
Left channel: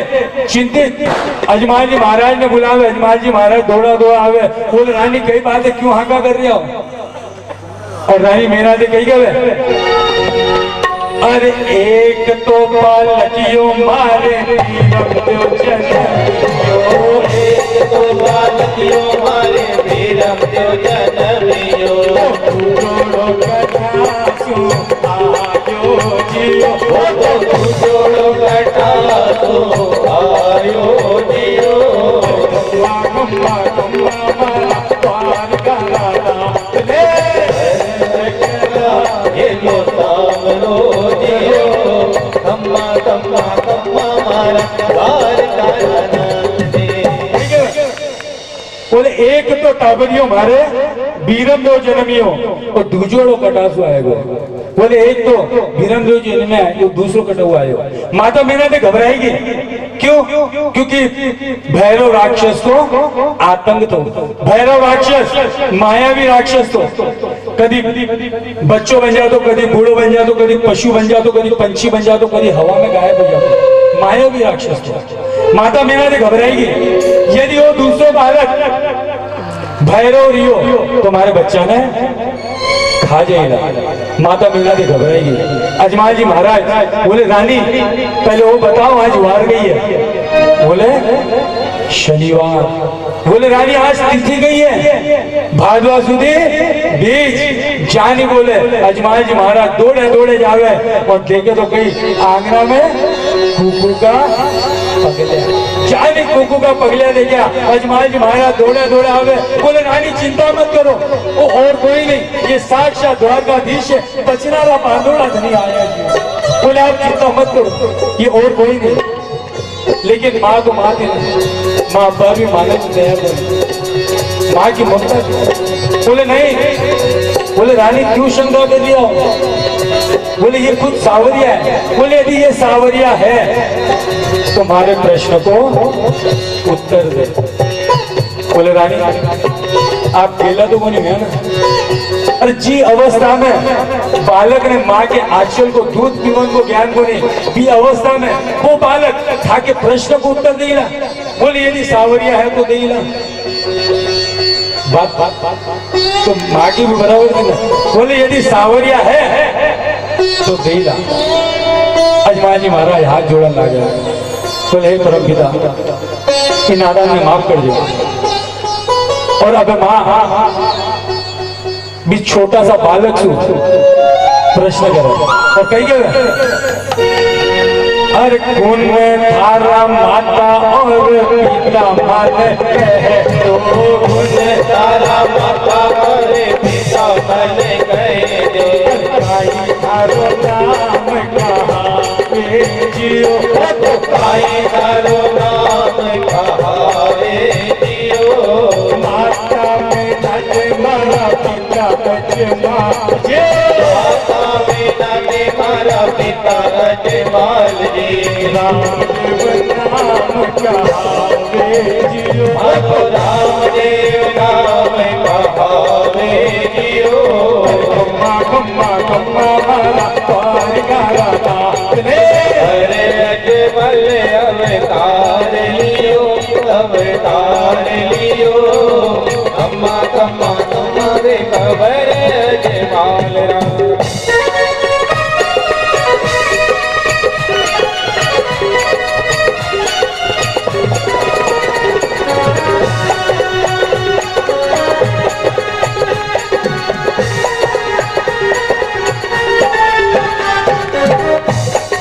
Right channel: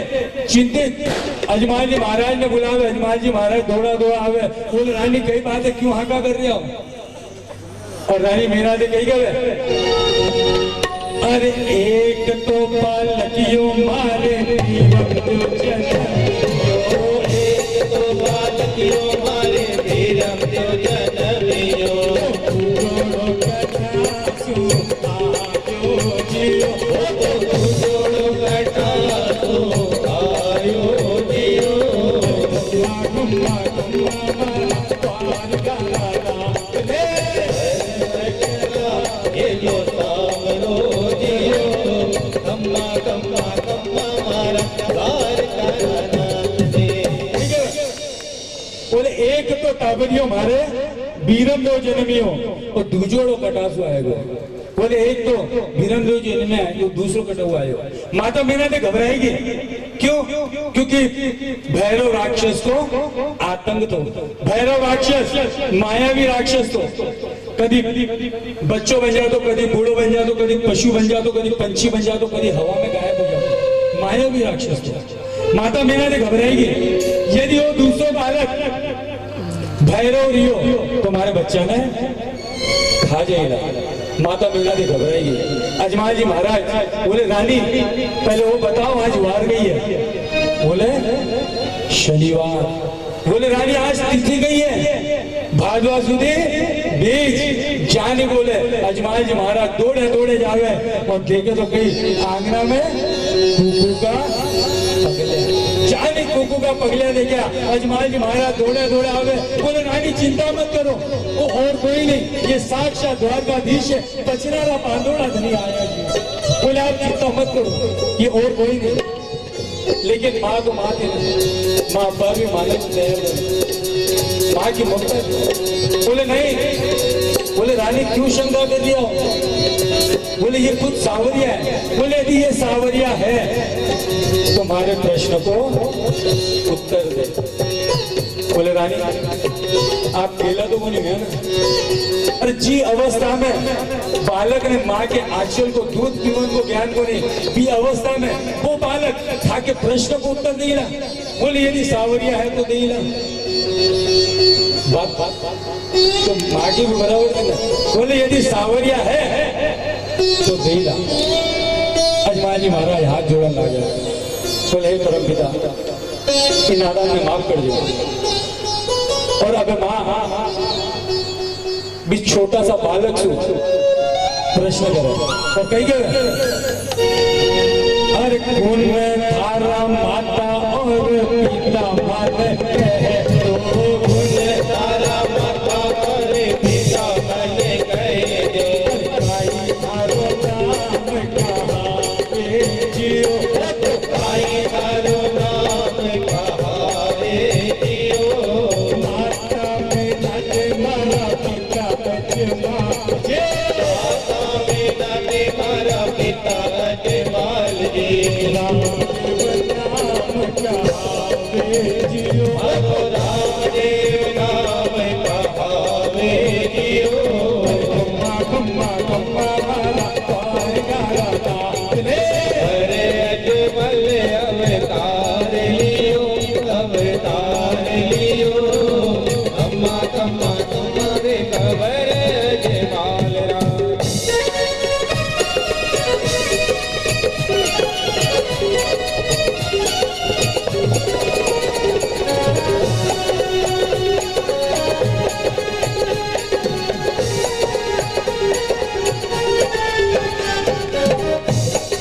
चिंतित, अजमाल जी महाराज ने बुलावे। अजमाल जी महाराज दौड़ा आवे, बोले रानी कई बात है, क्यों हाका कर रही हो? और रानी मीना दे कही गए, अरे एक तो बालकियो मारे बीरमदेव जनमियो, एक तो बालकियो मारे बीरमदेव जनमियो, तू जोड़ो कटासु आयो जियो, तू जोड़ो कटासु आयो जियो, कम्मा मारा पार कराना ले ये जो सामरो जियो, कम्मा मारा पार कराना दे। बोले एक तो टाबरियो मारे बीरमदेव जनमियो और दूजोड़ो कटासु आएगो। बोले एक तो बीरमदेव जन्म है, ये दूसरो कटा आएगा। माता मीना ने घबराएगी, क्यों? क्योंकि भैरव राक्षस को आतंक तो, भैरव राक्षस मायावी राक्षस तो कभी बच्चों बन जातो, कभी बूढ़ो बन जातो, कभी पशु बन जातो, कभी पंछी बन जातो, कभी हवा में गायब हो जातो, मायावी राक्षस तो। माता मीना ने घबराएगी, यदि वो दूसरो बालक भैरव रियो तुम्हारे बच्चा ने खा जाएगा। माता मीना दे घबराएगी। अजमाल जी महाराज बोले रानी पहले वो बताओ आज वार गई है? बोले शनिवार। बोले रानी आज तिथि गई है भादवा सुधी बीज जानी। बोले अजमाल जी महाराज दौड़े जावे और देखे तो कहीं आंगना में कुकू का पगलिया, जानी कुकू का पगलिया दे गया। अजमाल जी महाराज दौड़े आवे। बोले रानी चिंता मत करो, वो और कोई नहीं, ये साक्षात द्वारकाधीश है, बचनारा बांधोड़ा धनी आया जी। बोले आप चिंता मत करो, ये और कोई नहीं। लेकिन माँ तो माँ थी ना, माँ बाप भी मानने को तैयार नहीं, माँ की ममता थी। बोले नहीं। बोले रानी क्यों शंका कर लिया? बोले ये खुद सावरिया है। बोले यदि ये सावरिया है तुम्हारे प्रश्न को उत्तर दे। बोले रानी आप केला तो को नहीं है ना? अरे जी अवस्था में बालक ने माँ के आंचल को दूध पीवन को ज्ञान को नहीं भी अवस्था में वो बालक जाके प्रश्न को उत्तर देला। बोले यदि सावरिया है तो देला। बात तो माँ की भी बराबर थी ना। बोले यदि सावरिया है तो देला। अजमान जी महाराज हाथ जोड़न लगा। बोले हे परम पिता इन नादान में माफ कर दो। और अब माँ भी छोटा सा बालक सु प्रश्न करे और कही गए अरे कौन में थारा माता और पिता मन कहे तो कौन तारा माता और पिता मन कहे दो। काई थारो नाम कहावे जियो काई थारो नाम कहावे जियो। माता में नज मरा पिता अजमा जे माता में नाते मारा पिता अजमाल जी। राम नाम कहावे जियो रामदेव नाम कहावे जियो। कम्मा कम्मा कम्मा मारा पार गारा ताने अरे अजमल अवतार लियो अवतार लियो। अम्मा कम्मा तुम्हारे खबर अजमाल राम।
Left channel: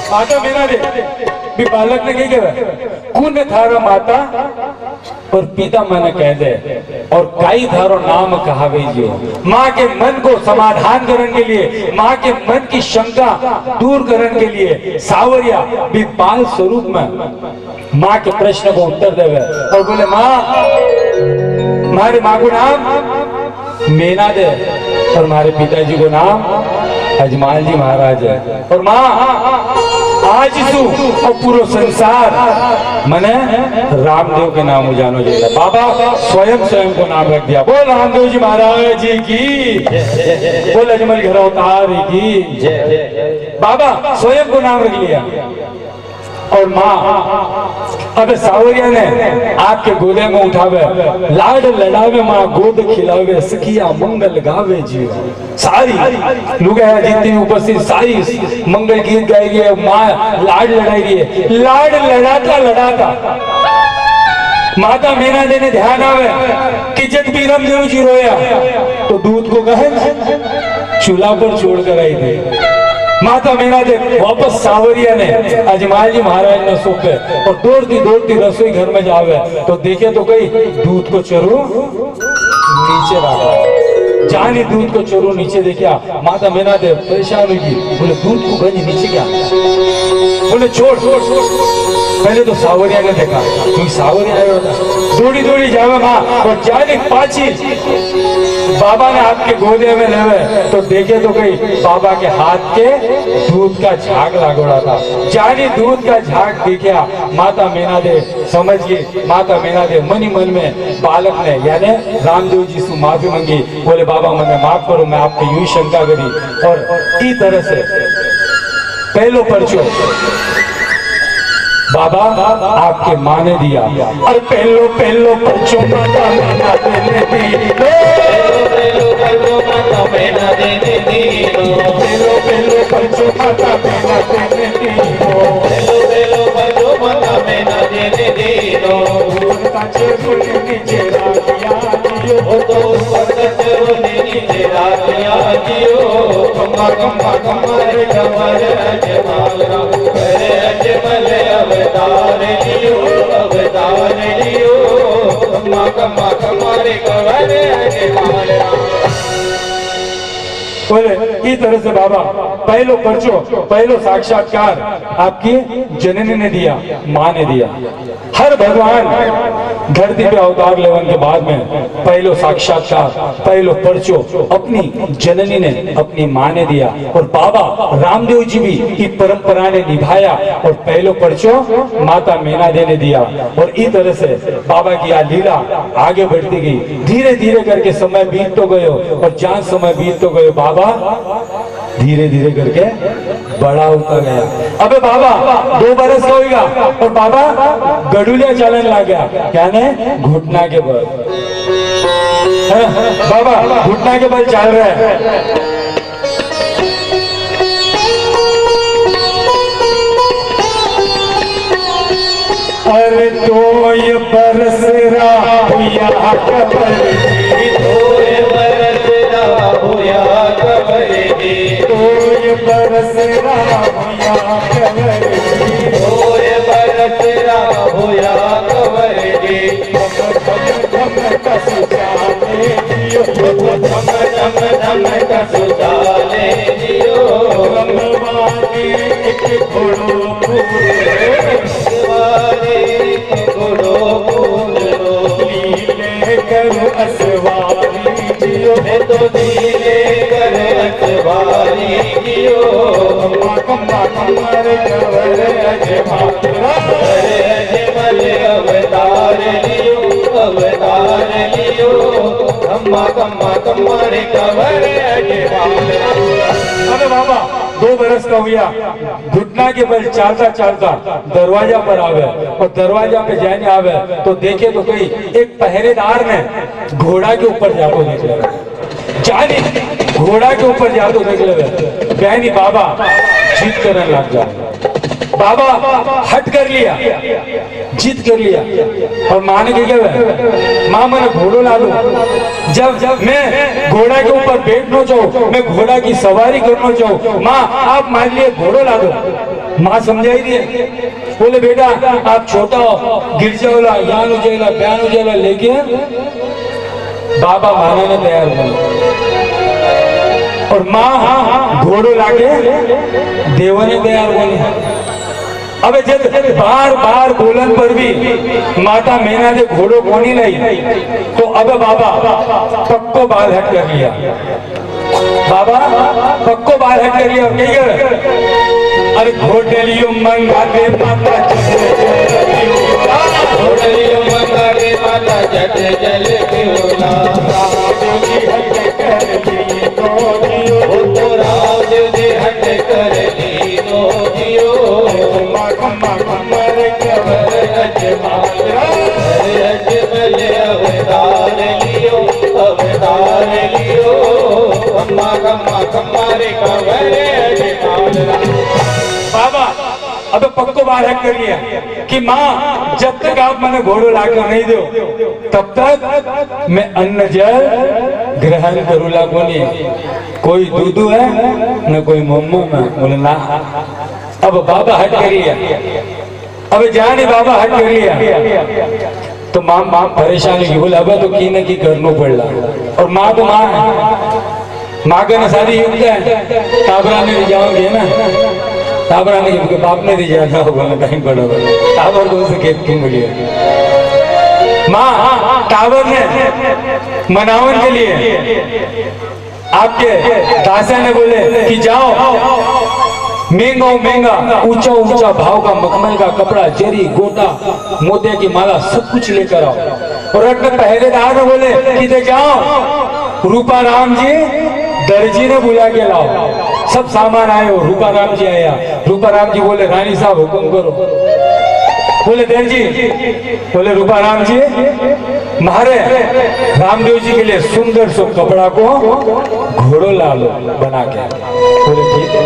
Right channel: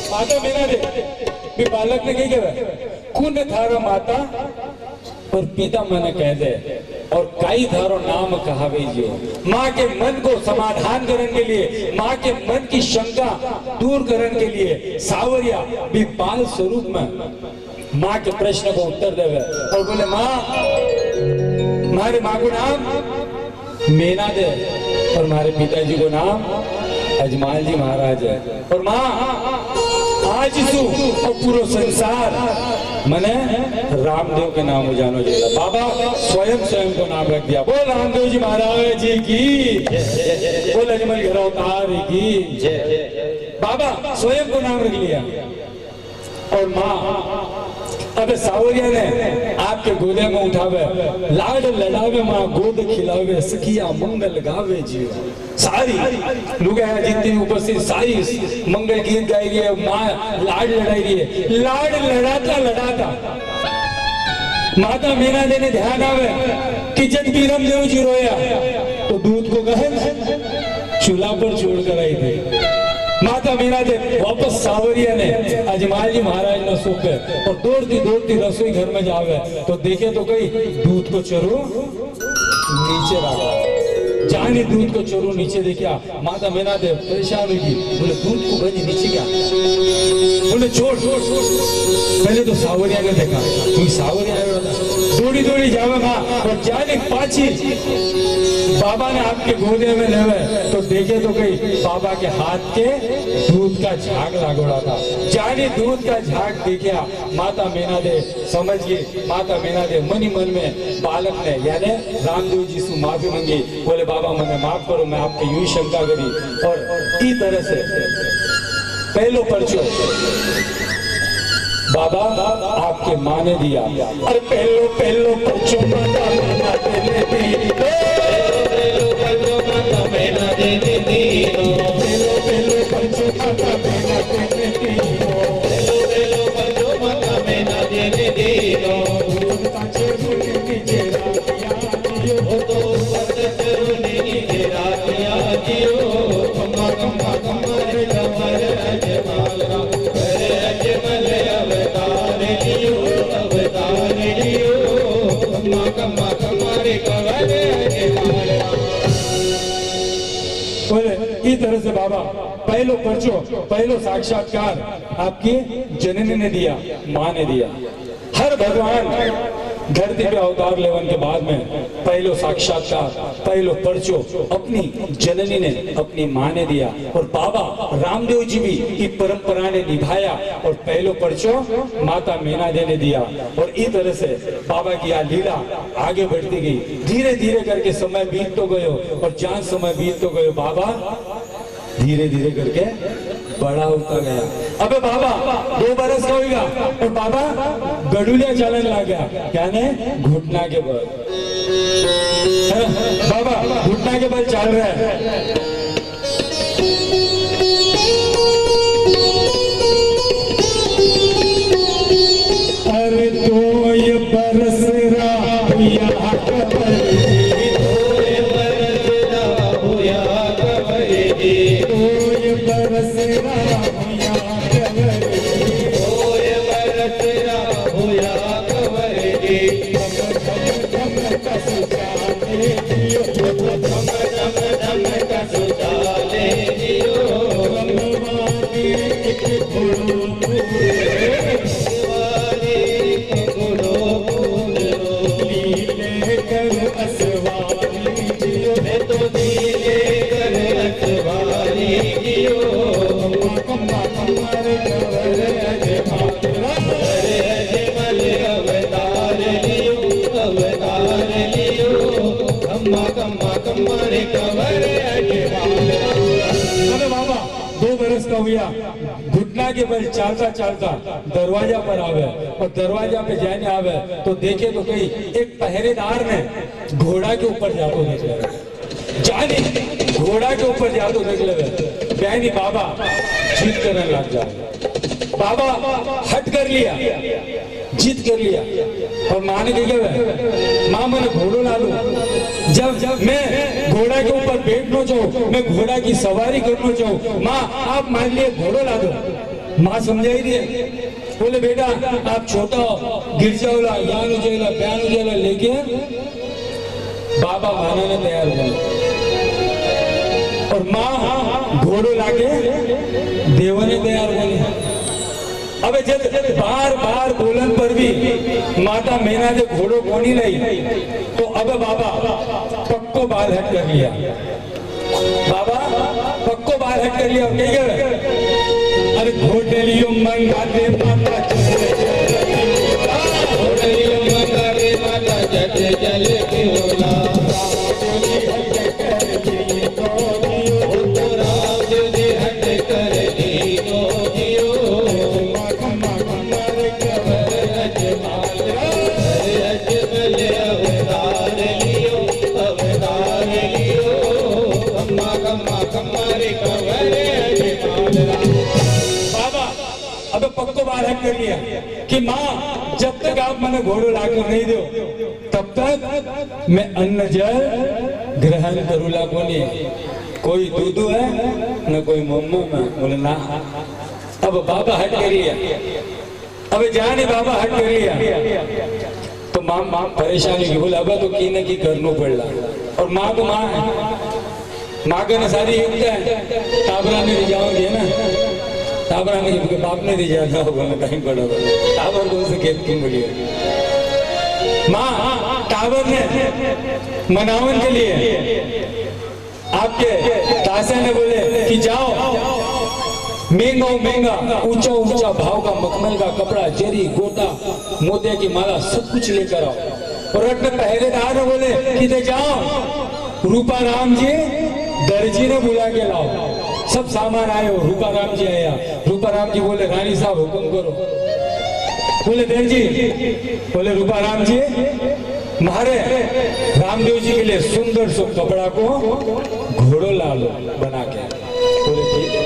माता मेरा दे भी बालक ने कही कहे कुन थारो माता और पिता मन कह दे और काई थारो नाम कहावे जियो। माँ के मन को समाधान करने के लिए माँ के मन की शंका दूर करने के लिए सावरिया भी बाल स्वरूप में माँ के प्रश्न को उत्तर देवे और बोले माँ हमारे माँ को नाम मेना दे और हमारे पिताजी को नाम अजमाल जी महाराज है। और माँ आज सु और पूरा संसार मने रामदेव के नाम जानो जाएगा। बाबा स्वयं स्वयं को नाम रख दिया। बोल रामदेव जी महाराज जी की, बोल अजमल घर अवतार की। बाबा स्वयं को नाम रख लिया। और माँ अब सावरिया ने आपके गोदे में उठावे लाड लड़ावे माँ गोद खिलावे सखिया मंगल गावे जीव। सारी लोग जितनी उपस्थित सारी मंगल गीत गाई रही है। माँ लाड लड़ाई रही है। लाड लड़ाता लड़ाता माता मीना देने ध्यान आवे कि जब भी रामदेव जी रोया तो दूध को गहन चूल्हा पर छोड़ कर आई थी। माता मीना दे वापस सावरिया ने अजमाल जी महाराज ने सौंपे और दौड़ती दौड़ती रसोई घर में जावे तो देखे तो कहीं दूध को चरू नीचे रखा। जानी दूध को चरू नीचे देखा। माता मीना दे परेशान हुई। बोले दूध को गंज नीचे क्या? बोले छोड़। पहले तो सावरिया ने देखा क्योंकि सावरिया आया होता। दौड़ी दौड़ी जावे माँ और जाने पाची बाबा ने आपके गोदे में लेवे तो देखे तो कहीं बाबा के हाथ के दूध का झाग लागोड़ा था। जानी दूध का झाग देखा माता मीना दे समझ गई। माता मीना दे मनी मन में बालक ने यानी रामदेव जी से माफी मांगी। बोले बाबा मैंने माफ करो मैं आपकी यूं शंका करी। और इस तरह से पहलो पर्चो बाबा आपके माँ ने दिया। और पहलो पहलो पर्चो माता मीना देने दी। पेलो पेलो माता मीना देने दीनो। पेलो पेलो पर्चो माता मीना देने दी। पेलो पेलो पेलो माता मीना देने दीनो। नीचे रातिया जियो वो तो ऊपर नीचे रातिया जियो। कम्मा कम्मा कम्मा रे कमर अजमाल राम। अरे अजमल अवतार लियो अवतार लियो। कम्मा कम्मा कम्मा रे कमर अजमाल राम। बोले इस तरह से बाबा पहलो पर्चो पहलो साक्षात्कार आपकी जननी ने दिया, माँ ने दिया। हर भगवान धरती पे अवतार लेवन के बाद में पहलो साक्षात्कार, पहलो पर्चो अपनी जननी ने, अपनी माँ ने दिया, और बाबा रामदेव जी भी इस परंपरा ने निभाया और पहलो पर्चो माता मीना दे ने दिया। और इस तरह से बाबा की यह लीला आगे बढ़ती गई, धीरे धीरे करके समय बीत तो गयो, और जहाँ समय बीत तो गयो बाबा धीरे धीरे करके बड़ा होता गया। अबे बाबा 2 बरस का होगा और बाबा गडुलिया चलन लग गया, क्या ने घुटना के बल, बाबा घुटना के बल चल रहा है। अरे 2 बरस रहा कबर जी, 2 बरस रहा होया कबर जी, 2 बरस रहा कबर जी, 2 बरस रहा होया कबर जी। धम कस जाने दियो, धम धम धम कसु डाले दियो, रमवाने एक घोड़ो वाले घोड़ो पूजो, लीले करो असवारी जियो, मैं तो दिले कर अखबारी दियो, कम्मा कमर कवर अजमारा, अरे अजमल अवतार लियो, अवतार लियो, कम्मा कम्मा कमर कवर अजमाल। अरे बाबा 2 बरस का हुआ, घुटना के बल चलता चलता दरवाजा पर आवे, और दरवाजा पे जाने आवे तो देखे तो कहीं एक पहरेदार ने घोड़ा के ऊपर जाको देख ले, जानी घोड़ा के ऊपर जाको देख ले, बहनी बाबा जीत करने लग जाए। बाबा हट कर लिया, जीत कर लिया, और माँ ने क्या माँ मैंने घोड़ो ला दो, जब मैं घोड़ा के ऊपर बैठना चाहूँ, मैं घोड़ा की सवारी करना चाहूँ, माँ आप मान लिए घोड़ो ला दो। माँ समझाई रही है, बोले बेटा आप छोटा हो, गिर जाओला, ज्ञान हो जाएगा, बयान हो जाएगा, लेकिन बाबा मानने ने तैयार हुए, और माँ घोड़ो लाके देवने तैयार हुए। अबे जब बार बार बोलन पर भी माता मीना ने घोड़ो कोनी लाई, तो अब बाबा पक्को बाल हट कर लिया, बाबा पक्को बाल हट कर लिया, और कही गए अरे घोटलियो मंगा दे माता घोड़ियों मंगा के माता जट जल पियोला, वो तो राज दे हट कर दीनो दियो, कमर अजमाल, अरे अजमल अवतार लियो, अवतार लियो, कम्मा कम्मा कमर कवर अजमाल। बाबा अब पक्को बाल हट कर लिया कि माँ जब तक आप मैंने घोड़ो लाकर नहीं दो तब तक मैं अन्न जल ग्रहण करूला कोनी, कोई दूधू है न कोई मम्मू में, बोले ना। अब बाबा हट कर लिया, अब जाने बाबा हट कर लिया तो माँ परेशानी की, बोले अब तो की न की करना पड़ला, और माँ तो माँ है, माँ का ना सारी युक्त है, ताबरा में जाओगे ना, ताबरा ने के बाप ने दी जाना होगा टाइम पड़ा, टावर को से खेत क्यों बोलिए, माँ टावर ने मनावन के लिए आपके दासा ने बोले कि जाओ महंगा ऊंचा ऊंचा भाव का मखमल का कपड़ा, जरी गोटा मोतिया की माला सब कुछ लेकर आओ, और अपने पहरेदार ने बोले कि दे जाओ रूपा राम जी दर्जी ने बुला के लाओ, सब सामान आए, रूपा राम जी आया, रूपा राम जी बोले रानी साहब हुक्म करो, बोले दर्जी, बोले रूपा राम जी मारे रामदेव जी के लिए सुंदर सो कपड़ा को घोड़ो ला लो बना के, बोले ठीक है।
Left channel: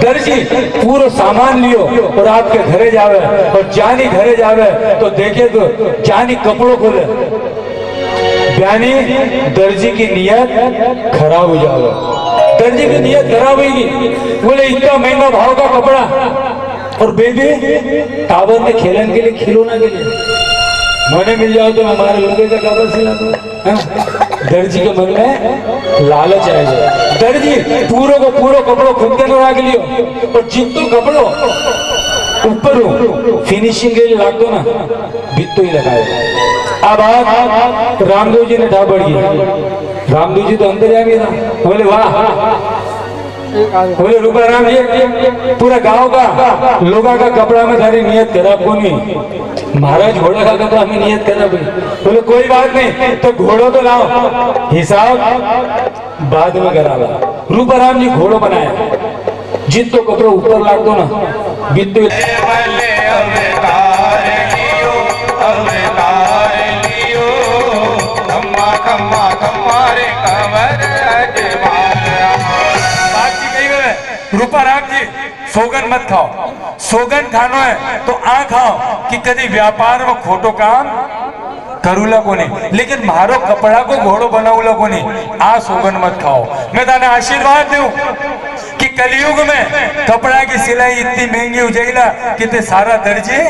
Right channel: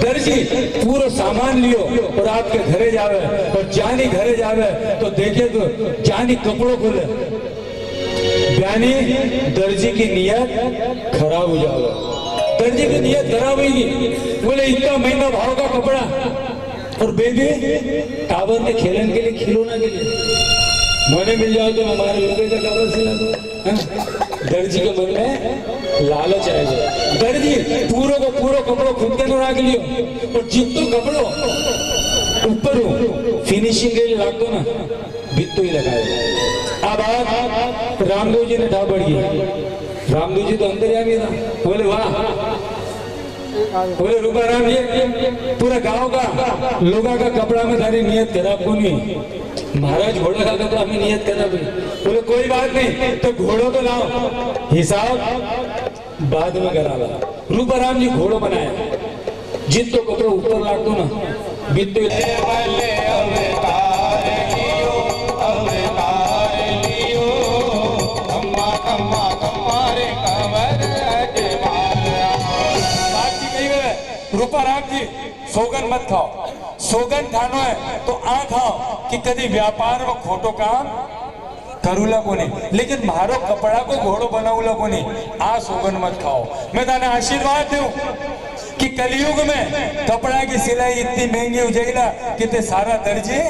दर्जी पूरा सामान लियो और आपके घरे जावे, और जानी घरे जावे तो देखे तो जानी कपड़ों खोले, यानी दर्जी की नियत खराब हो जावे, दर्जी की नियत खराब होगी, बोले इतना महंगा भाव का कपड़ा, और बेबी टावर में खेलन के लिए, खिलौना के लिए मने मिल जाओ तो हमारे लोगों का टावर सिला दो, दर्जी के मन में लालच आ जाए, दर्जी पूरो को पूरो कपड़ो खुद के रख लियो, और जितो कपड़ो ઉપર ફિનિશિંગ એ લાગતો ને બીતો લગાવે આ બાત રામદેવજી ને ઠાબડી रामदेव जी तो अंदर जाएंगे ना बोले वाह बोले रूपाराम जी पूरा गांव का लोगों का कपड़ा में थारी नियत खराब को नहीं महाराज घोड़े का कपड़ा में नियत खराब है बोले कोई बात नहीं तो घोड़ो तो लाओ हिसाब बाद में करा रूपाराम जी घोड़ो बनाया जित तो कपड़ा ऊपर लागतो ना बीत तो रूपाराम जी सोगन मत खाओ सोगन खानो है तो आ खाओ कि कभी व्यापार में खोटो काम करूला को नहीं लेकिन मारो कपड़ा को घोड़ो बनाऊला को नहीं आ सोगन मत खाओ मैं ताने आशीर्वाद दूं कि कलयुग में कपड़ा की सिलाई इतनी महंगी हो जाएगा कि ते सारा दर्जी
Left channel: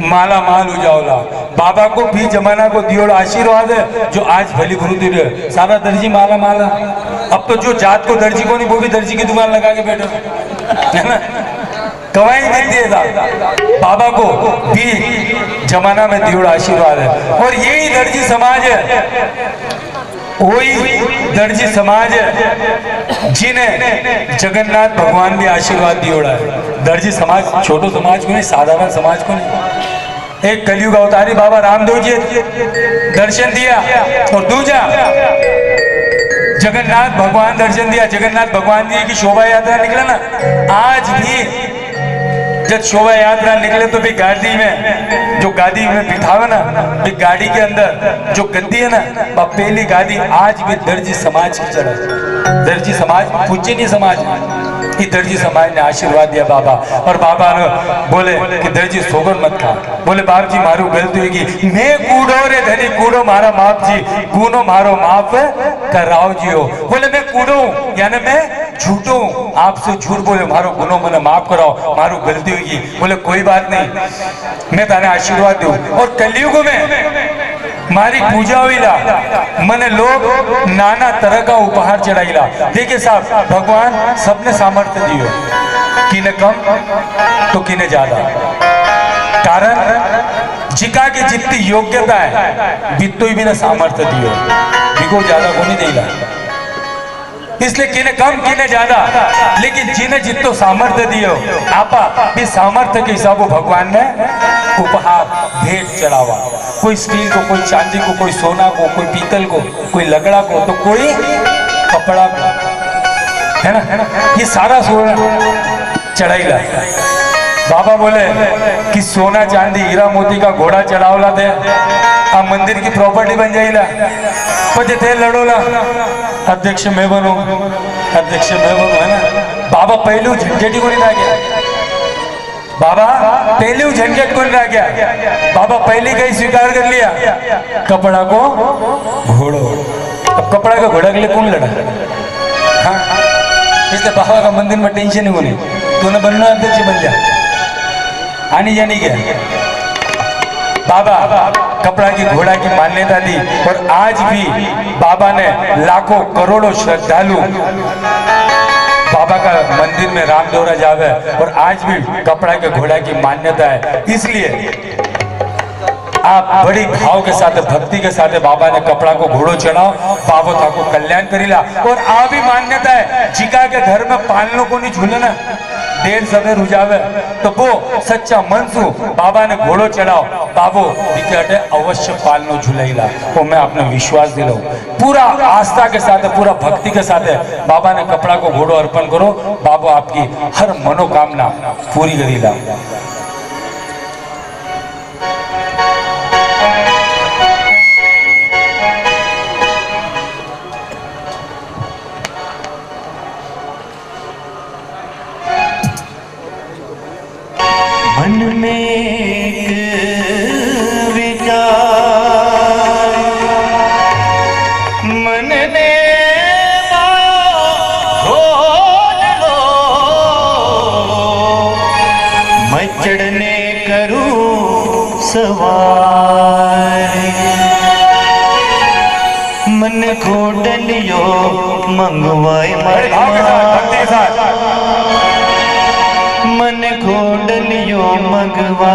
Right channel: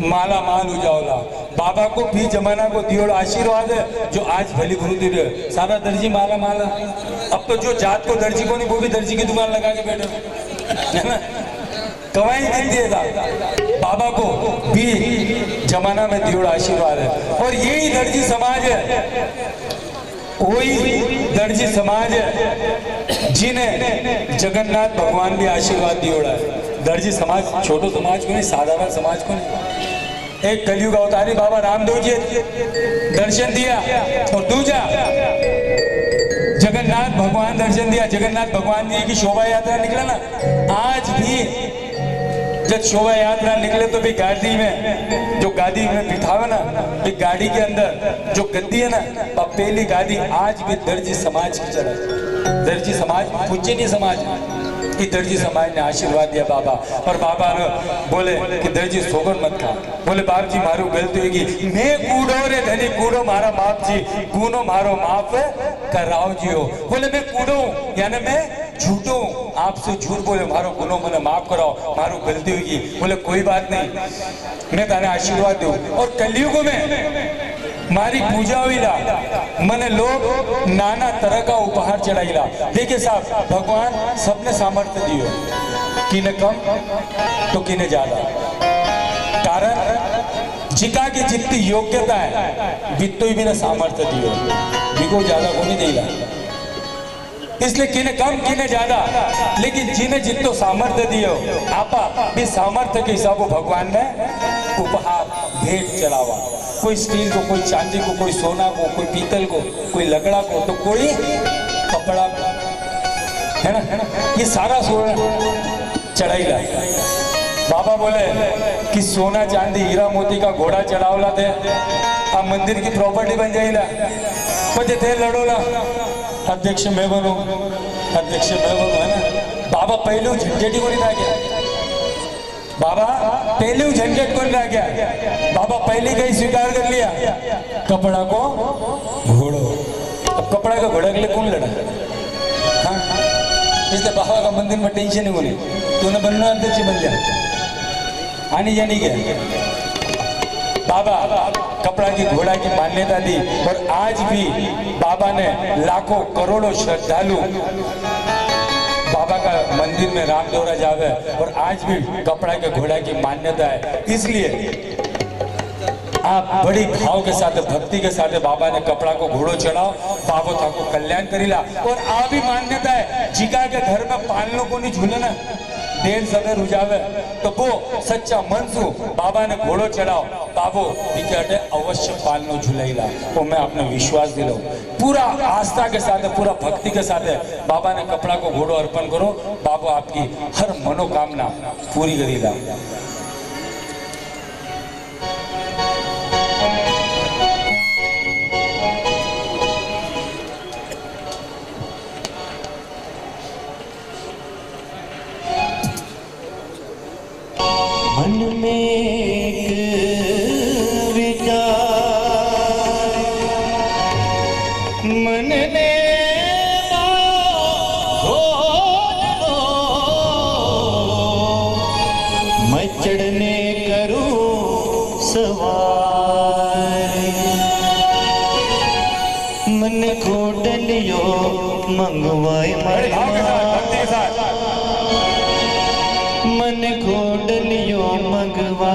माला माल हो जाओला बाबा को भी जमाना को दियो आशीर्वाद है जो आज भली भरूदी रहे सारा दर्जी माला माला अब तो जो जात को दर्जी को नहीं वो भी दर्जी की दुकान लगा के बैठे है ना कवाई नहीं देगा बाबा को भी जमाना में दियो आशीर्वाद है और यही दर्जी समाज है वही दर्जी समाज है जिन्हें जगन्नाथ भगवान भी आशीर्वाद दियोड़ा है दर्जी समाज छोटो समाज को नहीं साधारण समाज को नहीं एक कलयुग अवतारी बाबा रामदेव जी दर्शन दिया और दूजा जगन्नाथ भगवान दर्शन दिया जगन्नाथ भगवान जी की शोभा यात्रा निकला ना आज भी जब शोभा यात्रा निकले तो भी गाड़ी में जो गाड़ी में बिठावे ना भी गाड़ी के अंदर जो गद्दी है ना पहली गाड़ी आज भी दर्जी समाज की चला दर्जी समाज पूज्यनीय समाज कि दर्जी समाज ने आशीर्वाद दिया बाबा और बाबा ने बोले कि दर्जी सोगन मत खा बोले बाप जी मारू गलती होगी मैं कूड़ो रे धनी कूड़ो मारा माप जी गुनो मारो माफ कराओ जी हो बोले मैं कूड़ो यानी मैं झूठो आपसे झूठ बोले मारो गुनो मैंने माफ कराओ मारू गलती होगी बोले कोई बात नहीं मैं ताने आशीर्वाद दूं और कलयुग में मारी पूजा हुईला मने लोग नाना तरह का उपहार चढ़ाईला देखिए साहब भगवान सबने सामर्थ्य दियो किने कम तो किने ज्यादा कारण जिका की जितनी योग्यता है बितो ही बिना सामर्थ्य दियो बिको ज्यादा को नहीं देला इसलिए किने कम किने ज्यादा लेकिन जिन्हें जितो सामर्थ्य दियो आपा भी सामर्थ्य के हिसाब भगवान ने उपहार भेंट चढ़ावा कोई स्टील को कोई चांदी को कोई सोना को कोई पीतल को कोई लगड़ा को तो कोई कपड़ा को है ना ये सारा सोना चढ़ाईला बाबा बोले कि सोना चांदी हीरा मोती का घोड़ा चढ़ावला थे आ मंदिर की प्रॉपर्टी बन जाएगा पचे थे लड़ोला अध्यक्ष मैं बनू है ना बाबा पहलू झंझटी को नहीं रह गया बाबा पहलू झंझट को नहीं रह गया बाबा पहले का ही स्वीकार कर लिया कपड़ा को घोड़ो अब कपड़ा का घोड़ा के लिए कौन लड़ा हाँ इसलिए बाबा का मंदिर में टेंशन ही होनी तूने बनना अध्यक्ष बन जा आनी जानी क्या बाबा कपड़ा की घोड़ा की मान्यता दी और आज भी बाबा ने लाखों करोड़ों श्रद्धालु बाबा का मंदिर में रामदेवरा जावे और आज भी कपड़ा के घोड़ा की मान्यता है इसलिए आप बड़ी भाव के साथ भक्ति के साथ बाबा ने कपड़ा को घोड़ो चढ़ाओ बाबो था को कल्याण करीला और आ भी मान्यता है जिका के घर में पालनो को नहीं झूले ना देर सवेर रुझावे तो वो सच्चा मन सु बाबा ने घोड़ो चढ़ाओ बाबो दिखे अवश्य पालनो झूलेला वो मैं आपने विश्वास दिलाऊं पूरा आस्था के साथ पूरा भक्ति के साथ बाबा ने कपड़ा को घोड़ो अर्पण करो बाबो आपकी हर मनोकामना पूरी करीला मन में एक विचार मन ने घोल लो मैं चढ़ने करूं सवार मन घोड़लियो मंगवाए मन घोड़लियो मगवा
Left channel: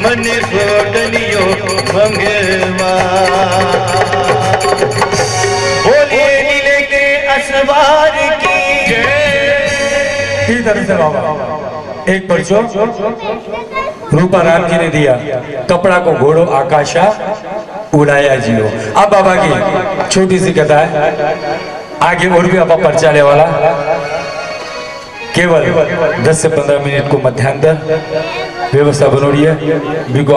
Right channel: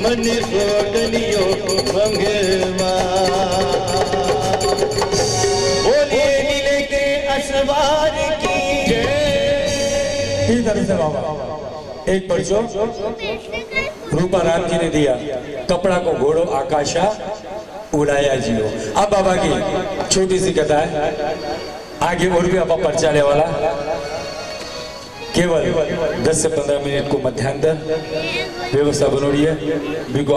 मन सोटनियो मंगवा बोलिए नीले के असवार की इधर से बाबा एक पर्चो रूपा राम जी ने दिया, कपड़ा को घोड़ो आकाशा उड़ाया जियो। अब बाबा की छोटी सी कथा है, आगे और भी आपा पर्चा ले वाला, केवल 10 से 15 मिनट को मध्यांतर व्यवस्था बनोड़ी है, बिको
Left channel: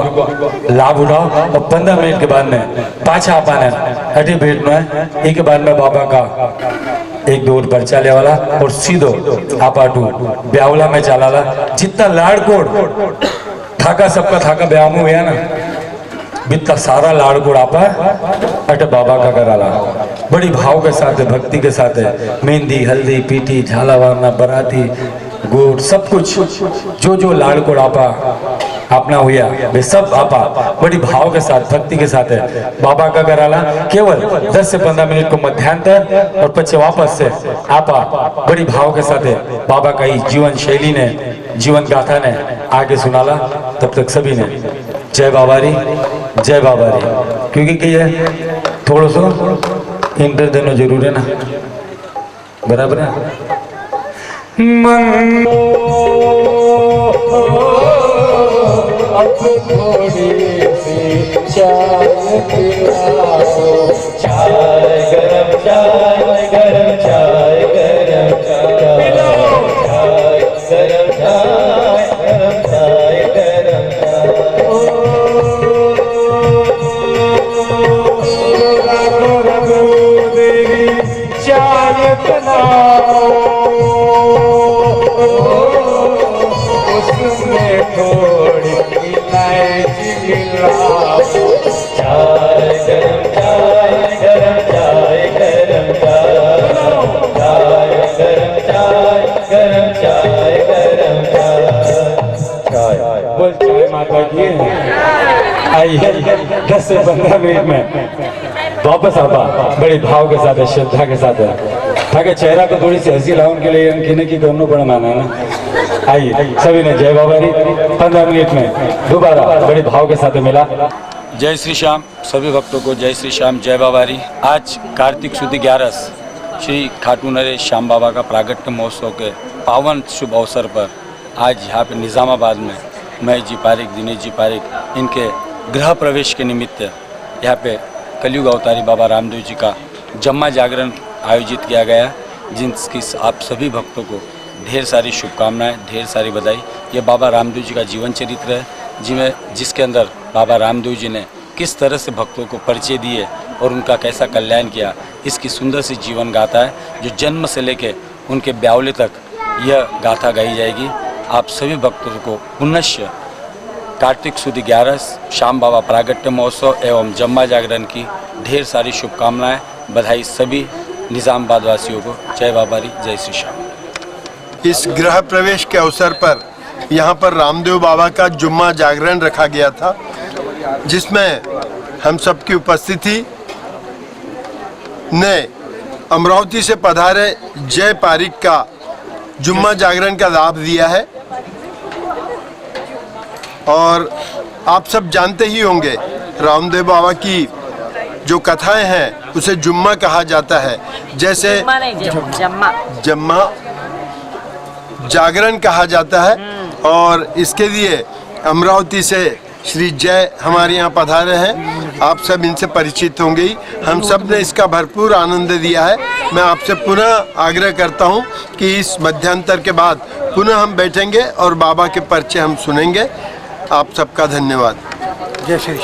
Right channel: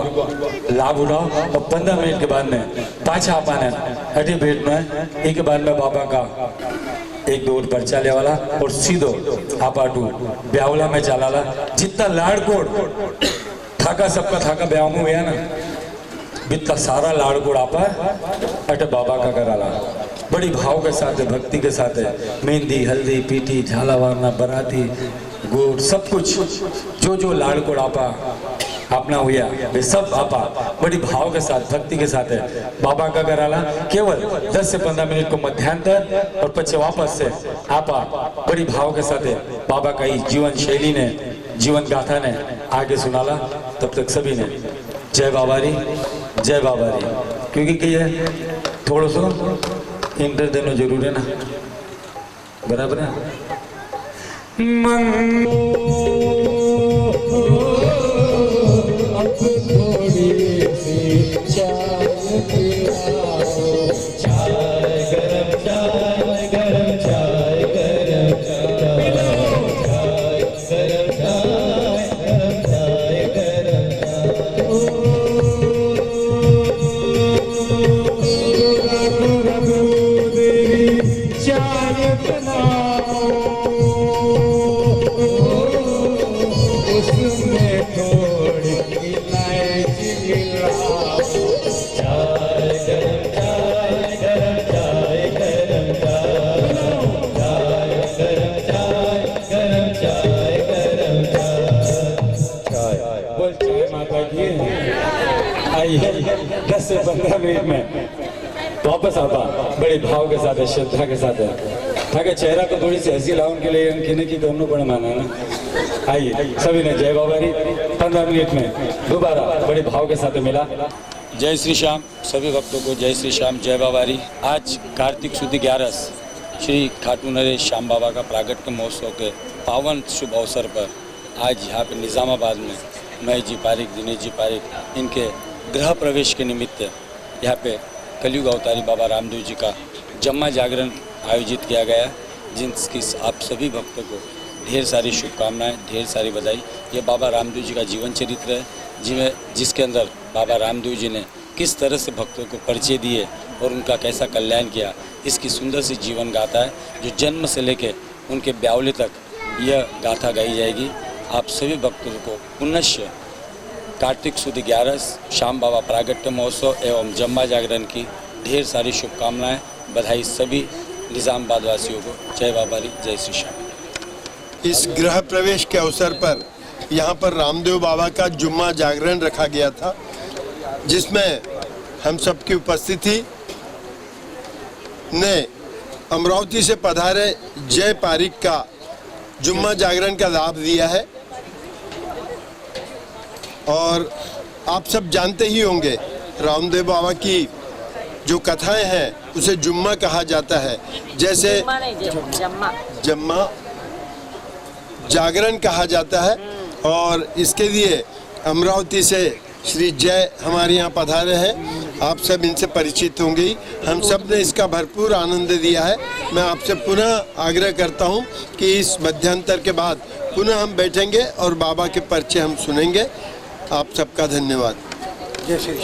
लाभ उठाओ और 15 मिनट के बाद में पाछा आपाने हटे बैठना है। एक के बाद में बाबा का एक दो पर्चा ले वाला और सीधो आपाटू ब्यावला में चलाला। जितना लाड़कोड़ थाका सबका थाका ब्याह में हुआ ना, बितना सारा लाड़कोड़ आपा अटे बाबा का कराला। बड़ी भाव के साथ है, भक्ति के साथ है, मेहंदी हल्दी पीटी झाला वारना बराती गुड़ सब कुछ जो जो लाड़कोड़ आपा अपना हुआ वे सब आपा बड़ी भाव के साथ भक्ति के साथ है बाबा का कराला। केवल 10 से 15 मिनट को मध्यांतर और पीछे वापस से आपा बड़ी भाव के साथ है बाबा का ही जीवन शैली ने जीवन गाथा ने आगे सुनाला। तब तक सभी ने जय बाबारी जय बाबारी, क्योंकि कि ये थोड़ा सो इंटर देना जरूर है ना, बराबर है। थोड़ी सी चाय पिलाओ, चाय गरम चाय गरम चाय गरम चाय पिलाओ, चाय गरम चाय गरम चाय गरम चाय। ओ रघु देवी चाय बनाओ, उसमें थोड़ी इलायची मिलाओ, चाय गरम चाय गरम चाय गरम चाय, चाय गरम चाय गरम चाय गरम चाय। बोल चाय माता की। आइए 10 से 15 मिनट में वापस आपा बड़ी भाव के साथ है, श्रद्धा के साथ है, ताकि चेहरा को थोड़ी सी हंसी लाओ उनके लिए अंकिने की दोनों बड़ा माना है ना। आइए सभी ने जय बाबारी 15 मिनट में दोबारा बड़ी भाव के साथ मिला। जय श्री श्याम, सभी भक्तों को जय श्री श्याम जय बाबारी। आज कार्तिक सुदी 11 श्री खाटू नरेश श्याम बाबा का प्रागट्य महोत्सव के पावन शुभ अवसर पर आज यहाँ पे निज़ामाबाद में महेश जी पारिक दिनेश जी पारिक इनके गृह प्रवेश के निमित्त यहाँ पे कलयुग अवतारी बाबा रामदेव जी का जम्मा जागरण आयोजित किया गया, जिनकी आप सभी भक्तों को ढेर सारी शुभकामनाएं, ढेर सारी बधाई। ये बाबा रामदेव जी का जीवन चरित्र है, जिसके अंदर बाबा रामदेव जी ने किस तरह से भक्तों को परिचय दिए और उनका कैसा कल्याण किया, इसकी सुंदर सी जीवन गाथा है, जो जन्म से लेके उनके ब्यावले तक यह गाथा गाई जाएगी। आप सभी भक्तों को पुनश्य कार्तिक सुदी 11 श्याम बाबा प्रागट्य महोत्सव एवं जम्मा जागरण की ढेर सारी शुभकामनाएं, बधाई सभी निज़ामाबाद वासियों को। जय बाबारी जय श्री श्याम। इस गृह प्रवेश के अवसर पर यहाँ पर रामदेव बाबा का जुम्मा जागरण रखा गया था, जिसमें हम सबकी उपस्थिति ने अमरावती से पधारे जय पारिक का जुम्मा जागरण का लाभ दिया है। और आप सब जानते ही होंगे रामदेव बाबा की जो कथाएं हैं उसे जुम्मा कहा जाता है, जैसे जम्मा जागरण कहा जाता है। और इसके लिए अमरावती से श्री जय हमारे यहाँ पधारे हैं, आप सब इनसे परिचित होंगे ही। हम सब ने इसका भरपूर आनंद दिया है। मैं आपसे पुनः आग्रह करता हूँ कि इस मध्यांतर के बाद पुनः हम बैठेंगे और बाबा के परिचय हम सुनेंगे। आप सबका धन्यवाद। जय श्री